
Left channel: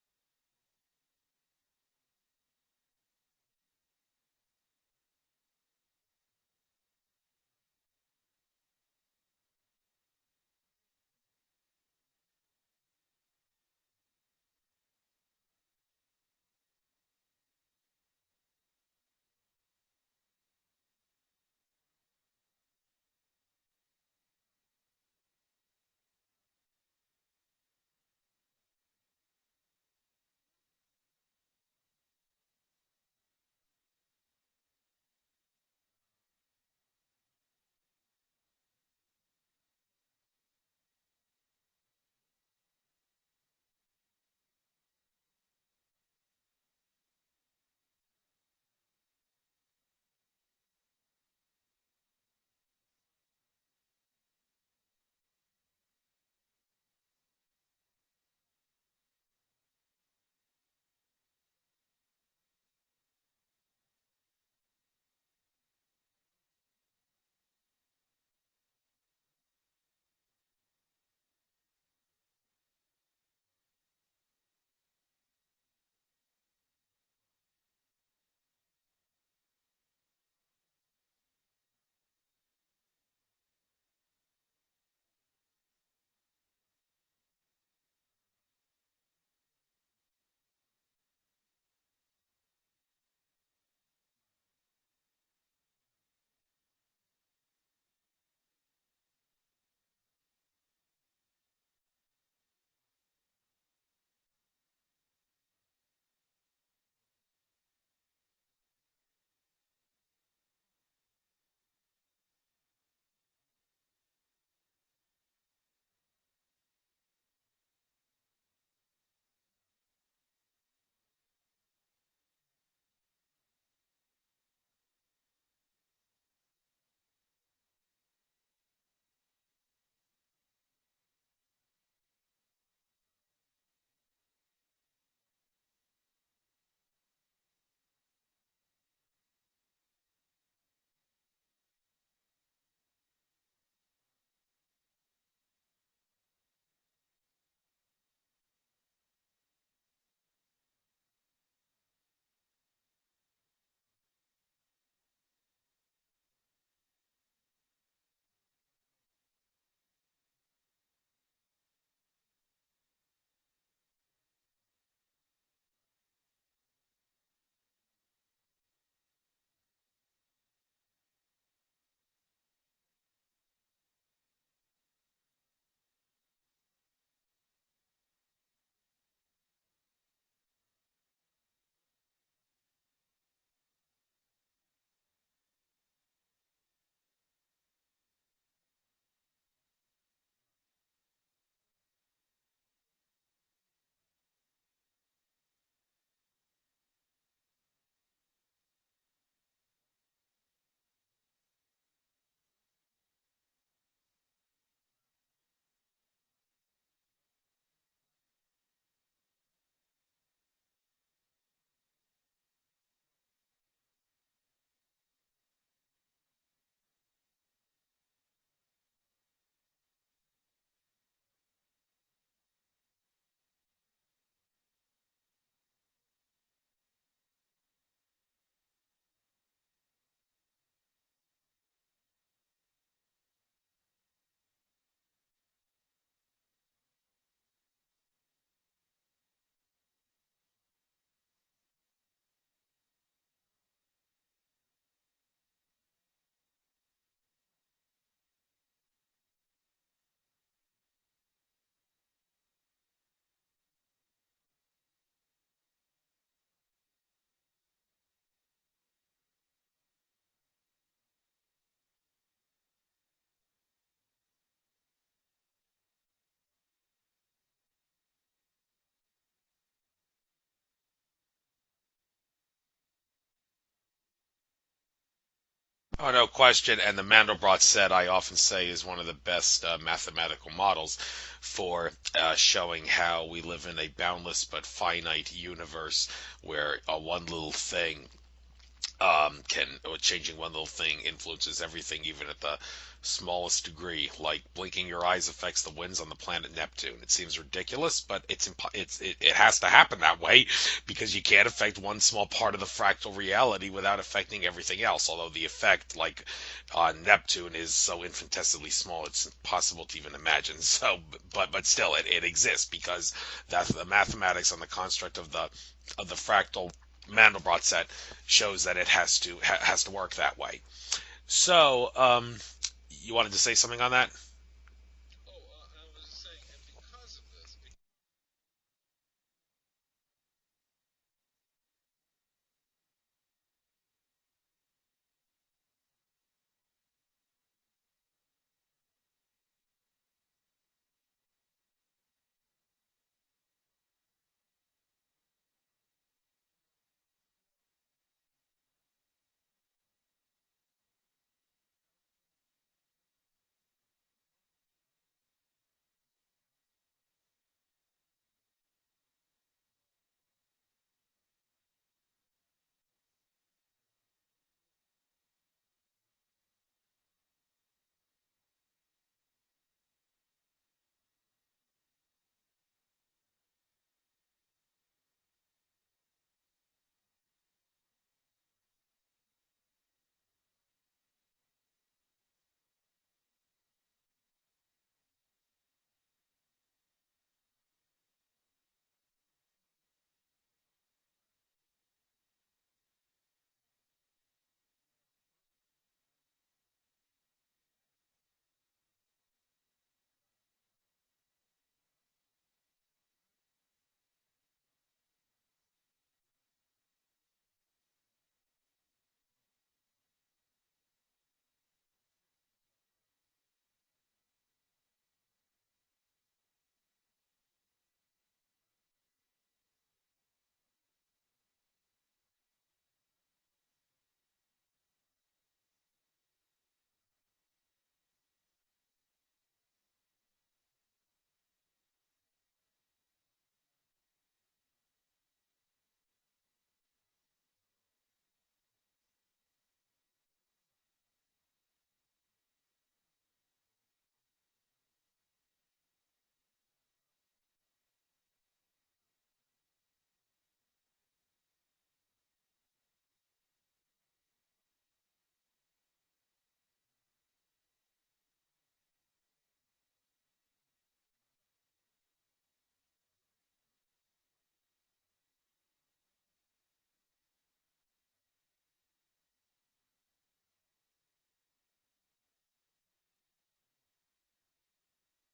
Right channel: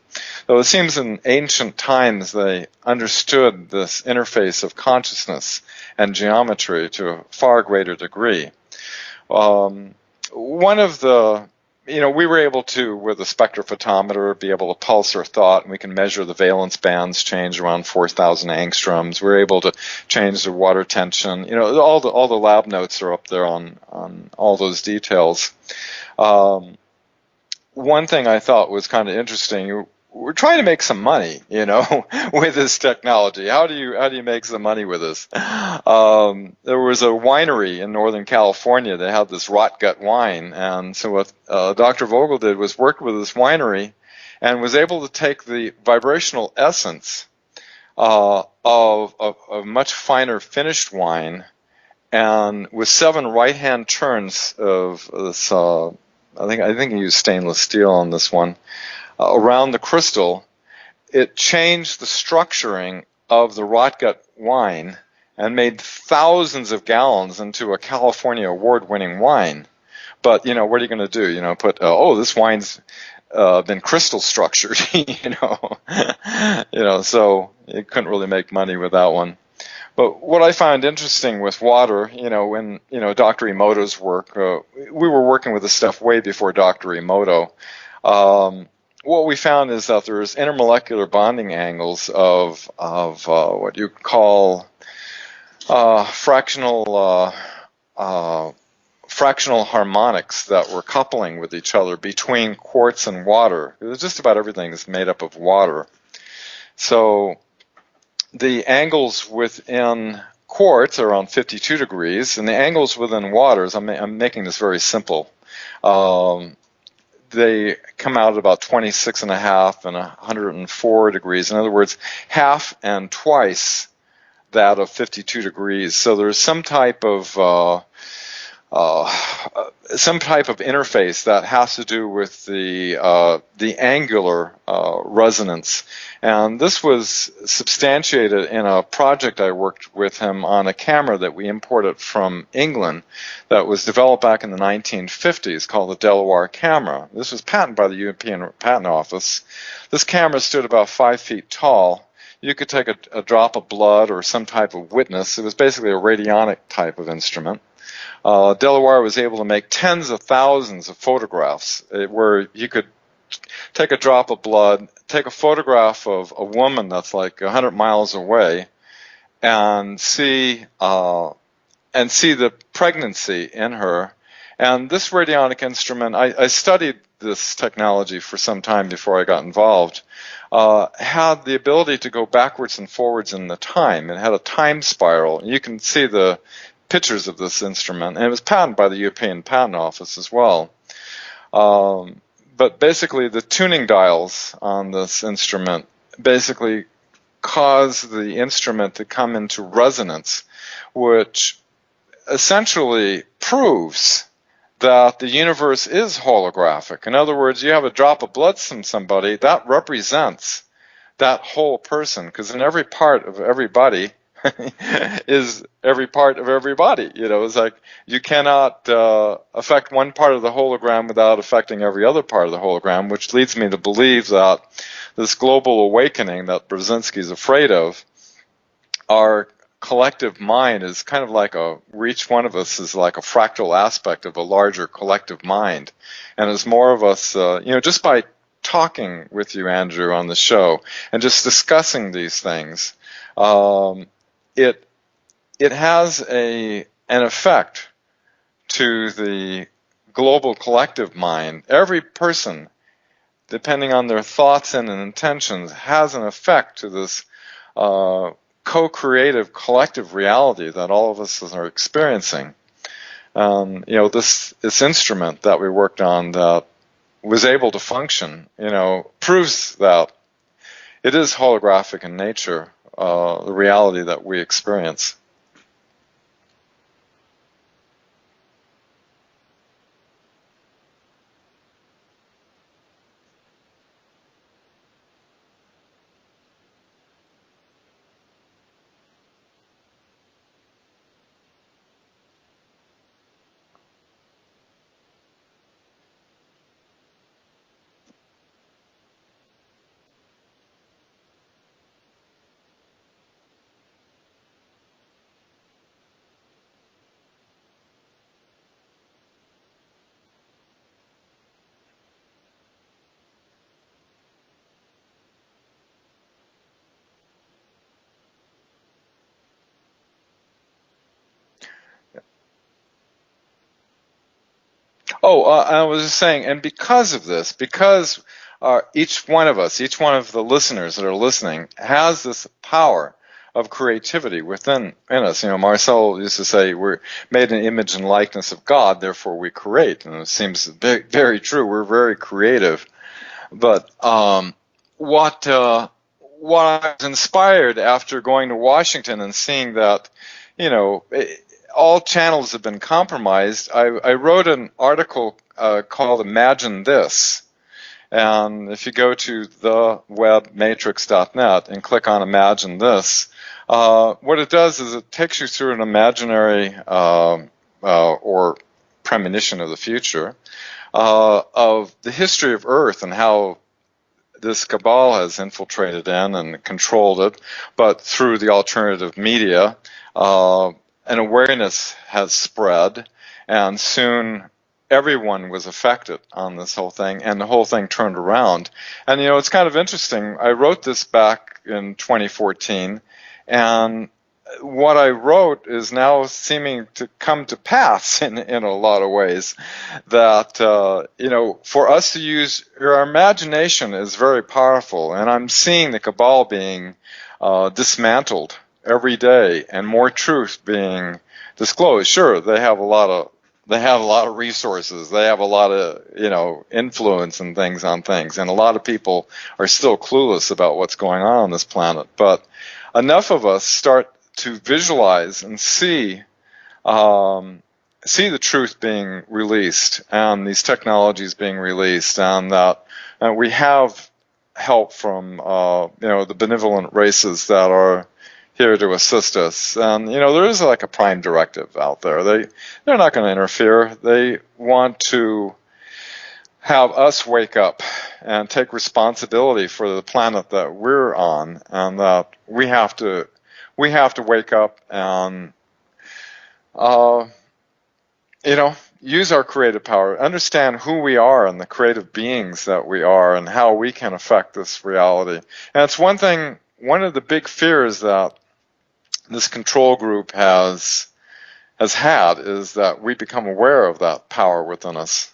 Though it seems in ancient times they understood this interface of consciousness and geometry to a far greater degree. One of the we were able to, with a spectrophotometer, be able to pulse our thought, and we can measure the valence bands change around 4,000 angstroms. We're able to change the water tension. All the lab notes are up there on all those details. One thing I thought was kind of interesting. We're trying to make some money, with this technology. How do you make some money with this? There was a winery in Northern California that had this rot gut wine, and so what Dr. Vogel did was work with this winery and was able to take the vibrational essence of a much finer finished wine, and with 7 right-hand turns of this, I think he used stainless steel on this one, around the crystal, it changed the structuring of the rot gut wine and made thousands of gallons into a California award-winning wine. But what are you going to do? Put this wine's been crystal structured, so you couldn't really make money with that one. But what I found interesting with water, when Dr. Emoto's work, we were working with this stuff way before Dr. Emoto. What we found is that there's intermolecular bonding angles of what you call fractional harmonics that were coupling with each other between quartz and water. Just about everything is made up of water. So the angles within quartz are around 52 degrees, and the angles within waters, I'm making this very simple, they come out at about 26.5 and 104 degrees. In other words, half and twice that of 52 degrees. So there's some type of interface that has to do with the angular resonance. And this was substantiated in a project I worked with him on, a camera that we imported from England that was developed back in the 1950s called the Delaware camera. This was patented by the European Patent Office. This camera stood about 5 feet tall. You could take a drop of blood or some type of witness. It was basically a radionic type of instrument. Delaware was able to make tens of thousands of photographs where you could take a drop of blood, take a photograph of a woman that's like 100 miles away, and see the pregnancy in her. And this radionic instrument, I studied this technology for some time before I got involved, had the ability to go backwards and forwards in the time. It had a time spiral. You can see the pictures of this instrument, and it was patented by the European Patent Office as well. But basically, the tuning dials on this instrument basically cause the instrument to come into resonance, which essentially proves that the universe is holographic. In other words, you have a drop of blood from somebody, that represents that whole person, because in every part of everybody is every part of everybody. It's like you cannot affect one part of the hologram without affecting every other part of the hologram, which leads me to believe that this global awakening that Brzezinski's afraid of, our collective mind is kind of like each one of us is like a fractal aspect of a larger collective mind. And as more of us, just by talking with you, Andrew, on the show and just discussing these things, it has an effect to the global collective mind. Every person, depending on their thoughts and intentions, has an effect to this co-creative collective reality that all of us are experiencing. This instrument that we worked on that was able to function, proves that it is holographic in nature, the reality that we experience. Oh, no question. And the Mandelbrot set, I often say, is one of the best mathematical models for showing how we live in a boundless but finite universe where one little thing Can changing one little thing influences everything, even at the smallest degree. Like blinking your eyes affects the winds on the planet Neptune. It seems ridiculous, but it has to happen that way because you can't affect one small part of the fractal reality without affecting everything else. Although the effect, like on Neptune, is so infinitesimally small, it's impossible to even imagine. So, but still, it exists because that's the mathematics on the construct of the fractal Mandelbrot set shows that it has to work that way. So, you wanted to say something on that? Oh, I was just saying, and because of this, because each one of us, each one of the listeners that are listening, has this power of creativity within in us. You know, Marcel used to say, "We're made in the image and likeness of God, therefore we create," and it seems very, very true. We're very creative, but what what I was inspired after going to Washington and seeing that, you know, all channels have been compromised. I wrote an article called "Imagine This," and if you go to thewebmatrix.net and click on "Imagine This," what it does is it takes you through an imaginary or premonition of the future of the history of Earth and how this cabal has infiltrated in and controlled it, but through the alternative media, an awareness has spread, and soon everyone was affected on this whole thing, and the whole thing turned around. And you know, it's kind of interesting. I wrote this back in 2014, and what I wrote is now seeming to come to pass in a lot of ways. That you know, for us to use our imagination is very powerful, and I'm seeing the cabal being dismantled every day, and more truth being disclosed. Sure, they have a lot of resources. They have a lot of, you know, influence and things on things, and a lot of people are still clueless about what's going on this planet. But enough of us start to visualize and see the truth being released and these technologies being released, and that we have help from you know, the benevolent races that are here to assist us. And you know, there is like a prime directive out there. They're not going to interfere. They want to have us wake up and take responsibility for the planet that we're on, and that we have to wake up and you know, use our creative power, understand who we are and the creative beings that we are, and how we can affect this reality. And it's one thing, one of the big fears that this control group has had is that we become aware of that power within us.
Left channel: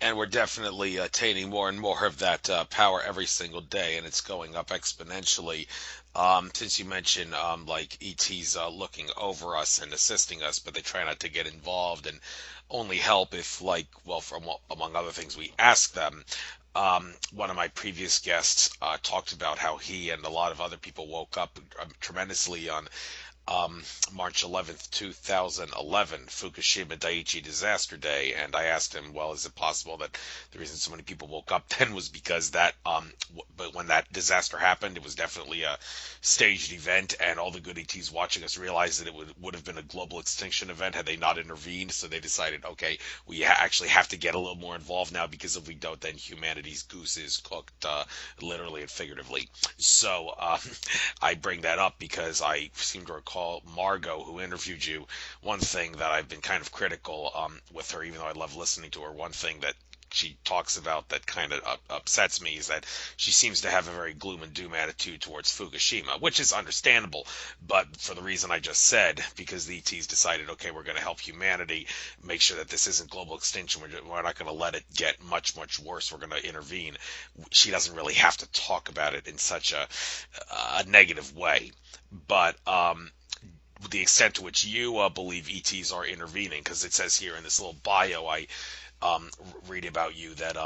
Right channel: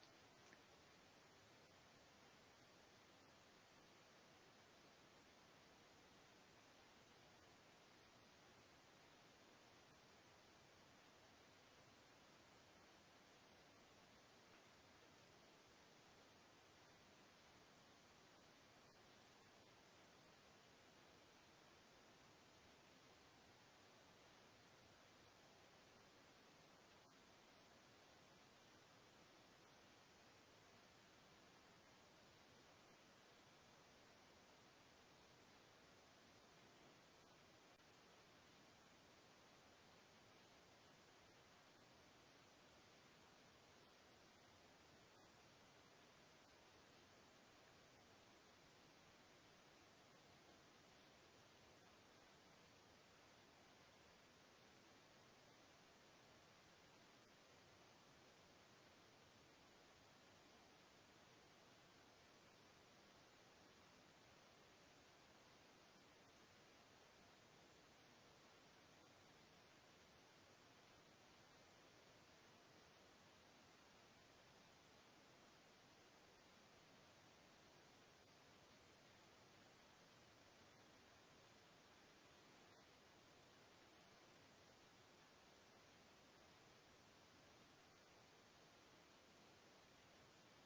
And we're definitely attaining more and more of that power every single day, and it's going up exponentially. Since you mentioned like ETs looking over us and assisting us, but they try not to get involved and only help if, like, well, from among other things, we ask them. One of my previous guests talked about how he and a lot of other people woke up tremendously on March 11th, 2011, Fukushima Daiichi disaster day, and I asked him, well, is it possible that the reason so many people woke up then was because that, but when that disaster happened, it was definitely a staged event, and all the good ETs watching us realized that it would have been a global extinction event had they not intervened, so they decided, okay, we actually have to get a little more involved now, because if we don't, then humanity's goose is cooked, literally and figuratively. So, I bring that up because I seem to recall Margo, who interviewed you, one thing that I've been kind of critical with her, even though I love listening to her, one thing that she talks about that kind of upsets me is that she seems to have a very gloom and doom attitude towards Fukushima, which is understandable, but for the reason I just said, because the ETs decided, okay, we're going to help humanity, make sure that this isn't global extinction, we're not going to let it get much, much worse, we're going to intervene. She doesn't really have to talk about it in such a negative way, but the extent to which you believe ETs are intervening, because it says here in this little bio I um, read about you that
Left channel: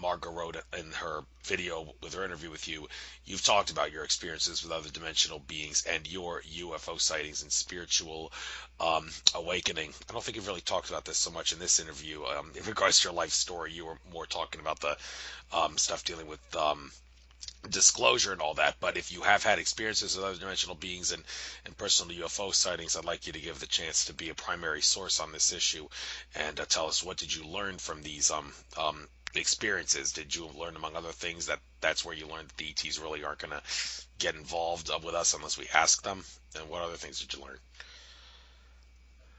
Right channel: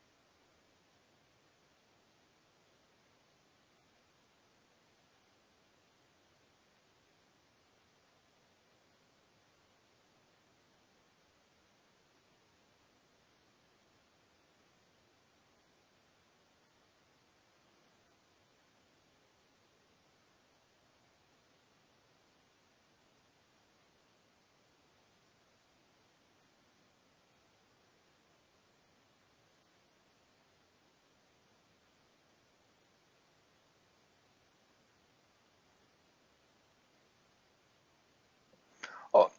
Margo wrote in her video with her interview with you. You've talked about your experiences with other dimensional beings and your UFO sightings and spiritual awakening. I don't think you've really talked about this so much in this interview. In regards to your life story, you were more talking about the stuff dealing with disclosure and all that. But if you have had experiences with other dimensional beings and personal UFO sightings, I'd like you to give the chance to be a primary source on this issue and tell us, what did you learn from these experiences? Did you learn, among other things, that that's where you learned that the ETs really aren't going to get involved with us unless we ask them? And what other things did you learn?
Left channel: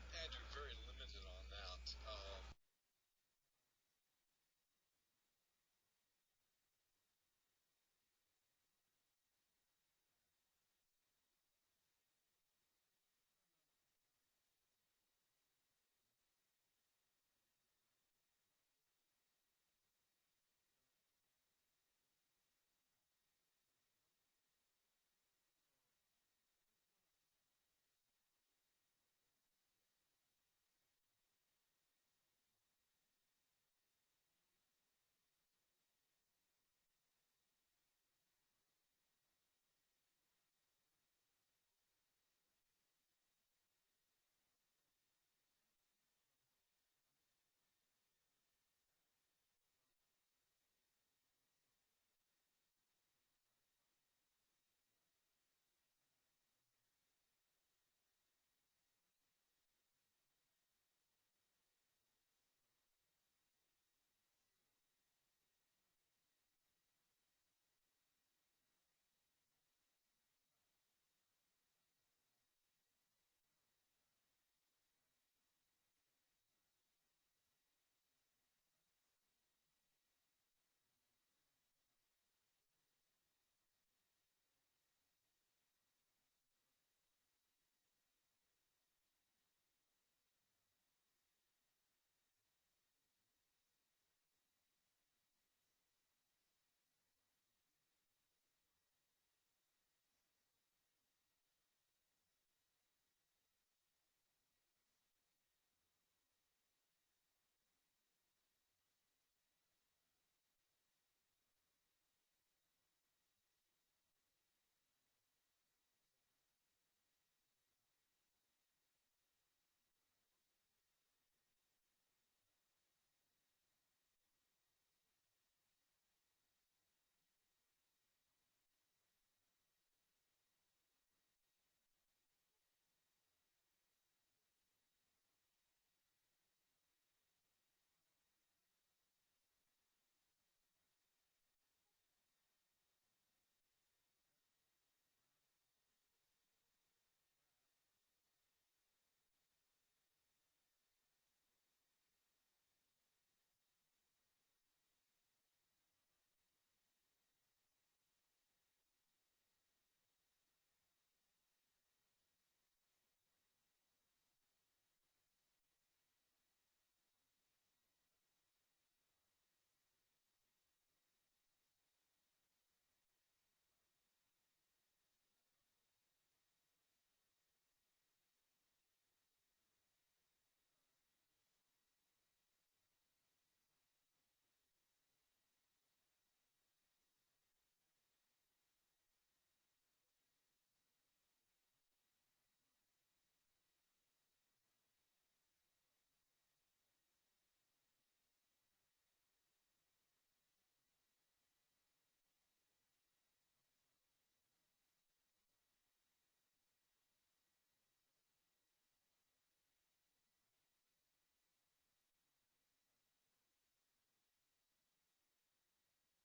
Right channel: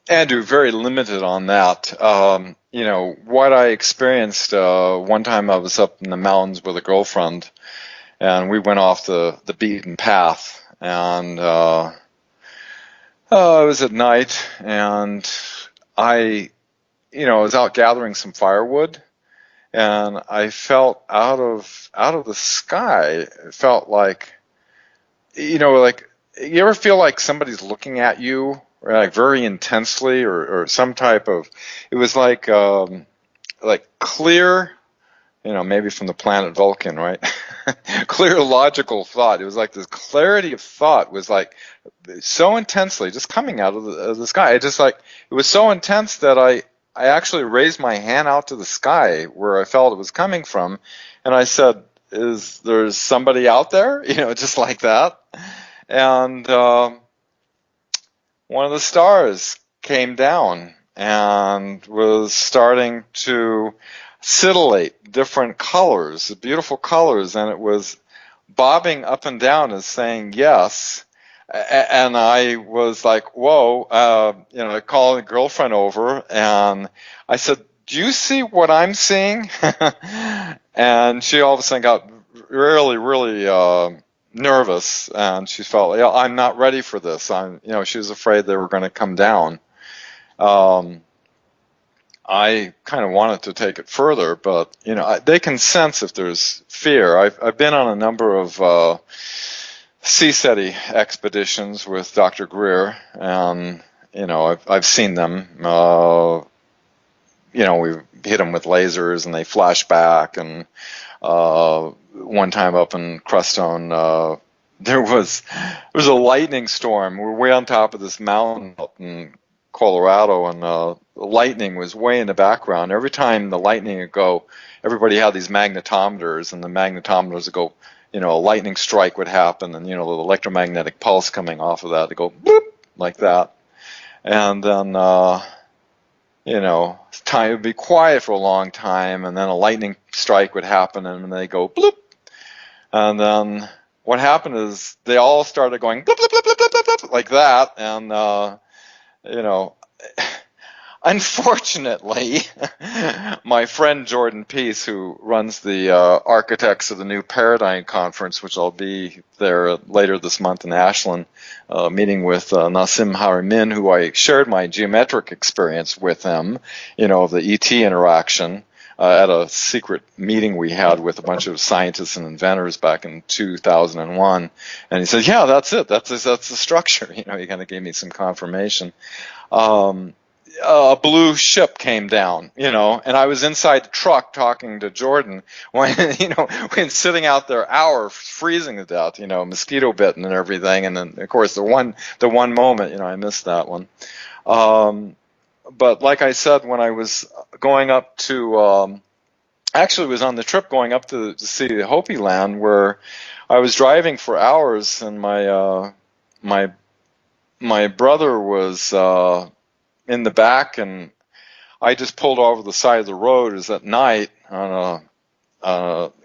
Andrew, very limited on that. What I experienced one time, I was up in the mountains with a girlfriend, and we went off the beaten path, and it was at night, and I was out gathering some firewood, and I felt out of the sky. It felt like, like, you ever feel like somebody's looking at you, or like very intensely, or some type of, it was like clear, maybe from the planet Vulcan, right? Clear logical thought. It was like this clarity of thought was like so intensely just coming out of the sky. It was so intense that I actually raised my hand out to the sky where I felt it was coming from, and I said, "Is there somebody out there?" Just like that. And one of the stars came down and was starting to scintillate different colors, beautiful colors, and it was bobbing up and down as saying yes. And I was like, whoa, I called a girlfriend over and I said, do you see what I'm seeing? And she all of a sudden got really, really nervous, and she felt like, I'm not ready for this. She was afraid they were going to come down. I kind of wanted to take it further, but they can sense if there's fear. I've been on a number of CSETI expeditions with Dr. Greer, and I've seen them. We hit them with lasers, and they flash back. And one time up in Crestone, there was a lightning storm. We're way on top of this mountain up in Colorado, and the lightning was way in the background. Every time the lightning would go, everybody had these magnetometers, and the magnetometers would go, a lightning strike would happen, and the electromagnetic pulse coming off of that would go boop, like that. And then time would be quiet for a long time, and then a lightning strike would happen, and they go bloop. And then what happened is they all started going bloop, bloop, bloop, bloop, bloop, bloop, like that. And unfortunately, my friend Jordan Peace, who runs the Architects of the New Paradigm Conference, which I'll be there later this month in Ashland, meeting with Nassim Haramein, who I shared my geometric experience with him, the ET interaction at a secret meeting we had with a bunch of scientists and inventors back in 2001. And he said, yeah, that's it. That's the structure. He kind of gave me some confirmation. A blue ship came down, and I was inside the truck talking to Jordan when, when sitting out there hours, freezing to death, mosquito bitten and everything. And then, of course, the one moment, I missed that one. But like I said, when I was going up to, actually was on the trip going up to see the Hopi land, where I was driving for hours, and my brother was in the back, and I just pulled over the side of the road. It was at night on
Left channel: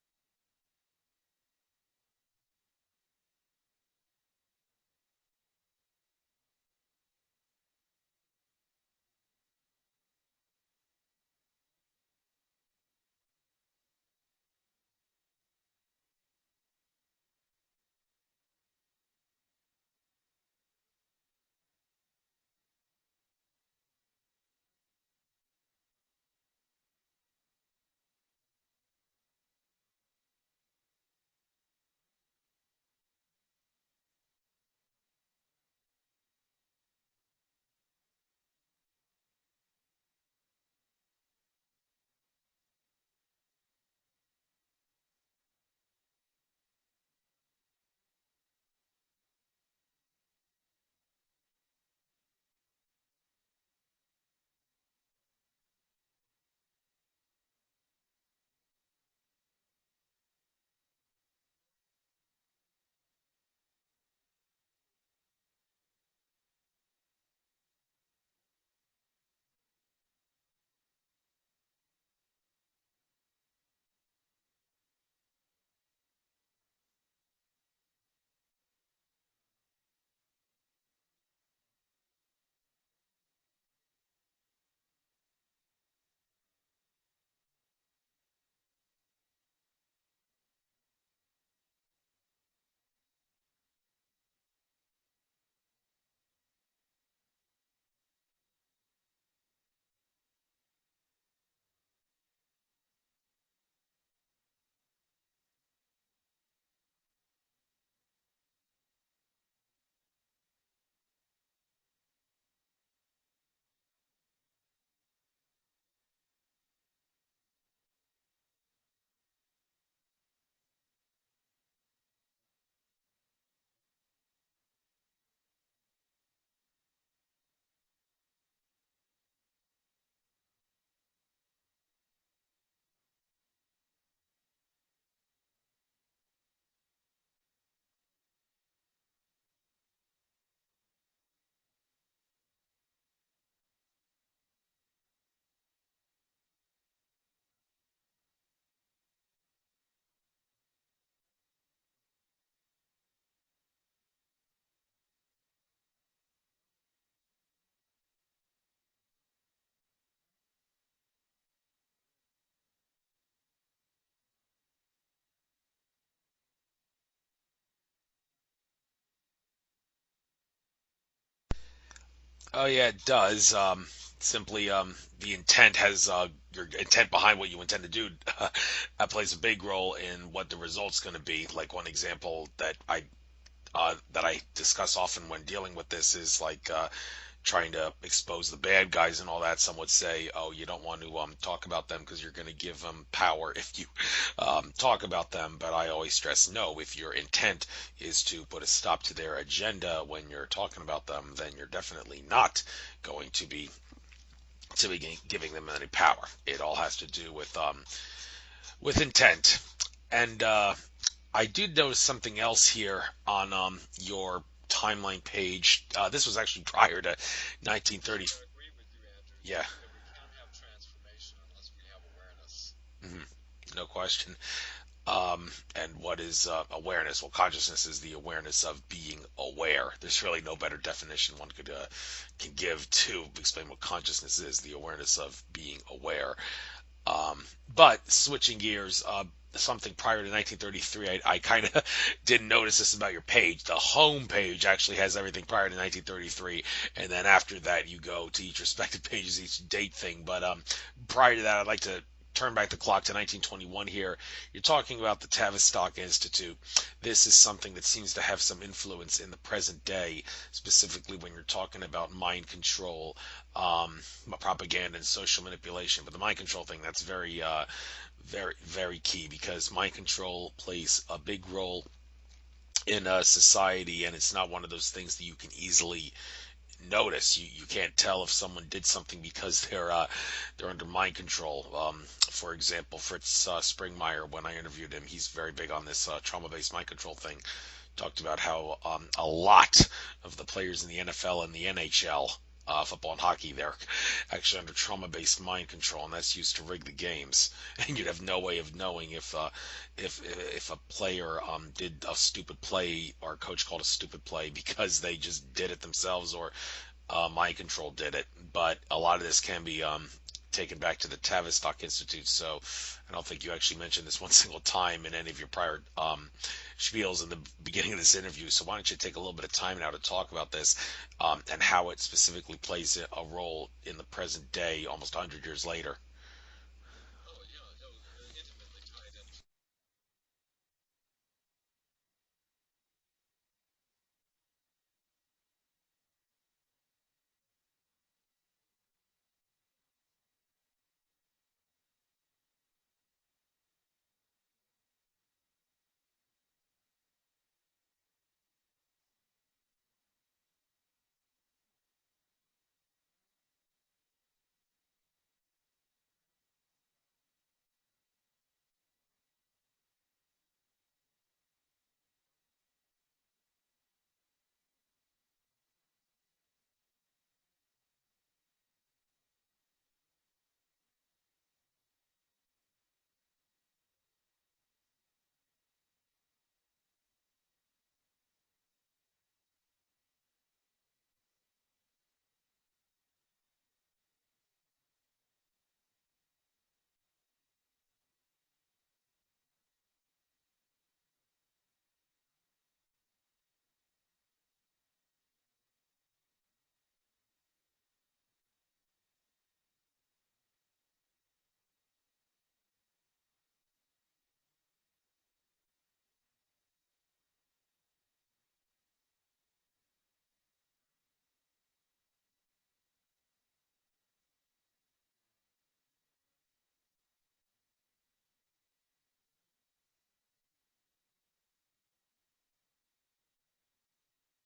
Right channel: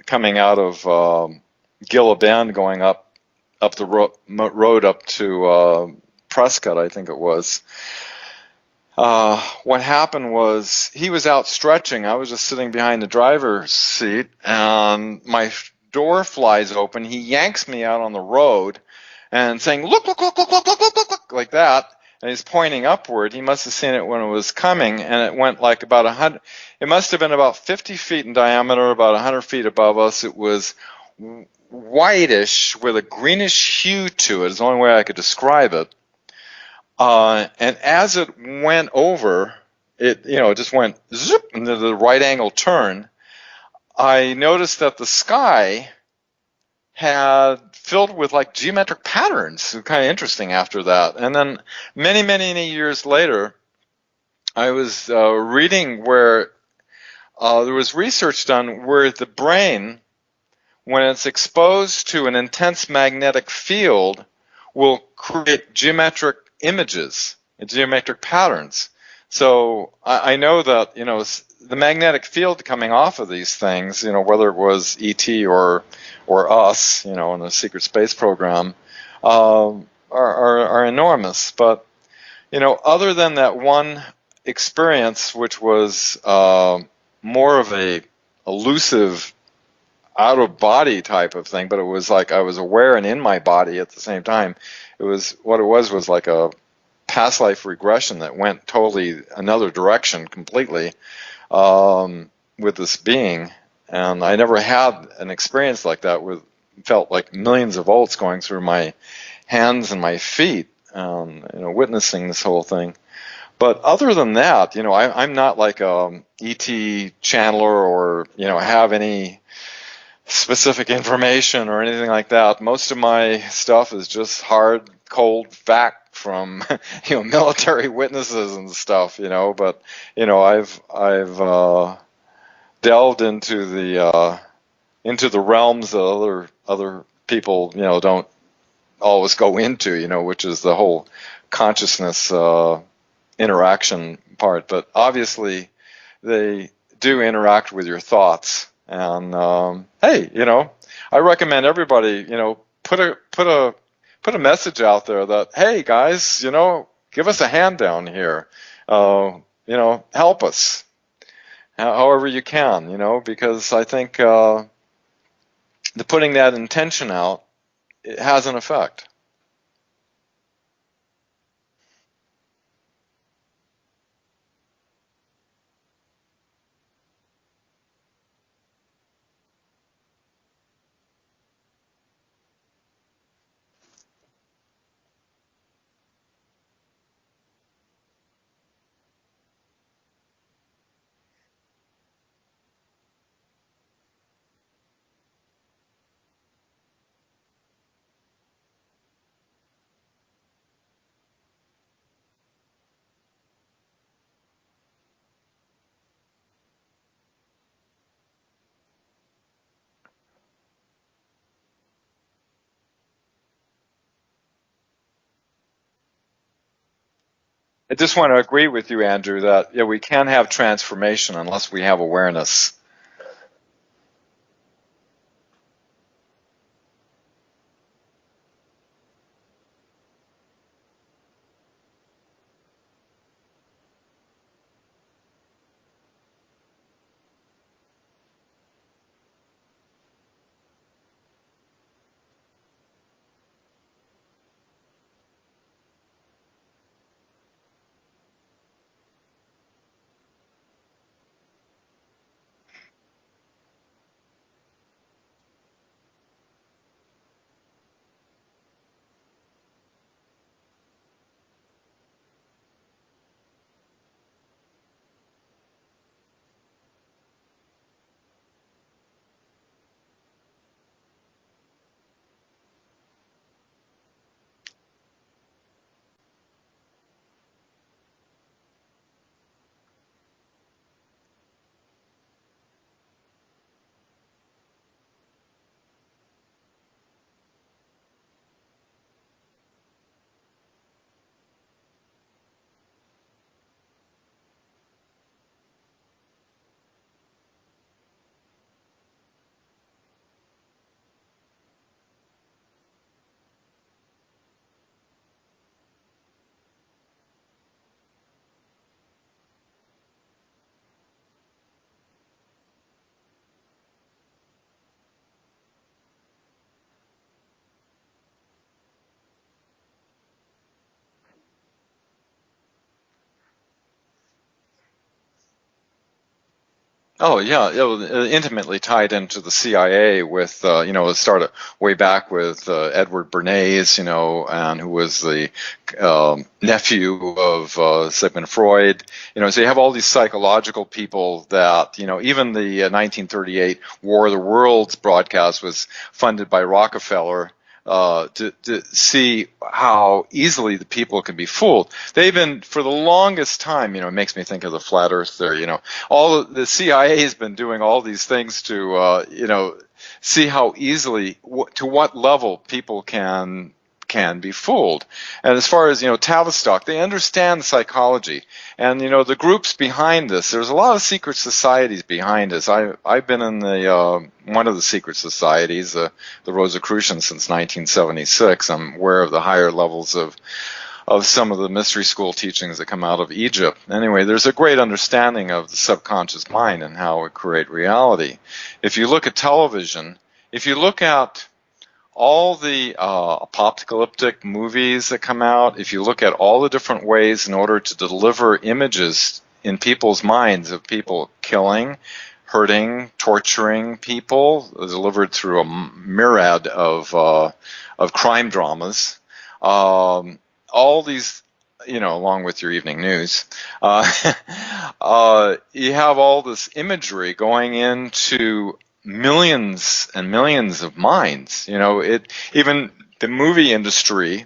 coming out of Gila Bend, going up the road up to Prescott, I think it was. What happened was he was out stretching. I was just sitting behind the driver's seat, and my door flies open. He yanks me out on the road and saying, look, look, look, look, look, look, look, look, look, like that. And he's pointing upward. He must have seen it when it was coming, and it went like about 100. It must have been about 50 feet in diameter, about 100 feet above us. It was whitish with a greenish hue to it. Is the only way I could describe it. And as it went over, it just went zip into the right angle turn. I noticed that the sky had filled with like geometric patterns. Kind of interesting after that. And then many, many years later, I was reading where there was research done where the brain, when it's exposed to an intense magnetic field, will create geometric images, geometric patterns. So I know that, the magnetic field coming off of these things, whether it was ET or us, in the secret space program, are enormous. But, other than that one experience, which was more of a elusive out of body type of thing, but it was like I was aware and in my body at the same time. It was like a past life regression that went totally another direction completely with this being. And I never had an experience like that felt like millions of volts going through my hands and my feet, witnessing this whole thing. But other than that, I'm not like a ET channeler or, have any specific information or anything like that. Most of my stuff is just hard, cold fact from, military witnesses and stuff, but, I've delved into the realms that other people, don't always go into, which is the whole consciousness interaction part. But obviously they do interact with your thoughts. And hey, I recommend everybody, put a message out there that, hey guys, give us a hand down here, help us however you can, because I think the putting that intention out, it has an effect. Oh yeah, it does. Simply, the intent has your intent behind what you intend to do. That plays a big role in what the result's going to be. Like one example that I discuss often when dealing with this is like trying to expose the bad guys and all that. Some would say, oh, you don't want to talk about them because you're going to give them power if you talk about them. But I always stress, no, if your intent is to put a stop to their agenda when you're talking about them, then you're definitely not going to be giving them any power. It all has to do with intent. And I did notice something else here on your timeline page. This was actually prior to 1930. I just want to agree with you, Andrew, that we can't have transformation unless we have awareness. No question. And what is awareness? Well, consciousness is the awareness of being aware. There's really no better definition one can give to explain what consciousness is, the awareness of being aware. But switching gears, something prior to 1933, I kind of didn't notice this about your page. The home page actually has everything prior to 1933, and then after that you go to each respective pages, each date thing. But prior to that, I'd like to turn back the clock to 1921 here. You're talking about the Tavistock Institute. This is something that seems to have some influence in the present day, specifically when you're talking about mind control, propaganda, and social manipulation. But the mind control thing, that's very, very key, because mind control plays a big role in society, and it's not one of those things that you can easily notice. You can't tell if someone did something because they're under mind control. For example, Fritz Springmeier, when I interviewed him, he's very big on this trauma-based mind control thing. Talked about how a lot of the players in the NFL and the NHL, football and hockey, they're actually under trauma-based mind control, and that's used to rig the games. And you'd have no way of knowing if a player did a stupid play, or a coach called a stupid play because they just did it themselves, or mind control did it. But a lot of this can be taken back to the Tavistock Institute. So I don't think you actually mentioned this one single time in any of your prior spiels in the beginning of this interview. So why don't you take a little bit of time now to talk about this and how it specifically plays a role in the present day, almost 100 years later. Oh yeah, it was intimately tied into the CIA with, it started way back with Edward Bernays, and who was the nephew of Sigmund Freud. So you have all these psychological people that, even the 1938 War of the Worlds broadcast was funded by Rockefeller. To see how easily the people can be fooled. They've been, for the longest time, it makes me think of the flat earth theory, all the CIA has been doing all these things to, see how easily, to what level people can be fooled. And as far as, Tavistock, they understand psychology. And, the groups behind this, there's a lot of secret societies behind this. I've been in the one of the secret societies, the Rosicrucians, since 1976. I'm aware of the higher levels of some of the mystery school teachings that come out of Egypt. Anyway, there's a great understanding of the subconscious mind and how it creates reality. If you look at television, if you look at all the apocalyptic movies that come out, if you look at all the different ways in order to deliver images in people's minds of people killing, hurting, torturing people, delivered through a myriad of crime dramas, all these, along with your evening news, you have all this imagery going into millions and millions of minds. Even the movie industry,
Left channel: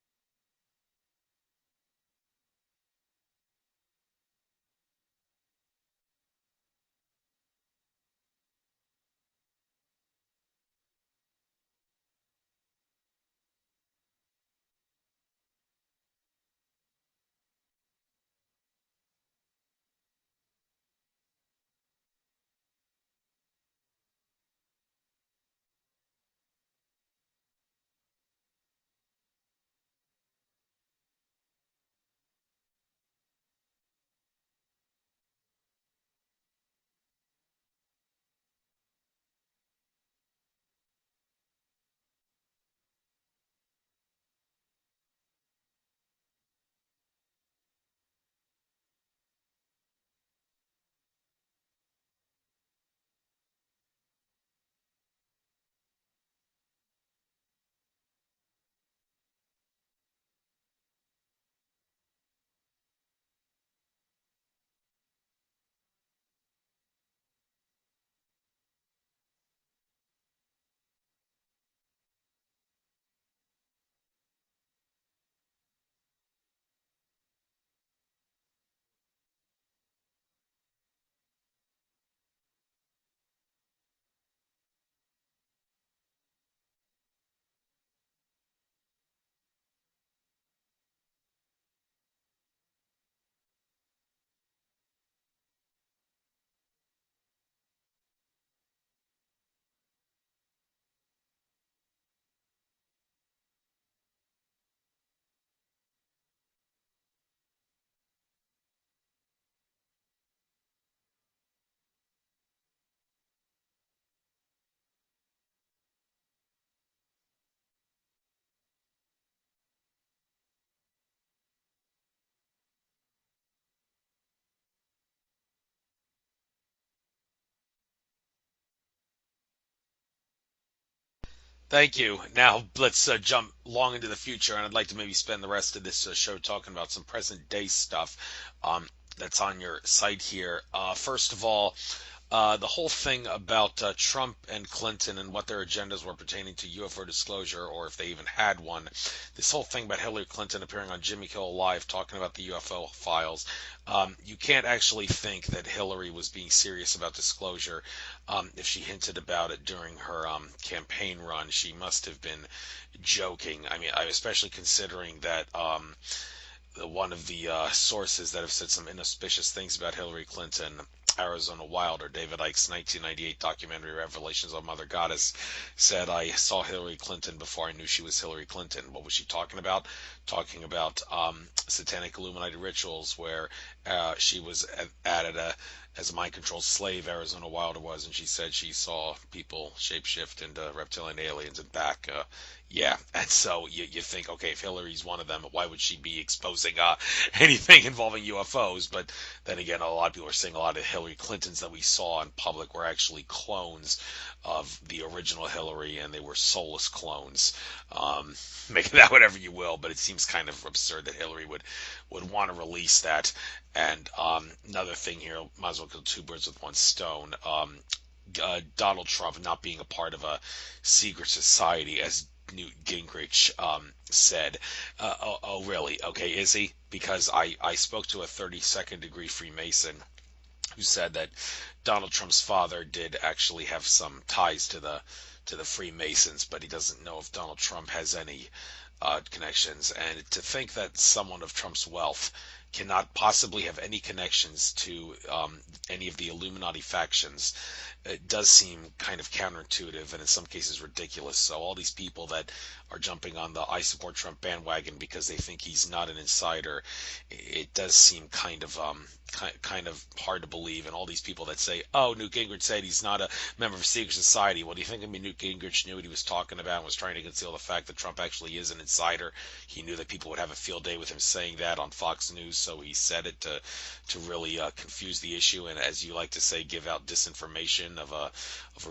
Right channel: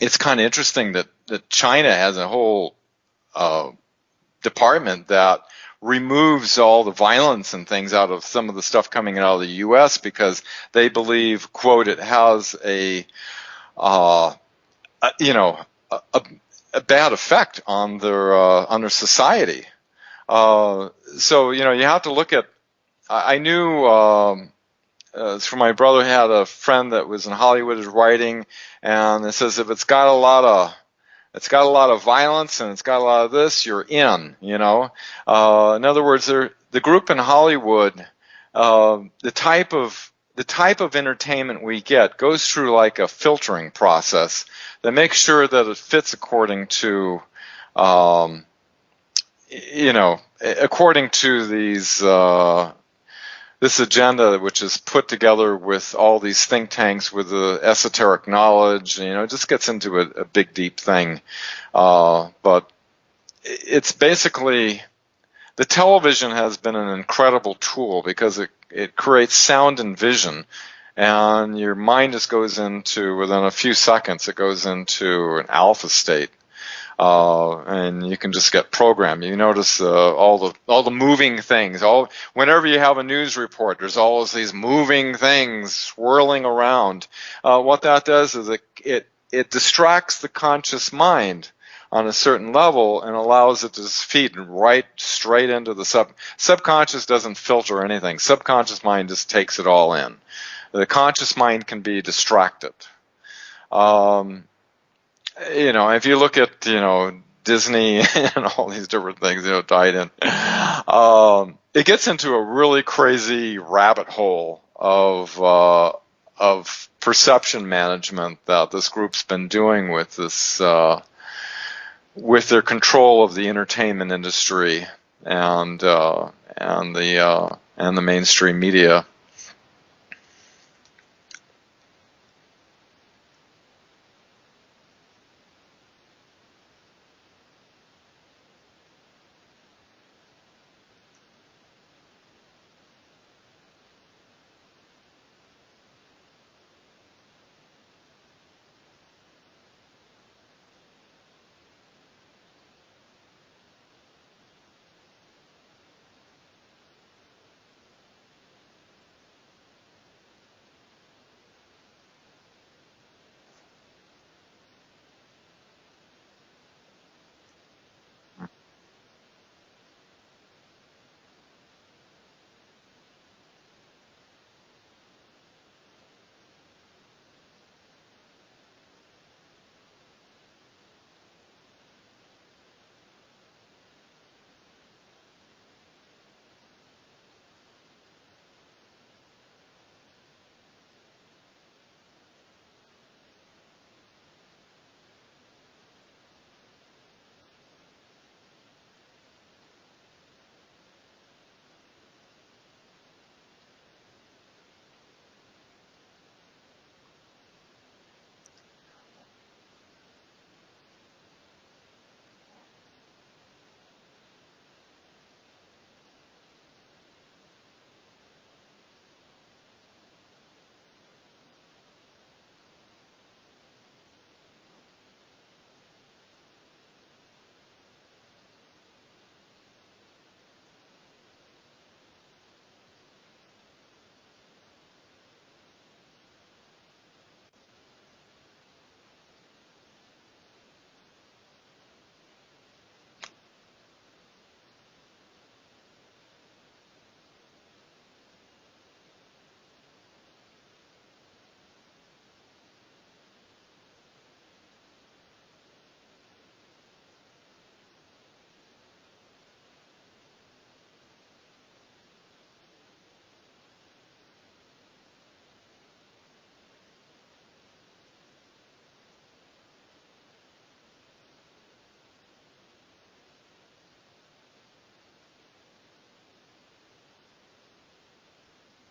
it's kind of interesting that China has a whole department that removes all the violence and things out of some of the stuff coming out of the U.S. because they believe, quote, it has a bad effect on their society. So you have to look at. I knew from my brother had a friend that was in Hollywood is writing, and it says if it's got a lot of violence and it's got a lot of this, you're in. In other words, the group in Hollywood, the type of entertainment we get goes through like a filtering process that makes sure that it fits according to these this agenda, which is put together with all these think tanks with the esoteric knowledge. It just gets into a big, deep thing. But it's basically, the television has been an incredible tool because it creates sound and vision. And your mind just goes into, within a few seconds, it goes into an alpha state. And you can just get programmed. You notice all the moving things. Whenever you have a news report, there's always these moving things swirling around. What that does is it distracts the conscious mind on a certain level and allows it to feed right straight into the subconscious. Doesn't filter anything. Subconscious mind just takes it all in. The conscious mind can be distracted. If you look at, Disney and all these different things, tied in, it gets into a really crazy rabbit hole of perception management that this group's been doing with this, with their control of the entertainment industry and the mainstream media. Thank you. Now let's jump long into the future, and I'd like to maybe spend the rest of this show talking about some present day stuff that's on your site here. First of all, the whole thing about Trump and Clinton and what their agendas were pertaining to UFO disclosure, or if they even had one. This whole thing about Hillary Clinton appearing on Jimmy Kimmel Live talking about the UFO files. You can't actually think that Hillary was being serious about disclosure. If she hinted about it during her campaign run, she must have been joking. I mean, especially considering that one of the sources that have said some inauspicious things about Hillary Clinton, Arizona Wilder, David Icke's 1998 documentary Revelations of Mother Goddess, said, I saw Hillary Clinton before I knew she was Hillary Clinton. What was she talking about? Talking about satanic Illuminati rituals where she was added as a mind-controlled slave, Arizona Wilder was, and she said she saw people shapeshift into reptilian aliens and back. Yeah, and so you think, okay, if Hillary's one of them, why would she be exposing anything involving UFOs? But then again, a lot of people are saying a lot of Hillary Clintons that we saw in public were actually clones of the original Hillary, and they were soulless clones. Make that whatever you will, but it seems kind of absurd that Hillary would want to release that. And another thing here, might as well kill two birds with one stone. Donald Trump not being a part of a secret society, as Newt Gingrich said. Oh, really? Okay, is he? Because I spoke to a 32nd degree Freemason who said that Donald Trump's father did actually have some ties to the Freemasons, but he doesn't know if Donald Trump has any connections. And to think that someone of Trump's wealth cannot possibly have any connections to any of the Illuminati factions, it does seem kind of counterintuitive and in some cases ridiculous. So all these people that are jumping on the I support Trump bandwagon because they think he's not an insider, it does seem kind of hard to believe. And all these people that say, "Oh, Newt Gingrich said he's not a member of a secret society." Well, do you think Newt Gingrich knew what he was talking about and was trying to conceal the fact that Trump actually is an insider? He knew that people would have a field day with him saying that on Fox News, so he said it to really confuse the issue and, as you like to say, give out disinformation of a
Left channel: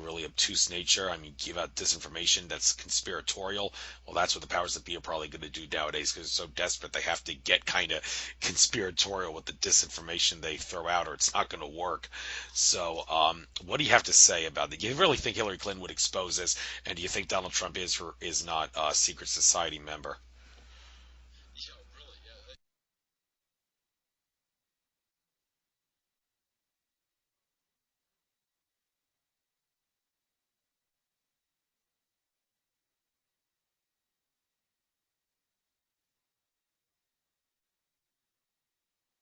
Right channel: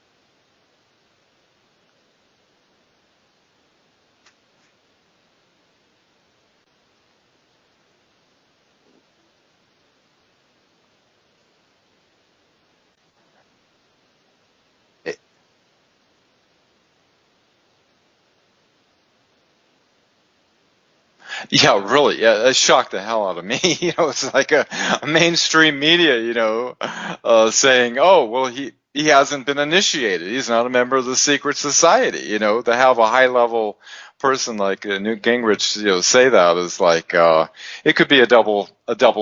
really obtuse nature. I mean, give out disinformation that's conspiratorial. Well, that's what the powers that be are probably going to do nowadays because they're so desperate they have to get kind of conspiratorial with the disinformation they throw out, or it's not going to work. So, what do you have to say about that? Do you really think Hillary Clinton would expose this, and do you think Donald Trump is or is not a secret society member? Yeah, really. Yeah, that shocked the hell out of me. It's like a mainstream media, saying, "Oh, well, he hasn't been initiated. He's not a member of the secret society." To have a high level person like Newt Gingrich, say that is like it could be a double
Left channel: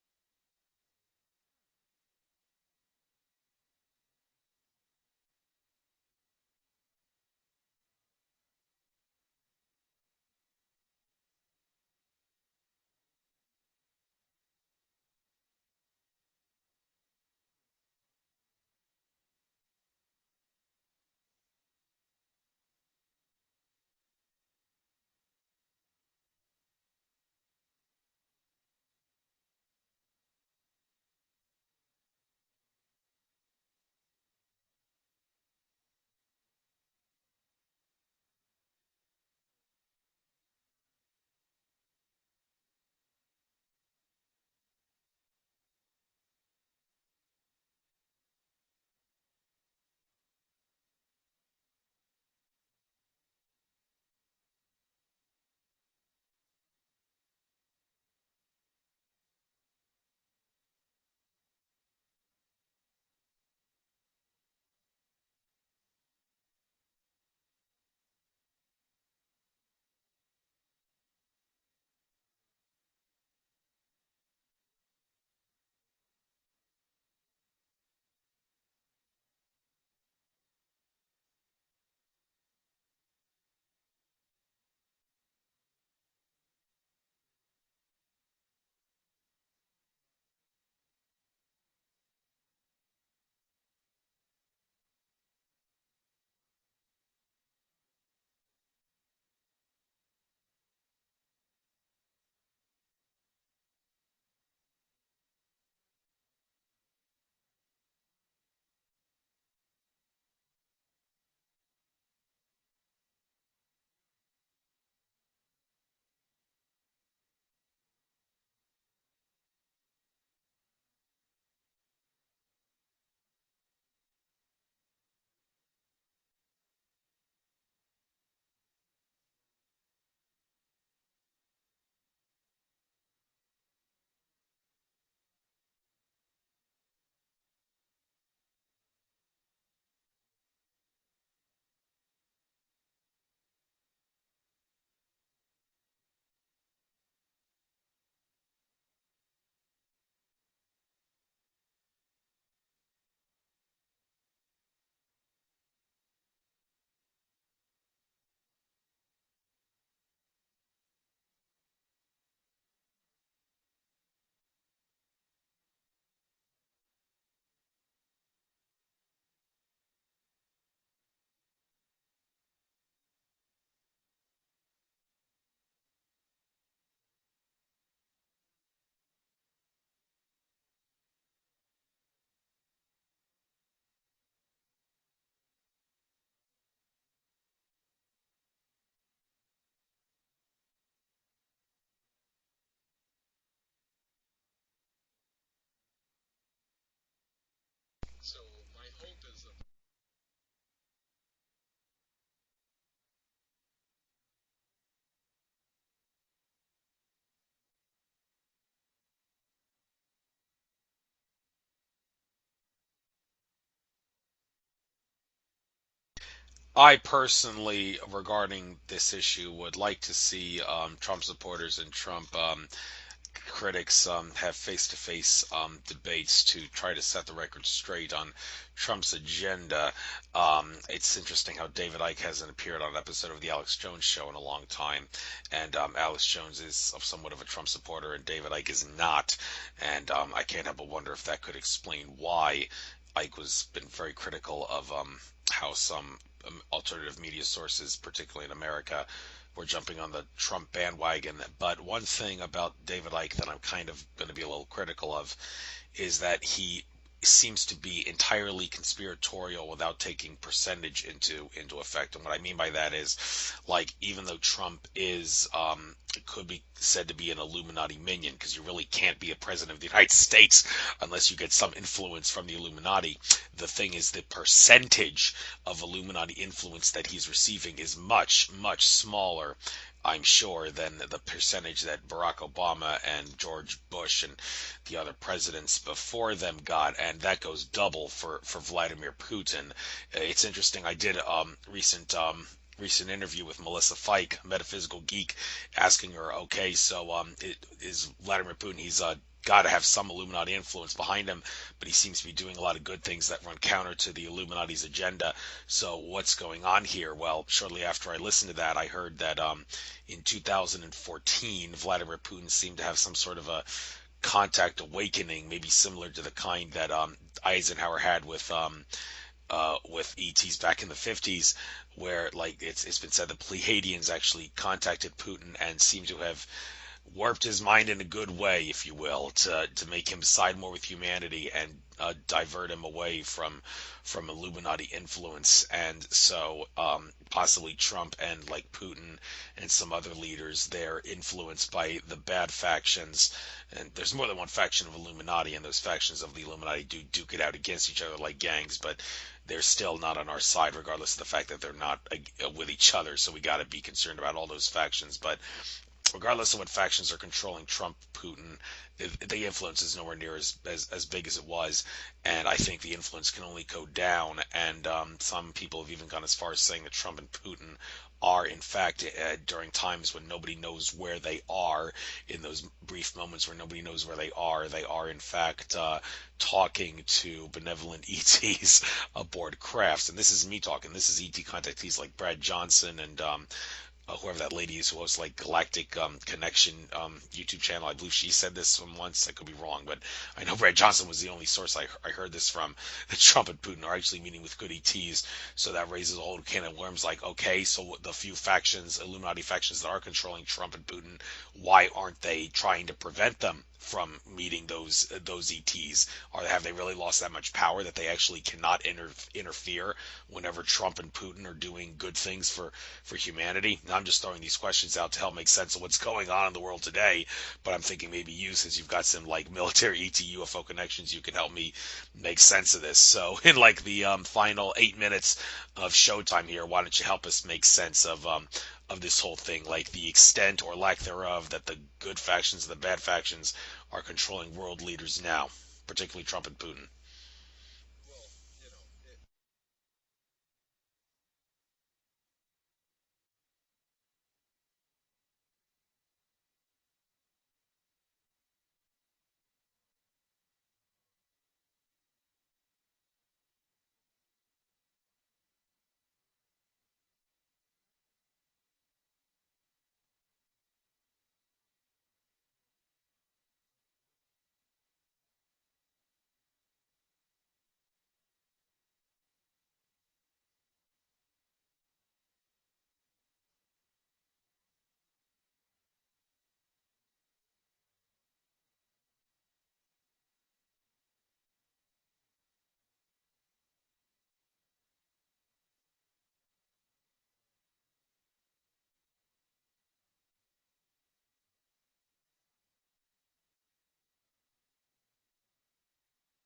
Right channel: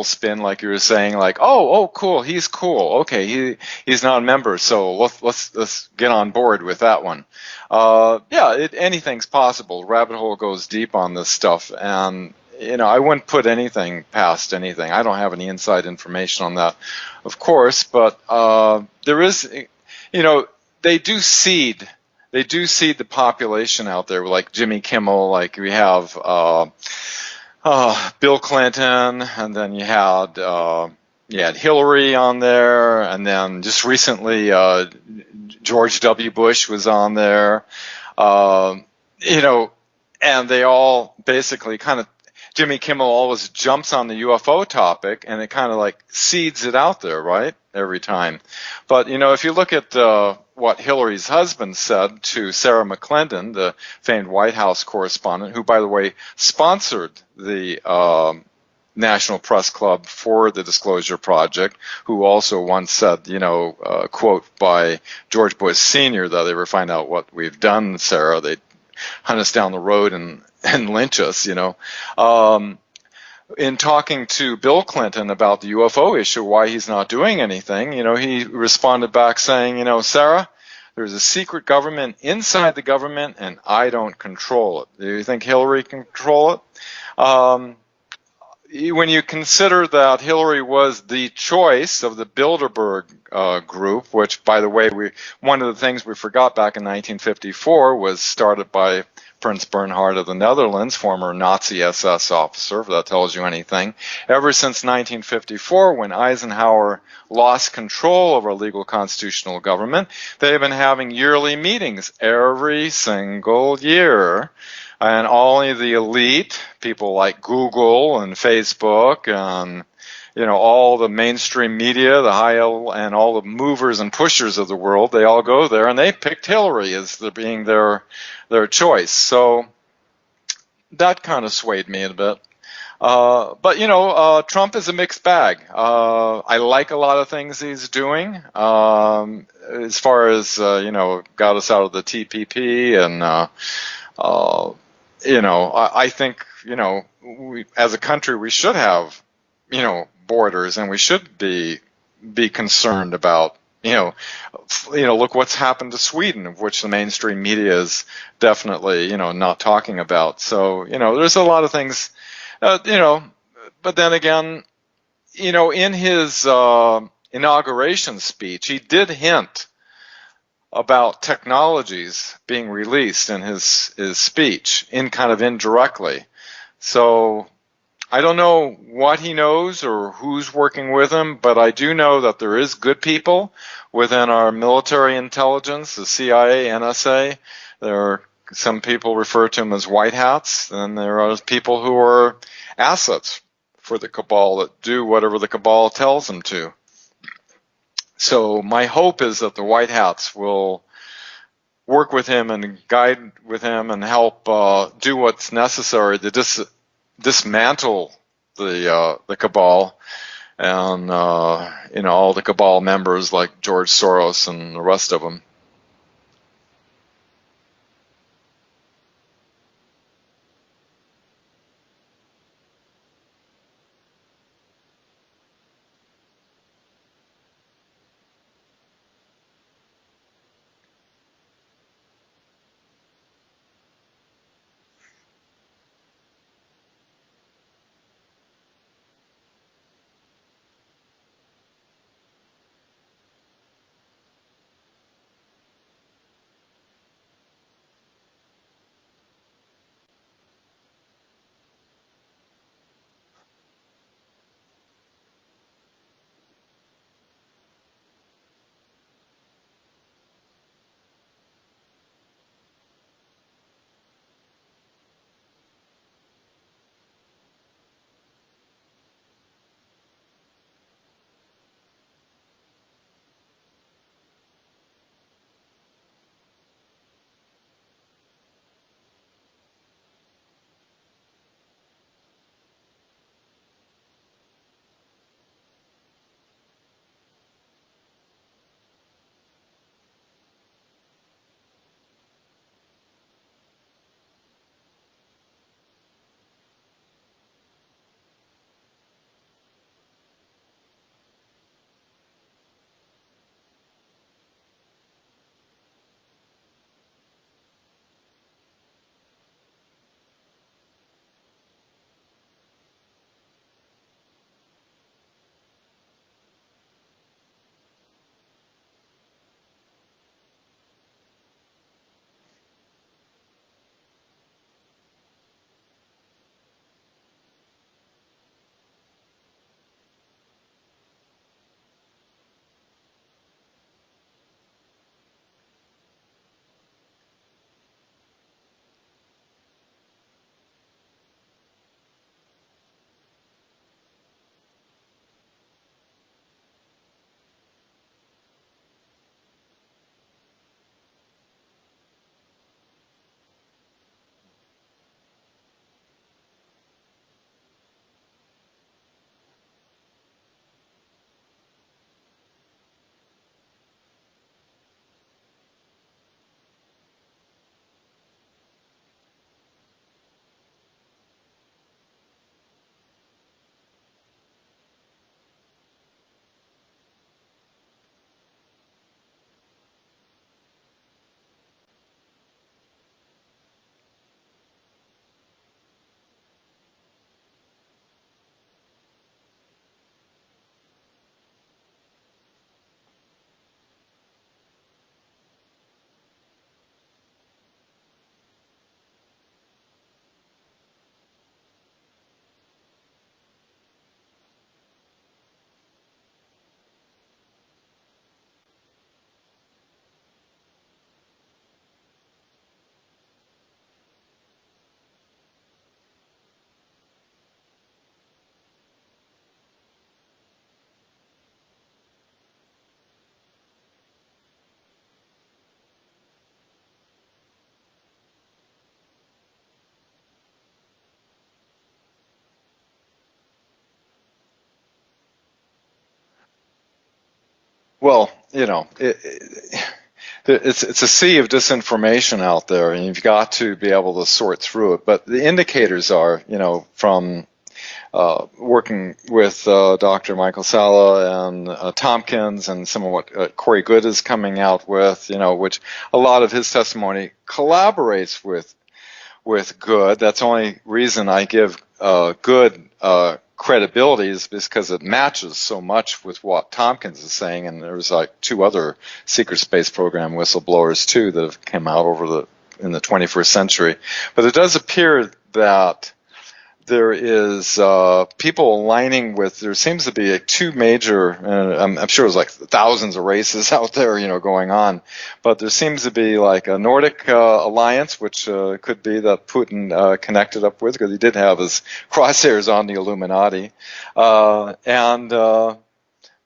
spin, like you were saying, like, "Oh, cool, he's cool. Okay, he's not a member, so let's get on board with that one." Yeah, anything's possible. Rabbit hole goes deep on this stuff, and I wouldn't put anything past anything. I don't have any inside information on that, of course, but there is, they do seed. They do seed the population out there, like Jimmy Kimmel, like we have Bill Clinton, and then you had Hillary on there, and then just recently George W. Bush was on there, and they all basically kind of, Jimmy Kimmel always jumps on the UFO topic, and it kind of like seeds it out there, right, every time. But, if you look at what Hillary's husband said to Sarah McClendon, the famed White House correspondent, who, by the way, sponsored the National Press Club for the Disclosure Project, who also once said, quote by George Bush Sr., that they ever find out what we've done, Sarah, they'd hunt us down the road and lynch us, in talking to Bill Clinton about the UFO issue, why he's not doing anything, he responded back saying, Sarah, there's a secret government inside the government, and I don't control it. Do you think Hillary can control it? When you consider that Hillary was the choice of the Bilderberg group, which, by the way, one of the things we forgot back in 1954 was started by Prince Bernhard of the Netherlands, former Nazi SS officer, if that tells you anything. Ever since 1954, when Eisenhower lost control of our legal constitutional government, they've been having yearly meetings every single year. And only the elite, people like Google and Facebook and, all the mainstream media, and all the movers and pushers of the world, they all go there, and they picked Hillary as being their choice. So that kind of swayed me a bit. But Trump is a mixed bag. I like a lot of things he's doing. As far as, got us out of the TPP and, I think, we, as a country, we should have, borders, and we should be concerned about, look what's happened to Sweden, of which the mainstream media is definitely, not talking about. So, there's a lot of things, but then again, in his inauguration speech, he did hint about technologies being released in his speech, in kind of indirectly. So I don't know what he knows or who's working with him, but I do know that there is good people within our military intelligence, the CIA, NSA. There are some people refer to them as white hats, and there are people who are assets for the cabal that do whatever the cabal tells them to. So my hope is that the white hats will work with him and guide with him and help do what's necessary to dismantle the cabal and all the cabal members like George Soros and the rest of them. I personally, regarding this issue, would like to see Trump supporters and Trump critics have face-to-face debates to try to set the record straight on Trump's agenda. It's interesting how David Icke hasn't appeared on an episode of the Alex Jones Show in a long time, and Alex Jones is somewhat of a Trump supporter, and David Icke is not, and I can't help but wonder if that could explain why Icke was been very critical of how some alternative media sources, particularly in America, were jumping on the Trump bandwagon. But one thing about David Icke that I'm kind of going to be a little critical of is that he seems to be entirely conspiratorial without taking percentage into effect. And what I mean by that is, like, even though Trump is could be said to be an Illuminati minion, because you really can't be a president of the United States unless you get some influence from the Illuminati. The thing is, the percentage of Illuminati influence that he's receiving is much, much smaller, I'm sure, than the percentage that Barack Obama and George Bush and the other presidents before them got, and that goes double for Vladimir Putin. It's interesting. I did recent interview with Melissa Fike, metaphysical geek, asking her, okay, so is Vladimir Putin? He's got to have some Illuminati influence behind him, but he seems to be doing a lot of good things that run counter to the Illuminati's agenda. So what's going on here? Well, shortly after I listened to that, I heard that in 2014, Vladimir Putin seemed to have some sort of a contact awakening, maybe similar to the kind that Eisenhower had with ETs back in the 50s, where, like, it's been said the Pleiadians actually contacted Putin and seem to have warped his mind in a good way, if you will, to make him side more with humanity and divert him away from Illuminati influence. And so possibly Trump and, like, Putin and some other leaders, they're influenced by the bad factions. And there's more than one faction of Illuminati, and those factions of the Illuminati do duke it out against each other like gangs, but they're still not on our side, regardless of the fact that they're not with each other. So we got to be concerned about all those factions. But regardless of what factions are controlling Trump, Putin, the influence is nowhere near as big as it was. And I think the influence can only go down. And some people have even gone as far as saying that Trump and Putin are, in fact, during times when nobody knows where they are, in those brief moments where nobody knows where they are in fact talking to benevolent ETs aboard crafts. And this is me talking. This is ET contactees like Brad Johnson and whoever that lady is who hosts, like, Galactic Connection YouTube channel. I believe she said this from once. I could be wrong, but I know Brad Johnson was the only source I heard this from, that Trump and Putin are actually meeting with good ETs. So that raises a whole can of worms, like, okay, so the few factions, Illuminati factions, that are controlling Trump and Putin, why aren't they trying to prevent them from meeting those ETs? Or have they really lost that much power that they actually cannot interfere whenever Trump and Putin are doing good things for humanity? Now, I'm just throwing these questions out to help make sense of what's going on in the world today, but I'm thinking maybe you, since you've got some, like, military ET UFO connections, you can help me make sense of this. So in, like, the final 8 minutes of showtime here, why don't you help us make sense of this whole thing, like the extent or lack thereof that the good factions and the bad factions are controlling world leaders now, particularly Trump and Putin? Well, it's a sea of disinformation out there, and you've got to be able to sort through it. But the indicators are, from working with Dr. Michael Salla and Tompkins, and some of what Corey Good is coming out with, which a lot of his testimony collaborates with Good. That's the only reason I give Good credibility, is because it matches so much with what Tompkins is saying. And there's, like, two other secret space program whistleblowers too that have come out in the 21st century. But it does appear that there is people aligning with, there seems to be two major, I'm sure there's like thousands of races out there, going on, but there seems to be like a Nordic alliance, which could be that Putin connected up with, because he did have his crosshairs on the Illuminati, and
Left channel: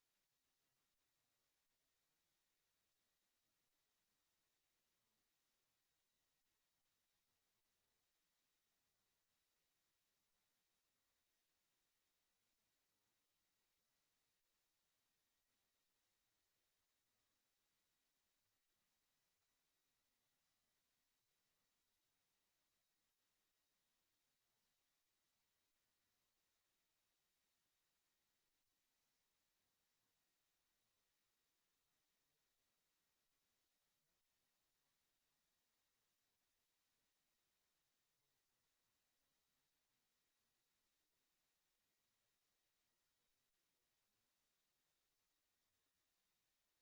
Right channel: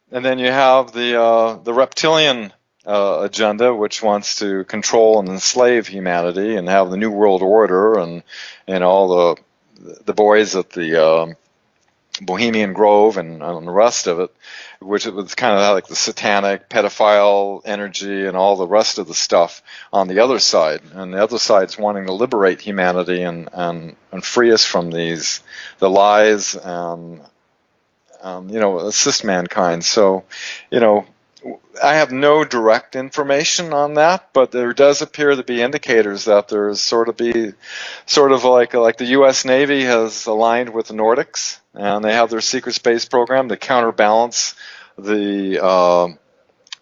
then you have the reptilian agenda, which wants to control and enslave humanity and have the New World Order and all the boys at the Bohemian Grove and the rest of it, which it was kind of like the satanic pedophile energy and all the rest of the stuff on the other side. And the other side's wanting to liberate humanity and free us from the lies and assist mankind. So, I have no direct information on that, but there does appear to be indicators that there's sort of like the U.S. Navy has aligned with the Nordics, and they have their secret space program to counterbalance the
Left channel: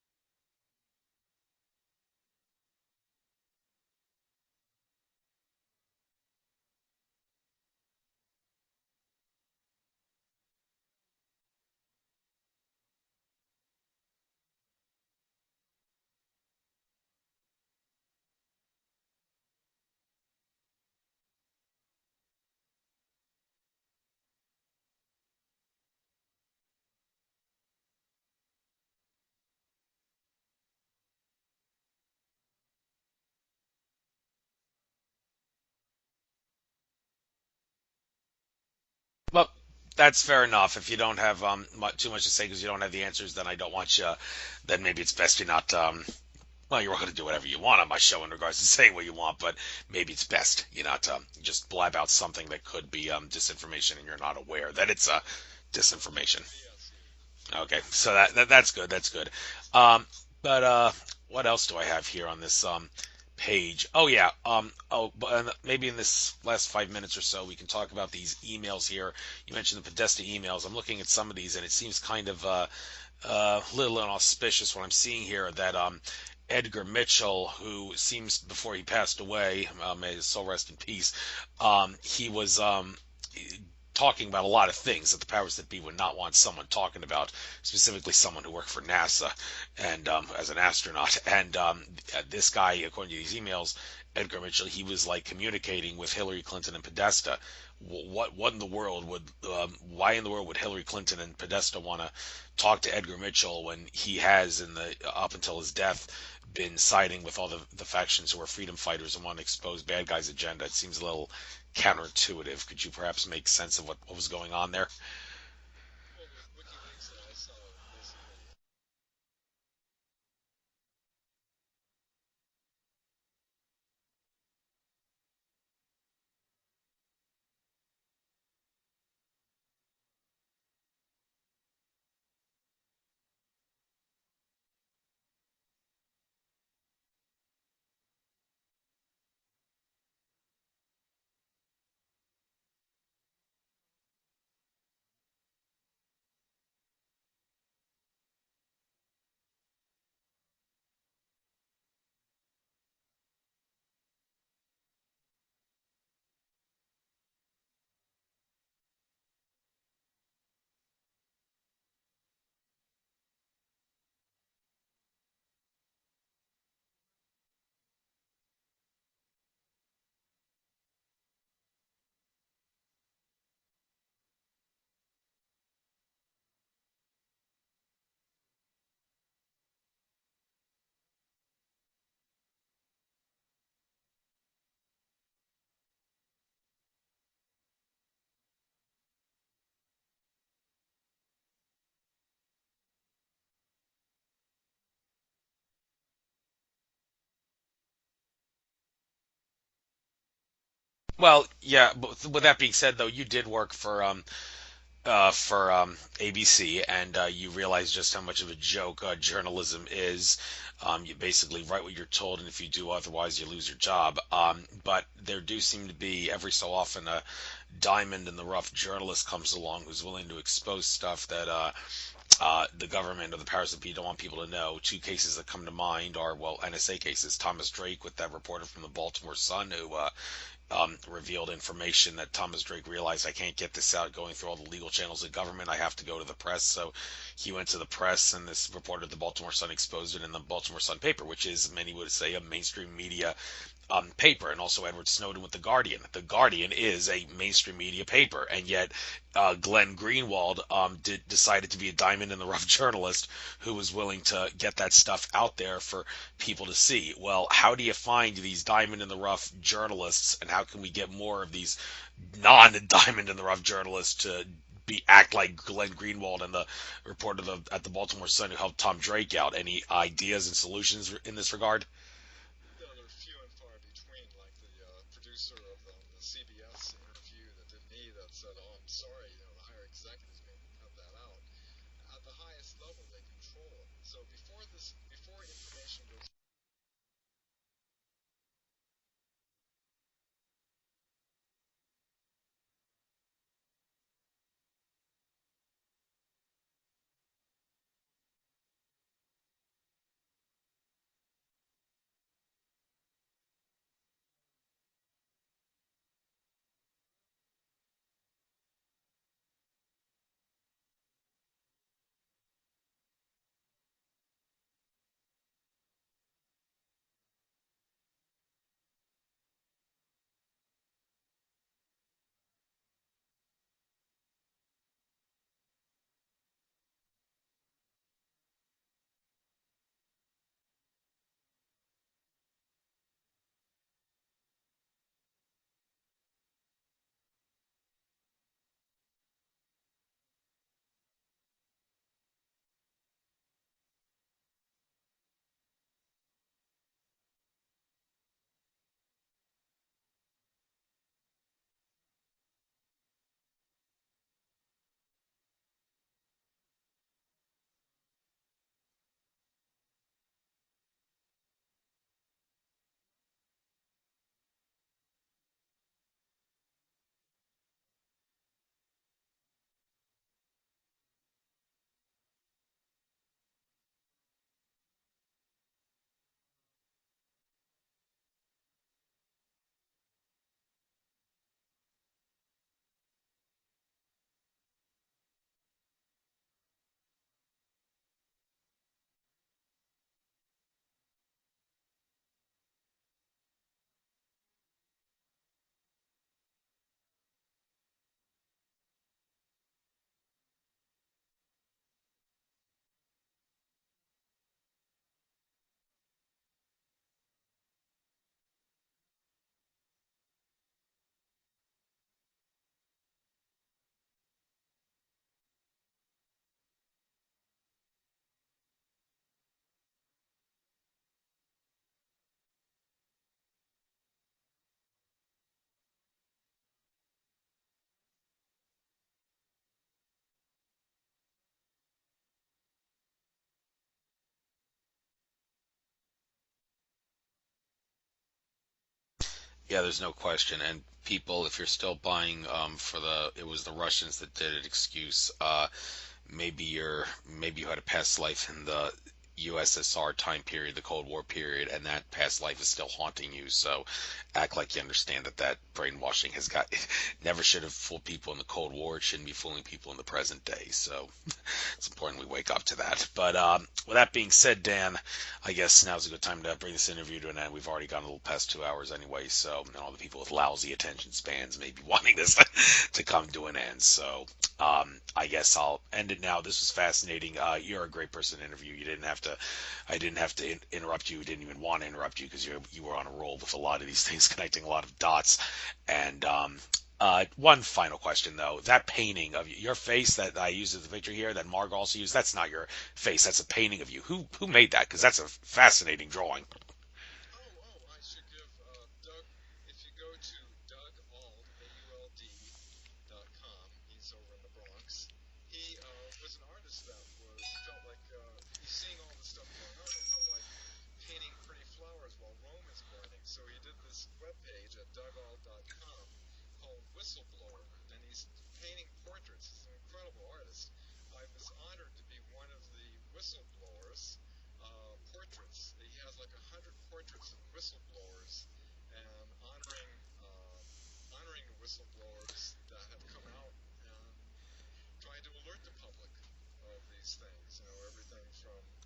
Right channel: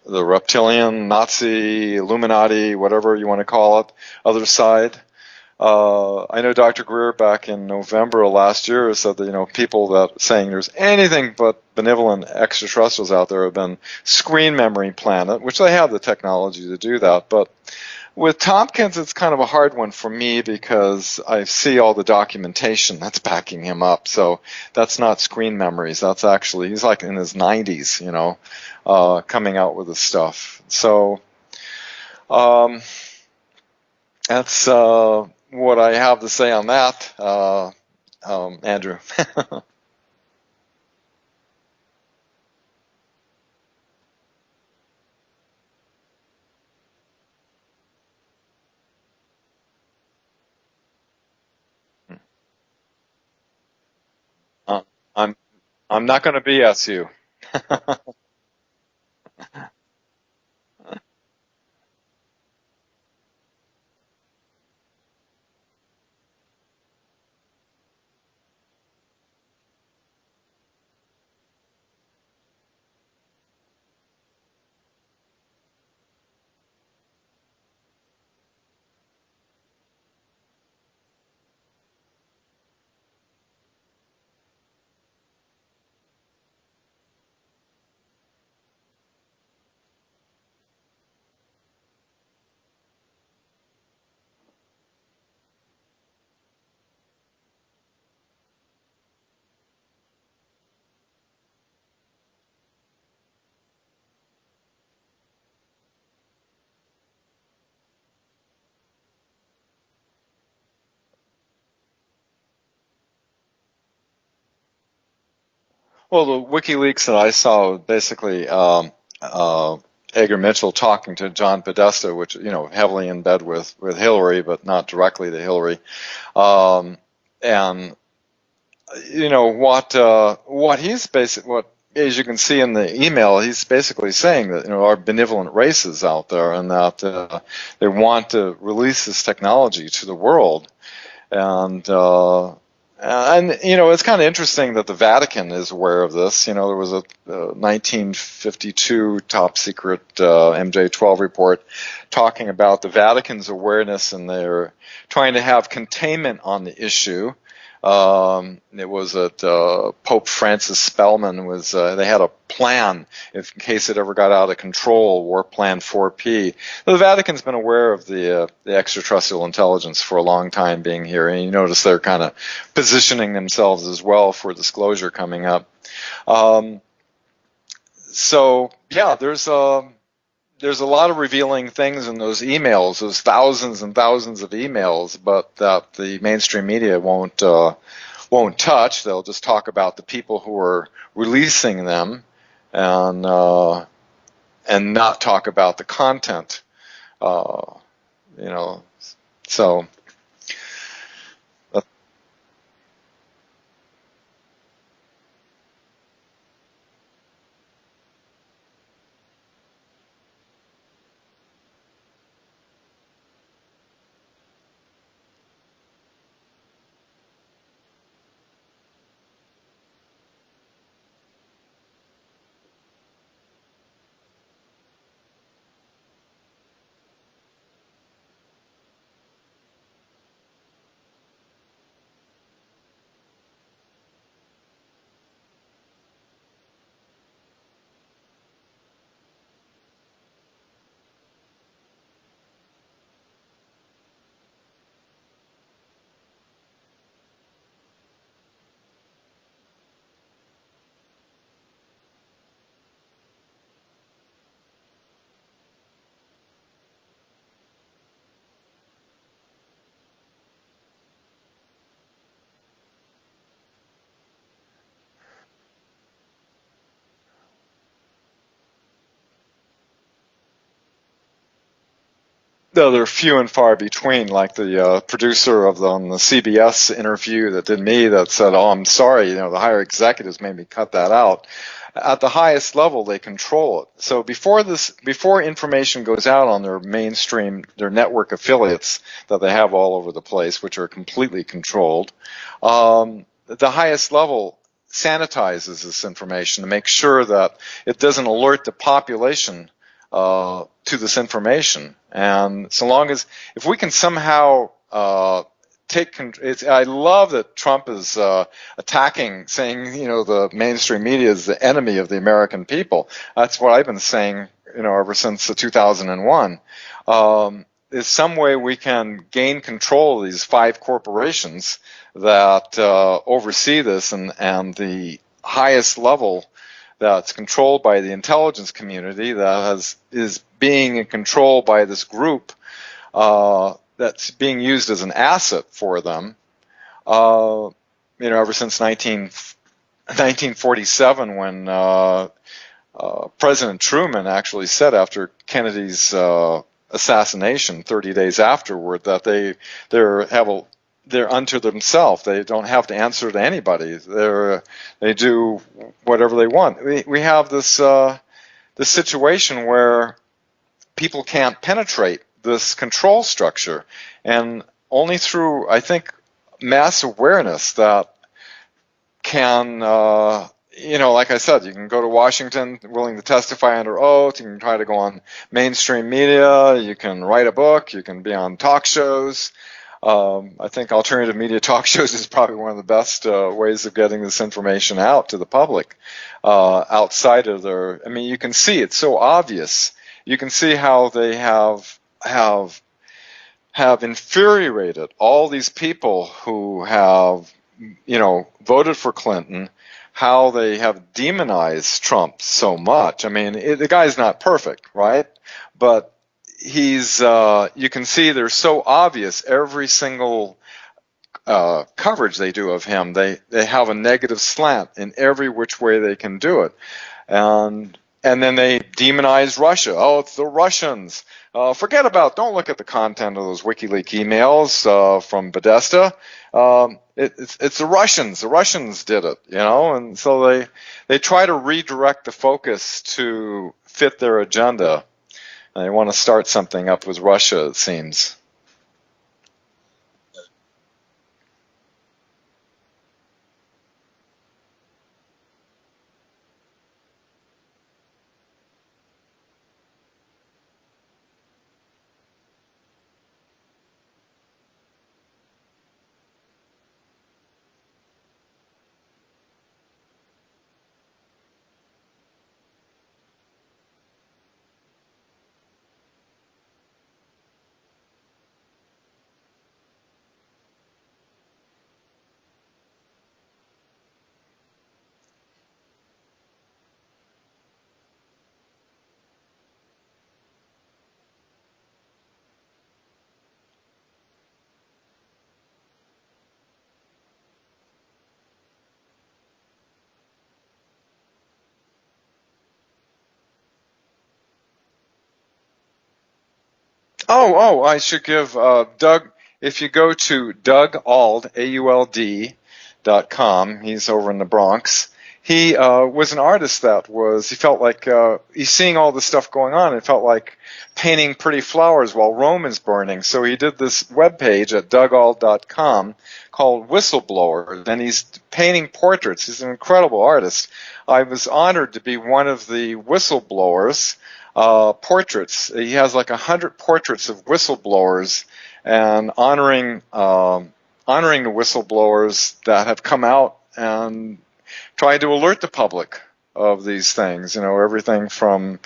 reptilian, Nazi, Illuminati, whatever you want to call it, other side. I know Dr. Greer back in November of last year said that, people that saying there's anything but benevolent extraterrestrials out there have been screen memory planet, which they have the technology to do that. But with Tompkins, it's kind of a hard one for me because I see all the documentation that's backing him up. So that's not screen memories. That's actually, he's like in his 90s, coming out with this stuff. So that's what I have to say on that, Andrew. Well, that's fair enough. If you don't have too much to say because you don't have the answers, then I don't want you. Then maybe it's best you not. Well, you're welcome to do whatever you want on my show in regards to saying what you want, but maybe it's best you not just blab out something that could be disinformation and you're not aware that it's disinformation. I'm not going to BS you. Okay, so that's good. That's good. But what else do I have here on this page? Oh yeah. Maybe in this last 5 minutes or so, we can talk about these emails here. You mentioned the Podesta emails. I'm looking at some of these, and it seems kind of little inauspicious what I'm seeing here. That Edgar Mitchell, who seems before he passed away, may his soul rest in peace. He was talking about a lot of things that the powers that be would not want someone talking about, specifically someone who worked for NASA and as an astronaut. And this guy, according to these emails, Edgar Mitchell, he was like communicating with Hillary Clinton and Podesta. What in the world would why in the world would Hillary Clinton and Podesta want to talk to Edgar Mitchell when he has up until his death been siding with all the factions who are freedom fighters and want to expose bad guys' agenda? It seems a little counterintuitive. Could you perhaps make sense of what was going on there? Well, the WikiLeaks that I saw basically Edgar Mitchell talking to John Podesta, which heavily in bed with Hillary, but not directly to Hillary, and what he's what as you can see in the email, he's basically saying that our benevolent races out there, and that they want to release this technology to the world. And it's kind of interesting that the Vatican is aware of this. There was a 1952 top secret MJ12 report talking about the Vatican's awareness, and they're trying to have containment on the issue. It was that Pope Francis Spellman they had a plan in case it ever got out of control, War Plan 4P. The Vatican's been aware of the extraterrestrial intelligence for a long time being here, and you notice they're kind of positioning themselves as well for disclosure coming up. So yeah, there's a lot of revealing things in those emails. There's thousands and thousands of emails, but that the mainstream media won't touch. They'll just talk about the people who are releasing them, and not talk about the content. So. Well, yeah. But with that being said, though, you did work for ABC, and you realize just how much of a joke journalism is. You basically write what you're told, and if you do otherwise, you lose your job. But there do seem to be, every so often, a diamond in the rough journalist comes along who's willing to expose stuff that the government or the powers that be don't want people to know. Two cases that come to mind are, NSA cases. Thomas Drake with that reporter from the Baltimore Sun who revealed information that Thomas Drake realized, I can't get this out going through all the legal channels of government. I have to go to the press. So he went to the press, and this reporter at the Baltimore Sun exposed it in the Baltimore Sun paper, which is, many would say, a mainstream media paper. And also Edward Snowden with The Guardian. The Guardian is a mainstream media paper, and yet Glenn Greenwald decided to be a diamond in the rough journalist who was willing to get that stuff out there for people to see. Well, how do you find these diamond in the rough journalists, and how can we get more of these non-diamond in the rough journalists to act like Glenn Greenwald and the reporter at the Baltimore Sun who helped Tom Drake out? Any ideas and solutions in this regard? Though they're few and far between, like the producer on the CBS interview that did me that said, "Oh, I'm sorry, the higher executives made me cut that out." At the highest level, they control it. So before information goes out on their mainstream, their network affiliates that they have all over the place, which are completely controlled, the highest level sanitizes this information to make sure that it doesn't alert the population to this information. And so long as, if we can somehow I love that Trump is attacking, saying, the mainstream media is the enemy of the American people. That's what I've been saying, ever since 2001. Is some way we can gain control of these 5 corporations that oversee this, and the highest level that's controlled by the intelligence community that is being controlled by this group that's being used as an asset for them. Ever since 1947, when President Truman actually said after Kennedy's assassination, 30 days afterward, that they're unto themselves. They don't have to answer to anybody. They do whatever they want. We have this situation where people can't penetrate this control structure, and only through, I think, mass awareness that can, like I said, you can go to Washington willing to testify under oath, you can try to go on mainstream media, you can write a book, you can be on talk shows. I think alternative media talk shows is probably one of the best ways of getting this information out to the public. Outside of you can see it's so obvious. You can see how they have infuriated all these people who have, voted for Clinton, how they have demonized Trump so much. The guy's not perfect, right? But he's, you can see they're so obvious. Every single coverage they do of him, they have a negative slant in every which way they can do it. And then they demonize Russia. Oh, it's the Russians. Don't look at the content of those WikiLeaks emails from Bethesda. It's the Russians. The Russians did it, and so they try to redirect the focus to fit their agenda. And they want to start something up with Russia, it seems. Yeah, there's no question. And people, if you're still buying it was the Russians that did it excuse, maybe you had a past life in the USSR time period, the Cold War period, and that past life is still haunting you. So act like you understand that brainwashing never should have fooled people in the Cold War. It shouldn't be fooling people in the present day. So it's important we wake up to that. But with that being said, Dan, I guess now's a good time to bring this interview to an end. We've already gone a little past 2 hours anyway, so and all the people with lousy attention spans may be wanting this to come to an end. So I guess I'll end it now. This was fascinating. You're a great person to interview. I didn't have to interrupt you. Didn't even want to interrupt you because you were on a roll with a lot of these things, connecting a lot of dots. And one final question though: that painting of your face that I used as the picture here, that Margo also used, that's not your face. That's a painting of you. Who made that? Because that's a fascinating drawing. I should give Doug. If you go to DougAuld, AULD.com, he's over in the Bronx. He was an artist he felt like he's seeing all this stuff going on and felt like painting pretty flowers while Rome is burning. So he did this webpage at DougAuld.com called Whistleblower, and he's painting portraits. He's an incredible artist. I was honored to be one of the Whistleblowers portraits. He has like 100 portraits of whistleblowers, and honoring the whistleblowers that have come out and tried to alert the public of these things. Everything from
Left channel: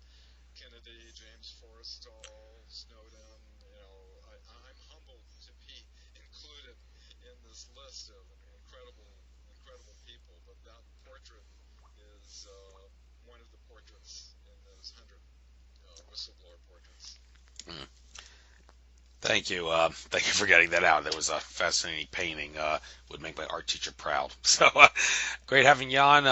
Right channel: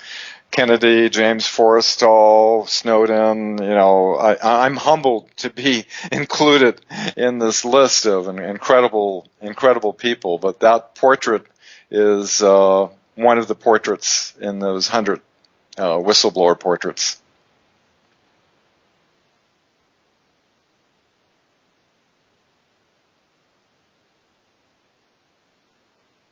Kennedy, James Forrestal, Snowden. I'm humbled to be included in this list of incredible people. But that portrait is one of the portraits in those 100 whistleblower portraits. Thank you. Thank you for getting that out. That was a fascinating painting. Would make my art teacher proud. So great having you on.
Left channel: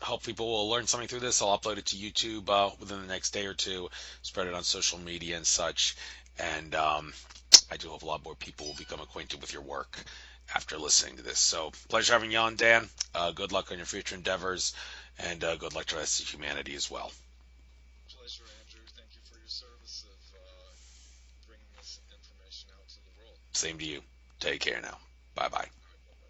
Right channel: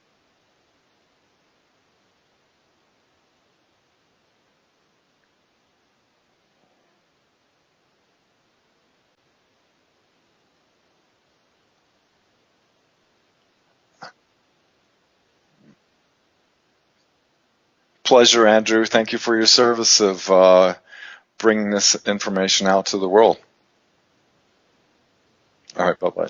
Hope people will learn something through this. I'll upload it to YouTube within the next day or two. Spread it on social media and such. And I do hope a lot more people will become acquainted with your work after listening to this. So pleasure having you on, Dan. Good luck on your future endeavors, and good luck to the rest of humanity as well. Pleasure, Andrew. Thank you for your service of bringing this information out to the world. Same to you. Take care now. Bye bye. All right, bye bye.